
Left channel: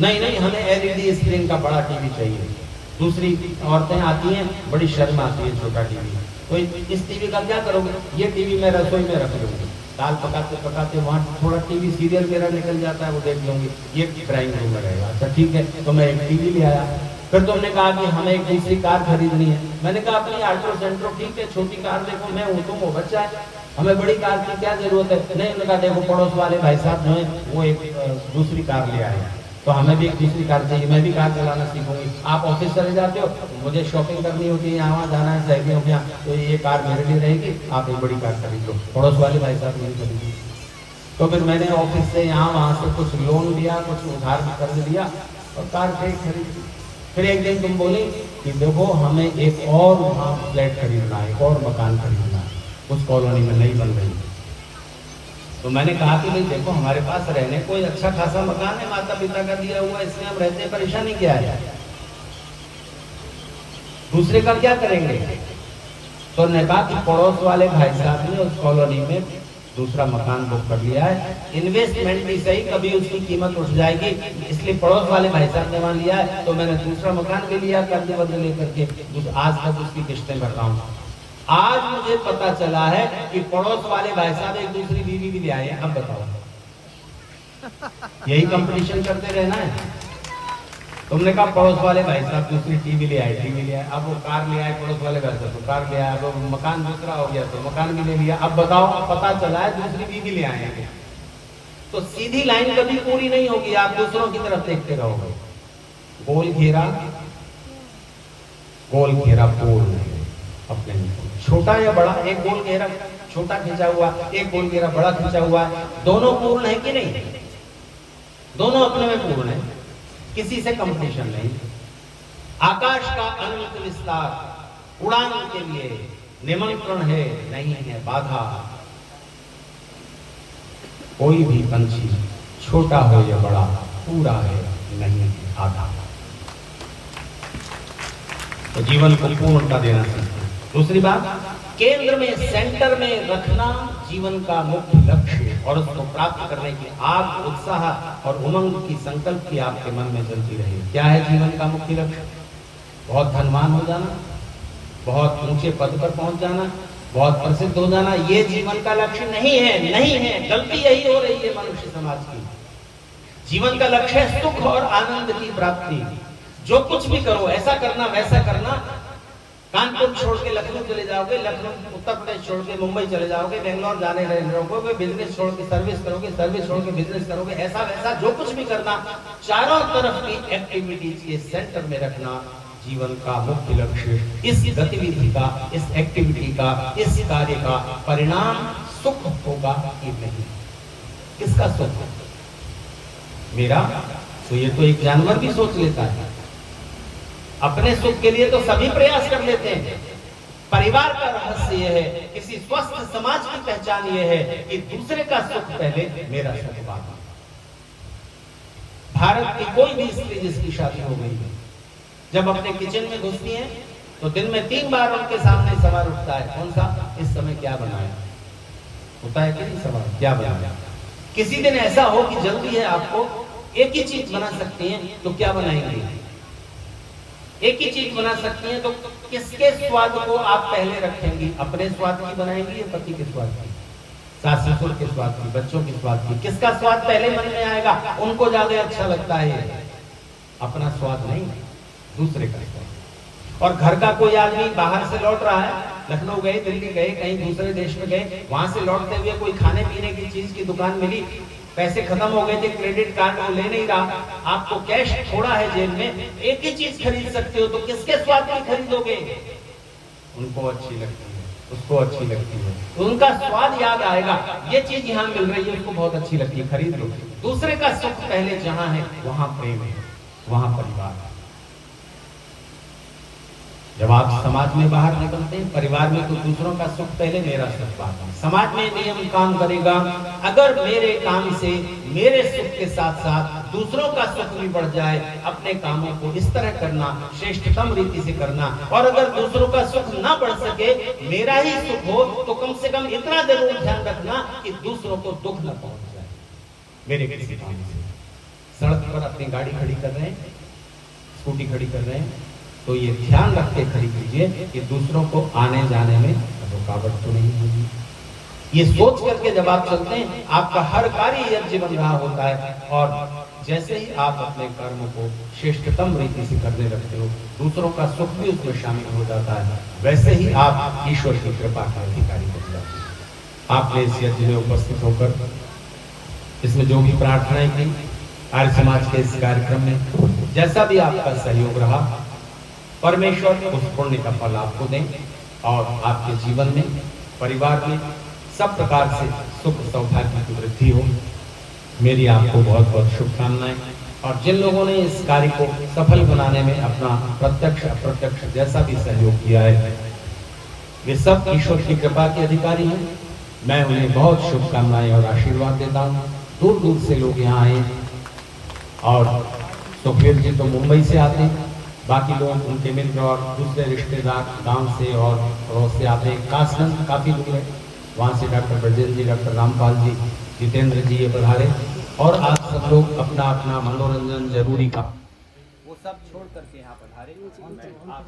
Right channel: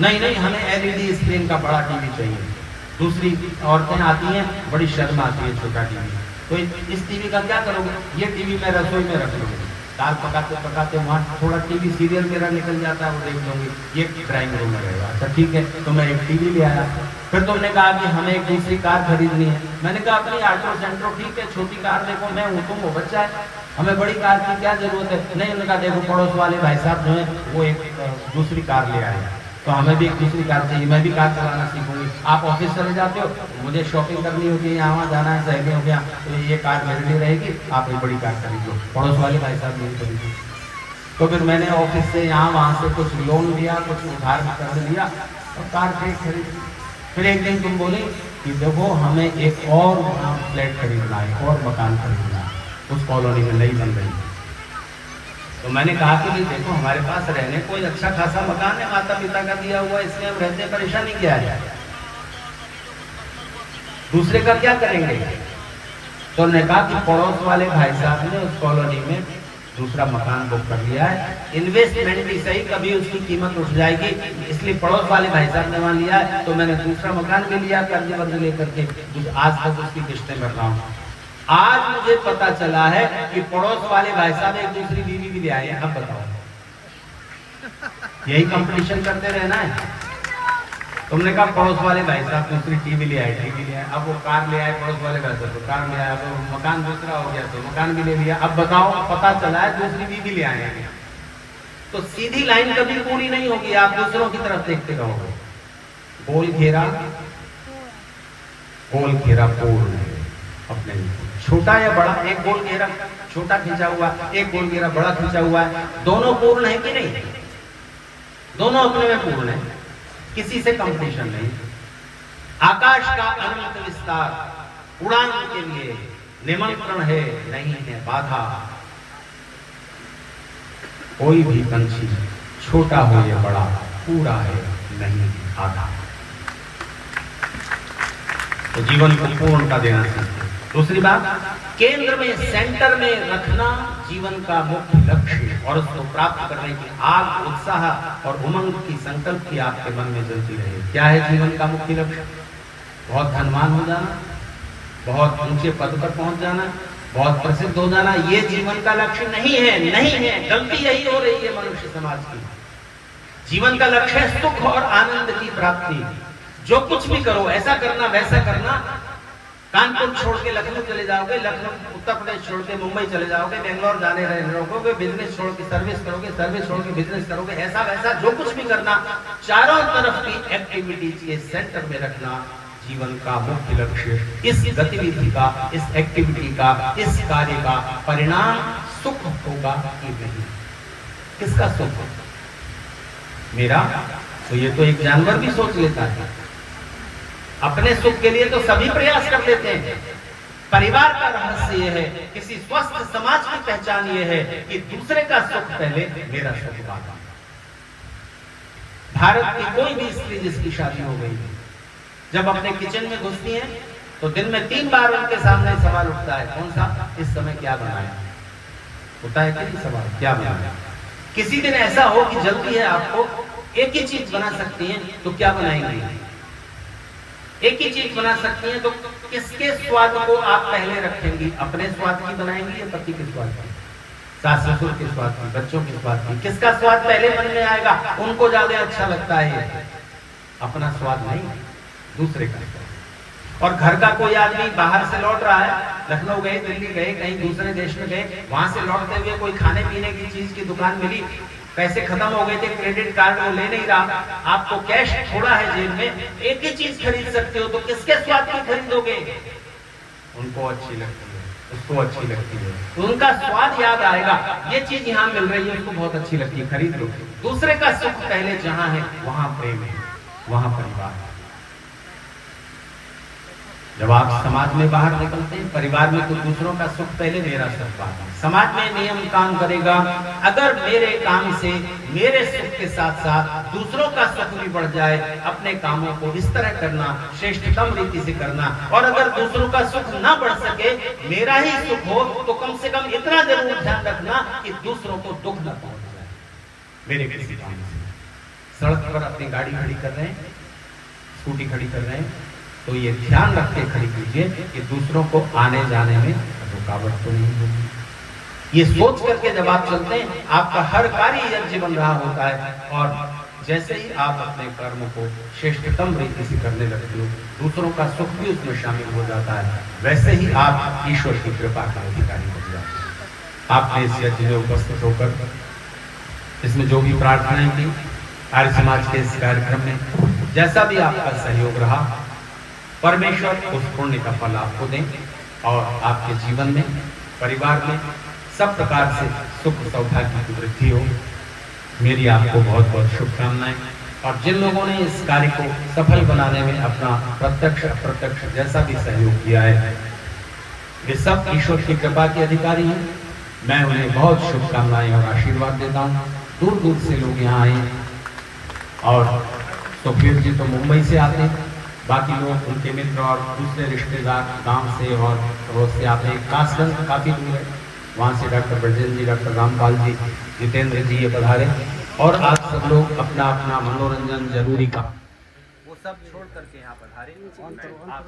नहीं नहीं, हमें एलईडी स्क्रीन का बड़ा टीवी चाहिए। दूसरी औरतें आती हैं, बड़ी शर्म आती है छोटा टीवी। तो इस टीवी का क्या करोगे? ये टीवी मैं रसोई में रख लूंगी, दाल पकाते पकाते वहां थोड़ा टीवी सीरियल मेरा निकल जाता है, वो देख लूंगी, ये ड्राइंग रूम में रहेगा। अच्छा ठीक है, तो मैं एक टीवी ले आया। फिर तुमने कहा कि हमें एक दूसरी कार खरीदनी है। मैंने कहा अपनी ऑटो सेंट्रो, ठीक है, छोटी कार देखो, मैं हूं, तुम हो, बच्चा है, हमें बड़ी कार की क्या जरूरत है? नहीं, उन्होंने कहा देखो पड़ोस वाले भाई साहब जो है वो एक दूसरी कार ले आए, तो हमें भी एक दूसरी कार चाहिए, मैं भी कार चलाना सीखूंगी। आप ऑफिस चले जाते हो, मुझे शॉपिंग करनी होती है, यहाँ जाना है सहेलियों के यहाँ, तो ये कार मेरे लिए रहेगी, आप ये बड़ी कार खरीद लो। पड़ोस वाले भाई साहब नहीं खरीदी। तो फिर मैंने ऑफिस से यहाँ वहाँ से कुछ लोन लिया, कुछ उधार भी कर लिया, तो कार खरीद। फिर एक दिन तुम बोली कि देखो हमें एक और वहाँ फ्लैट खरीदना है, एक और मकान खरीदना है, उस कॉलोनी में नहीं बन रही। तो मैंने कहा कि नहीं देखो, हमारे पास रहने कोई अच्छा खासा मकान है, माता पिता का दिया हुआ, इसलिए हम रहते हैं, परेशानी क्या है? दूसरे का क्या करेंगे? तो उन्होंने कहा कि पड़ोस वाले भाई साहब ने उस कॉलोनी में दूसरा मकान बुक कर लिया है, इन्वेस्टमेंट भी सही, कभी उसकी कीमत उठ जाएगी, इसलिए पड़ोस वाले भाई साहब ने मान लिया है, तो मैंने दूसरा मकान भी लिया कर्ज वर्ज लेकर के, आज तक उसकी किस्तें कर रहा हूँ। आज मुझे पता चला है कि पड़ोस वाले भाई साहब एक दूसरी बीवी भी ले आए हैं। अब बताओ, यही कंपटीशन करते रहना है? तुमने कहा पड़ोस वाले भाई साहब दूसरी टीवी ले आए, अब वो कार ले आए, पड़ोस वाले घर से तो कार ले आए, अब मकान दूसरा हो गया तो मकान भी ले लिया। अब बताओ, पता चला है दूसरी बीवी ले आए हैं। तो सीधी लाइन कभी पूरी नहीं होगी, आप दूसरों की तरफ देखते रहोगे। गोल घेरा पूर्ण है अपने, छोटा या बड़ा, एक गोल घेरा छोटा खींचा हुआ, एक गोल घेरा बड़ा खींचा हुआ है, दोनों पूर्ण है कि नहीं? दोनों अपने में पूर्ण है। किसी से कंपटीशन नहीं। आकाश का अनंत विस्तार, उड़ान के लिए निमंत्रण है, नहीं है बाधा। कोई भी पंछी छोटा हो या बड़ा पूरा है, नहीं आधा। तो जीवन को पूर्णता देना चाहिए। दूसरी बात, केंद्र में, सेंटर में रखना जीवन का मुख्य लक्ष्य और उसको प्राप्त करने की आग, उत्साह और उमंग की संकल्प की आपके मन में जलती रहे। क्या है जीवन का मुख्य लक्ष्य? बहुत धनवान हो जाना, बहुत ऊंचे पद पर पहुंच जाना, बहुत प्रसिद्ध हो जाना, ये जीवन का लक्ष्य नहीं है, नहीं है। गलती यही हो रही है मनुष्य समाज की। जीवन का लक्ष्य है सुख और आनंद की प्राप्ति। जो कुछ भी करो, ऐसा करना वैसा करना, कानपुर छोड़ के लखनऊ चले जाओगे, लखनऊ उत्तर प्रदेश छोड़ के मुंबई चले जाओगे, बेंगलोर जाने रहोगे, बिजनेस छोड़ के सर्विस करोगे, सर्विस छोड़ के बिजनेस करोगे, ऐसा वैसा जो कुछ भी करना, चारों तरफ की एक्टिविटीज के सेंटर में रखना जीवन का मुख्य लक्ष्य। इस गतिविधि का, इस एक्टिविटी का, इस कार्य का परिणाम सुख होगा कि नहीं? किसका सुख? मेरा? तो ये तो एक जानवर भी सोच लेता है। अपने सुख के लिए तो सभी प्रयास कर लेते हैं। परिवार का रहस्य यह है, किसी स्वस्थ समाज की पहचान यह है कि दूसरे का सुख पहले, मेरा सुख बाद। भारत की कोई भी स्त्री जिसकी शादी हो गई है, जब अपने किचन में घुसती है तो दिन में 3 बार उनके सामने सवाल उठता है, कौन सा? इस समय क्या बनाया? होता है कि नहीं सवाल, क्या बनाया? किसी दिन ऐसा हो कि जल्दी है आपको, एक ही चीज बना सकती हैं, तो क्या बनाएंगे? एक ही चीज बना सकती हैं, तो किसके स्वाद को आप पहले रखेंगी? अपने स्वाद की बनाएंगी या पति के स्वाद की? सास ससुर के स्वाद की, बच्चों के स्वाद की? किसका स्वाद पहले मन में आएगा? उनको ज्यादा अच्छा लगता है। अपना स्वाद नहीं, दूसरे का स्वाद। और घर का कोई आदमी बाहर से लौट रहा है, लखनऊ गए, दिल्ली गए, कहीं दूसरे देश में गए, वहां से लौटते हुए कोई खाने पीने की चीज की दुकान मिली, पैसे खत्म हो गए थे, क्रेडिट कार्ड वो ले नहीं रहा, आपको कैश थोड़ा है जेब में, एक ही चीज खरीद सकते हो, तो किसके स्वाद की खरीदोगे? उनको अच्छी लगती है, उसको अच्छी लगती है, तो उनका स्वाद याद आएगा। ये चीज यहाँ मिल रही है, उसको बहुत अच्छी लगती है, खरीद लो। दूसरे का सुख पहले जहां है वहां प्रेम है, वहां परिवार है। जब आप समाज में बाहर निकलते हैं, परिवार में, तो दूसरों का सुख पहले, मेरा सुख बाद में। समाज में नियम काम करेगा, अगर मेरे काम से मेरे सुख के साथ साथ दूसरों का सुख भी बढ़ जाए, अपने कामों को इस तरह करना, श्रेष्ठतम रीति से करना। और अगर दूसरों का सुख ना बढ़ सके, मेरा ही सुख हो, तो कम से कम इतना जरूर ध्यान रखना कि दूसरों को दुख न पहुंच जाए मेरे किसी काम से। सड़क पर अपनी गाड़ी खड़ी कर रहे हैं, स्कूटी खड़ी कर रहे हैं, तो ये ध्यान रख के खड़ी कीजिए कि दूसरों को आने जाने में रुकावट तो नहीं होगी। ये सोच करके जब आप चलते हैं, आपका हर कार्य यज्ञ बन रहा होता है। और जैसे ही आप अपने कर्मों को श्रेष्ठतम रीति से करने लगते हो, दूसरों का सुख भी उसमें शामिल हो जाता है। वैसे ही आप ईश्वर की कृपा के अधिकारी बन जाते हैं। आपने इस यज्ञ में उपस्थित होकर इसमें जो भी प्रार्थनाएं की, आर्य समाज के इस कार्यक्रम में जैसा भी आपका सहयोग रहा, परमेश्वर उस पुण्य का फल आपको दें और आपके जीवन में, परिवार में सब प्रकार से सुख सौभाग्य की वृद्धि हो। मेरी आपको बहुत बहुत शुभकामनाएं। और जिन लोगों ने इस कार्य को सफल बनाने में अपना प्रत्यक्ष अप्रत्यक्ष जैसा भी सहयोग किया है, वे सब ईश्वर की कृपा के अधिकारी हैं। मैं उन्हें बहुत शुभकामनाएं और आशीर्वाद देता हूँ। दूर दूर से लोग यहाँ आए, और सुखवीर जी तो मुंबई से आते हैं, बाकी लोग उनके मित्र और दूसरे रिश्तेदार गांव से और पड़ोस से आते हैं। कासगंज काफी दूर है, वहां से डॉक्टर ब्रजेंद्र जी, डॉक्टर रामपाल जी, जितेंद्र जी ये पधारे। और आप सब लोग अपना अपना मनोरंजन जरूरी का वो सब छोड़ करके यहाँ पधारे। आप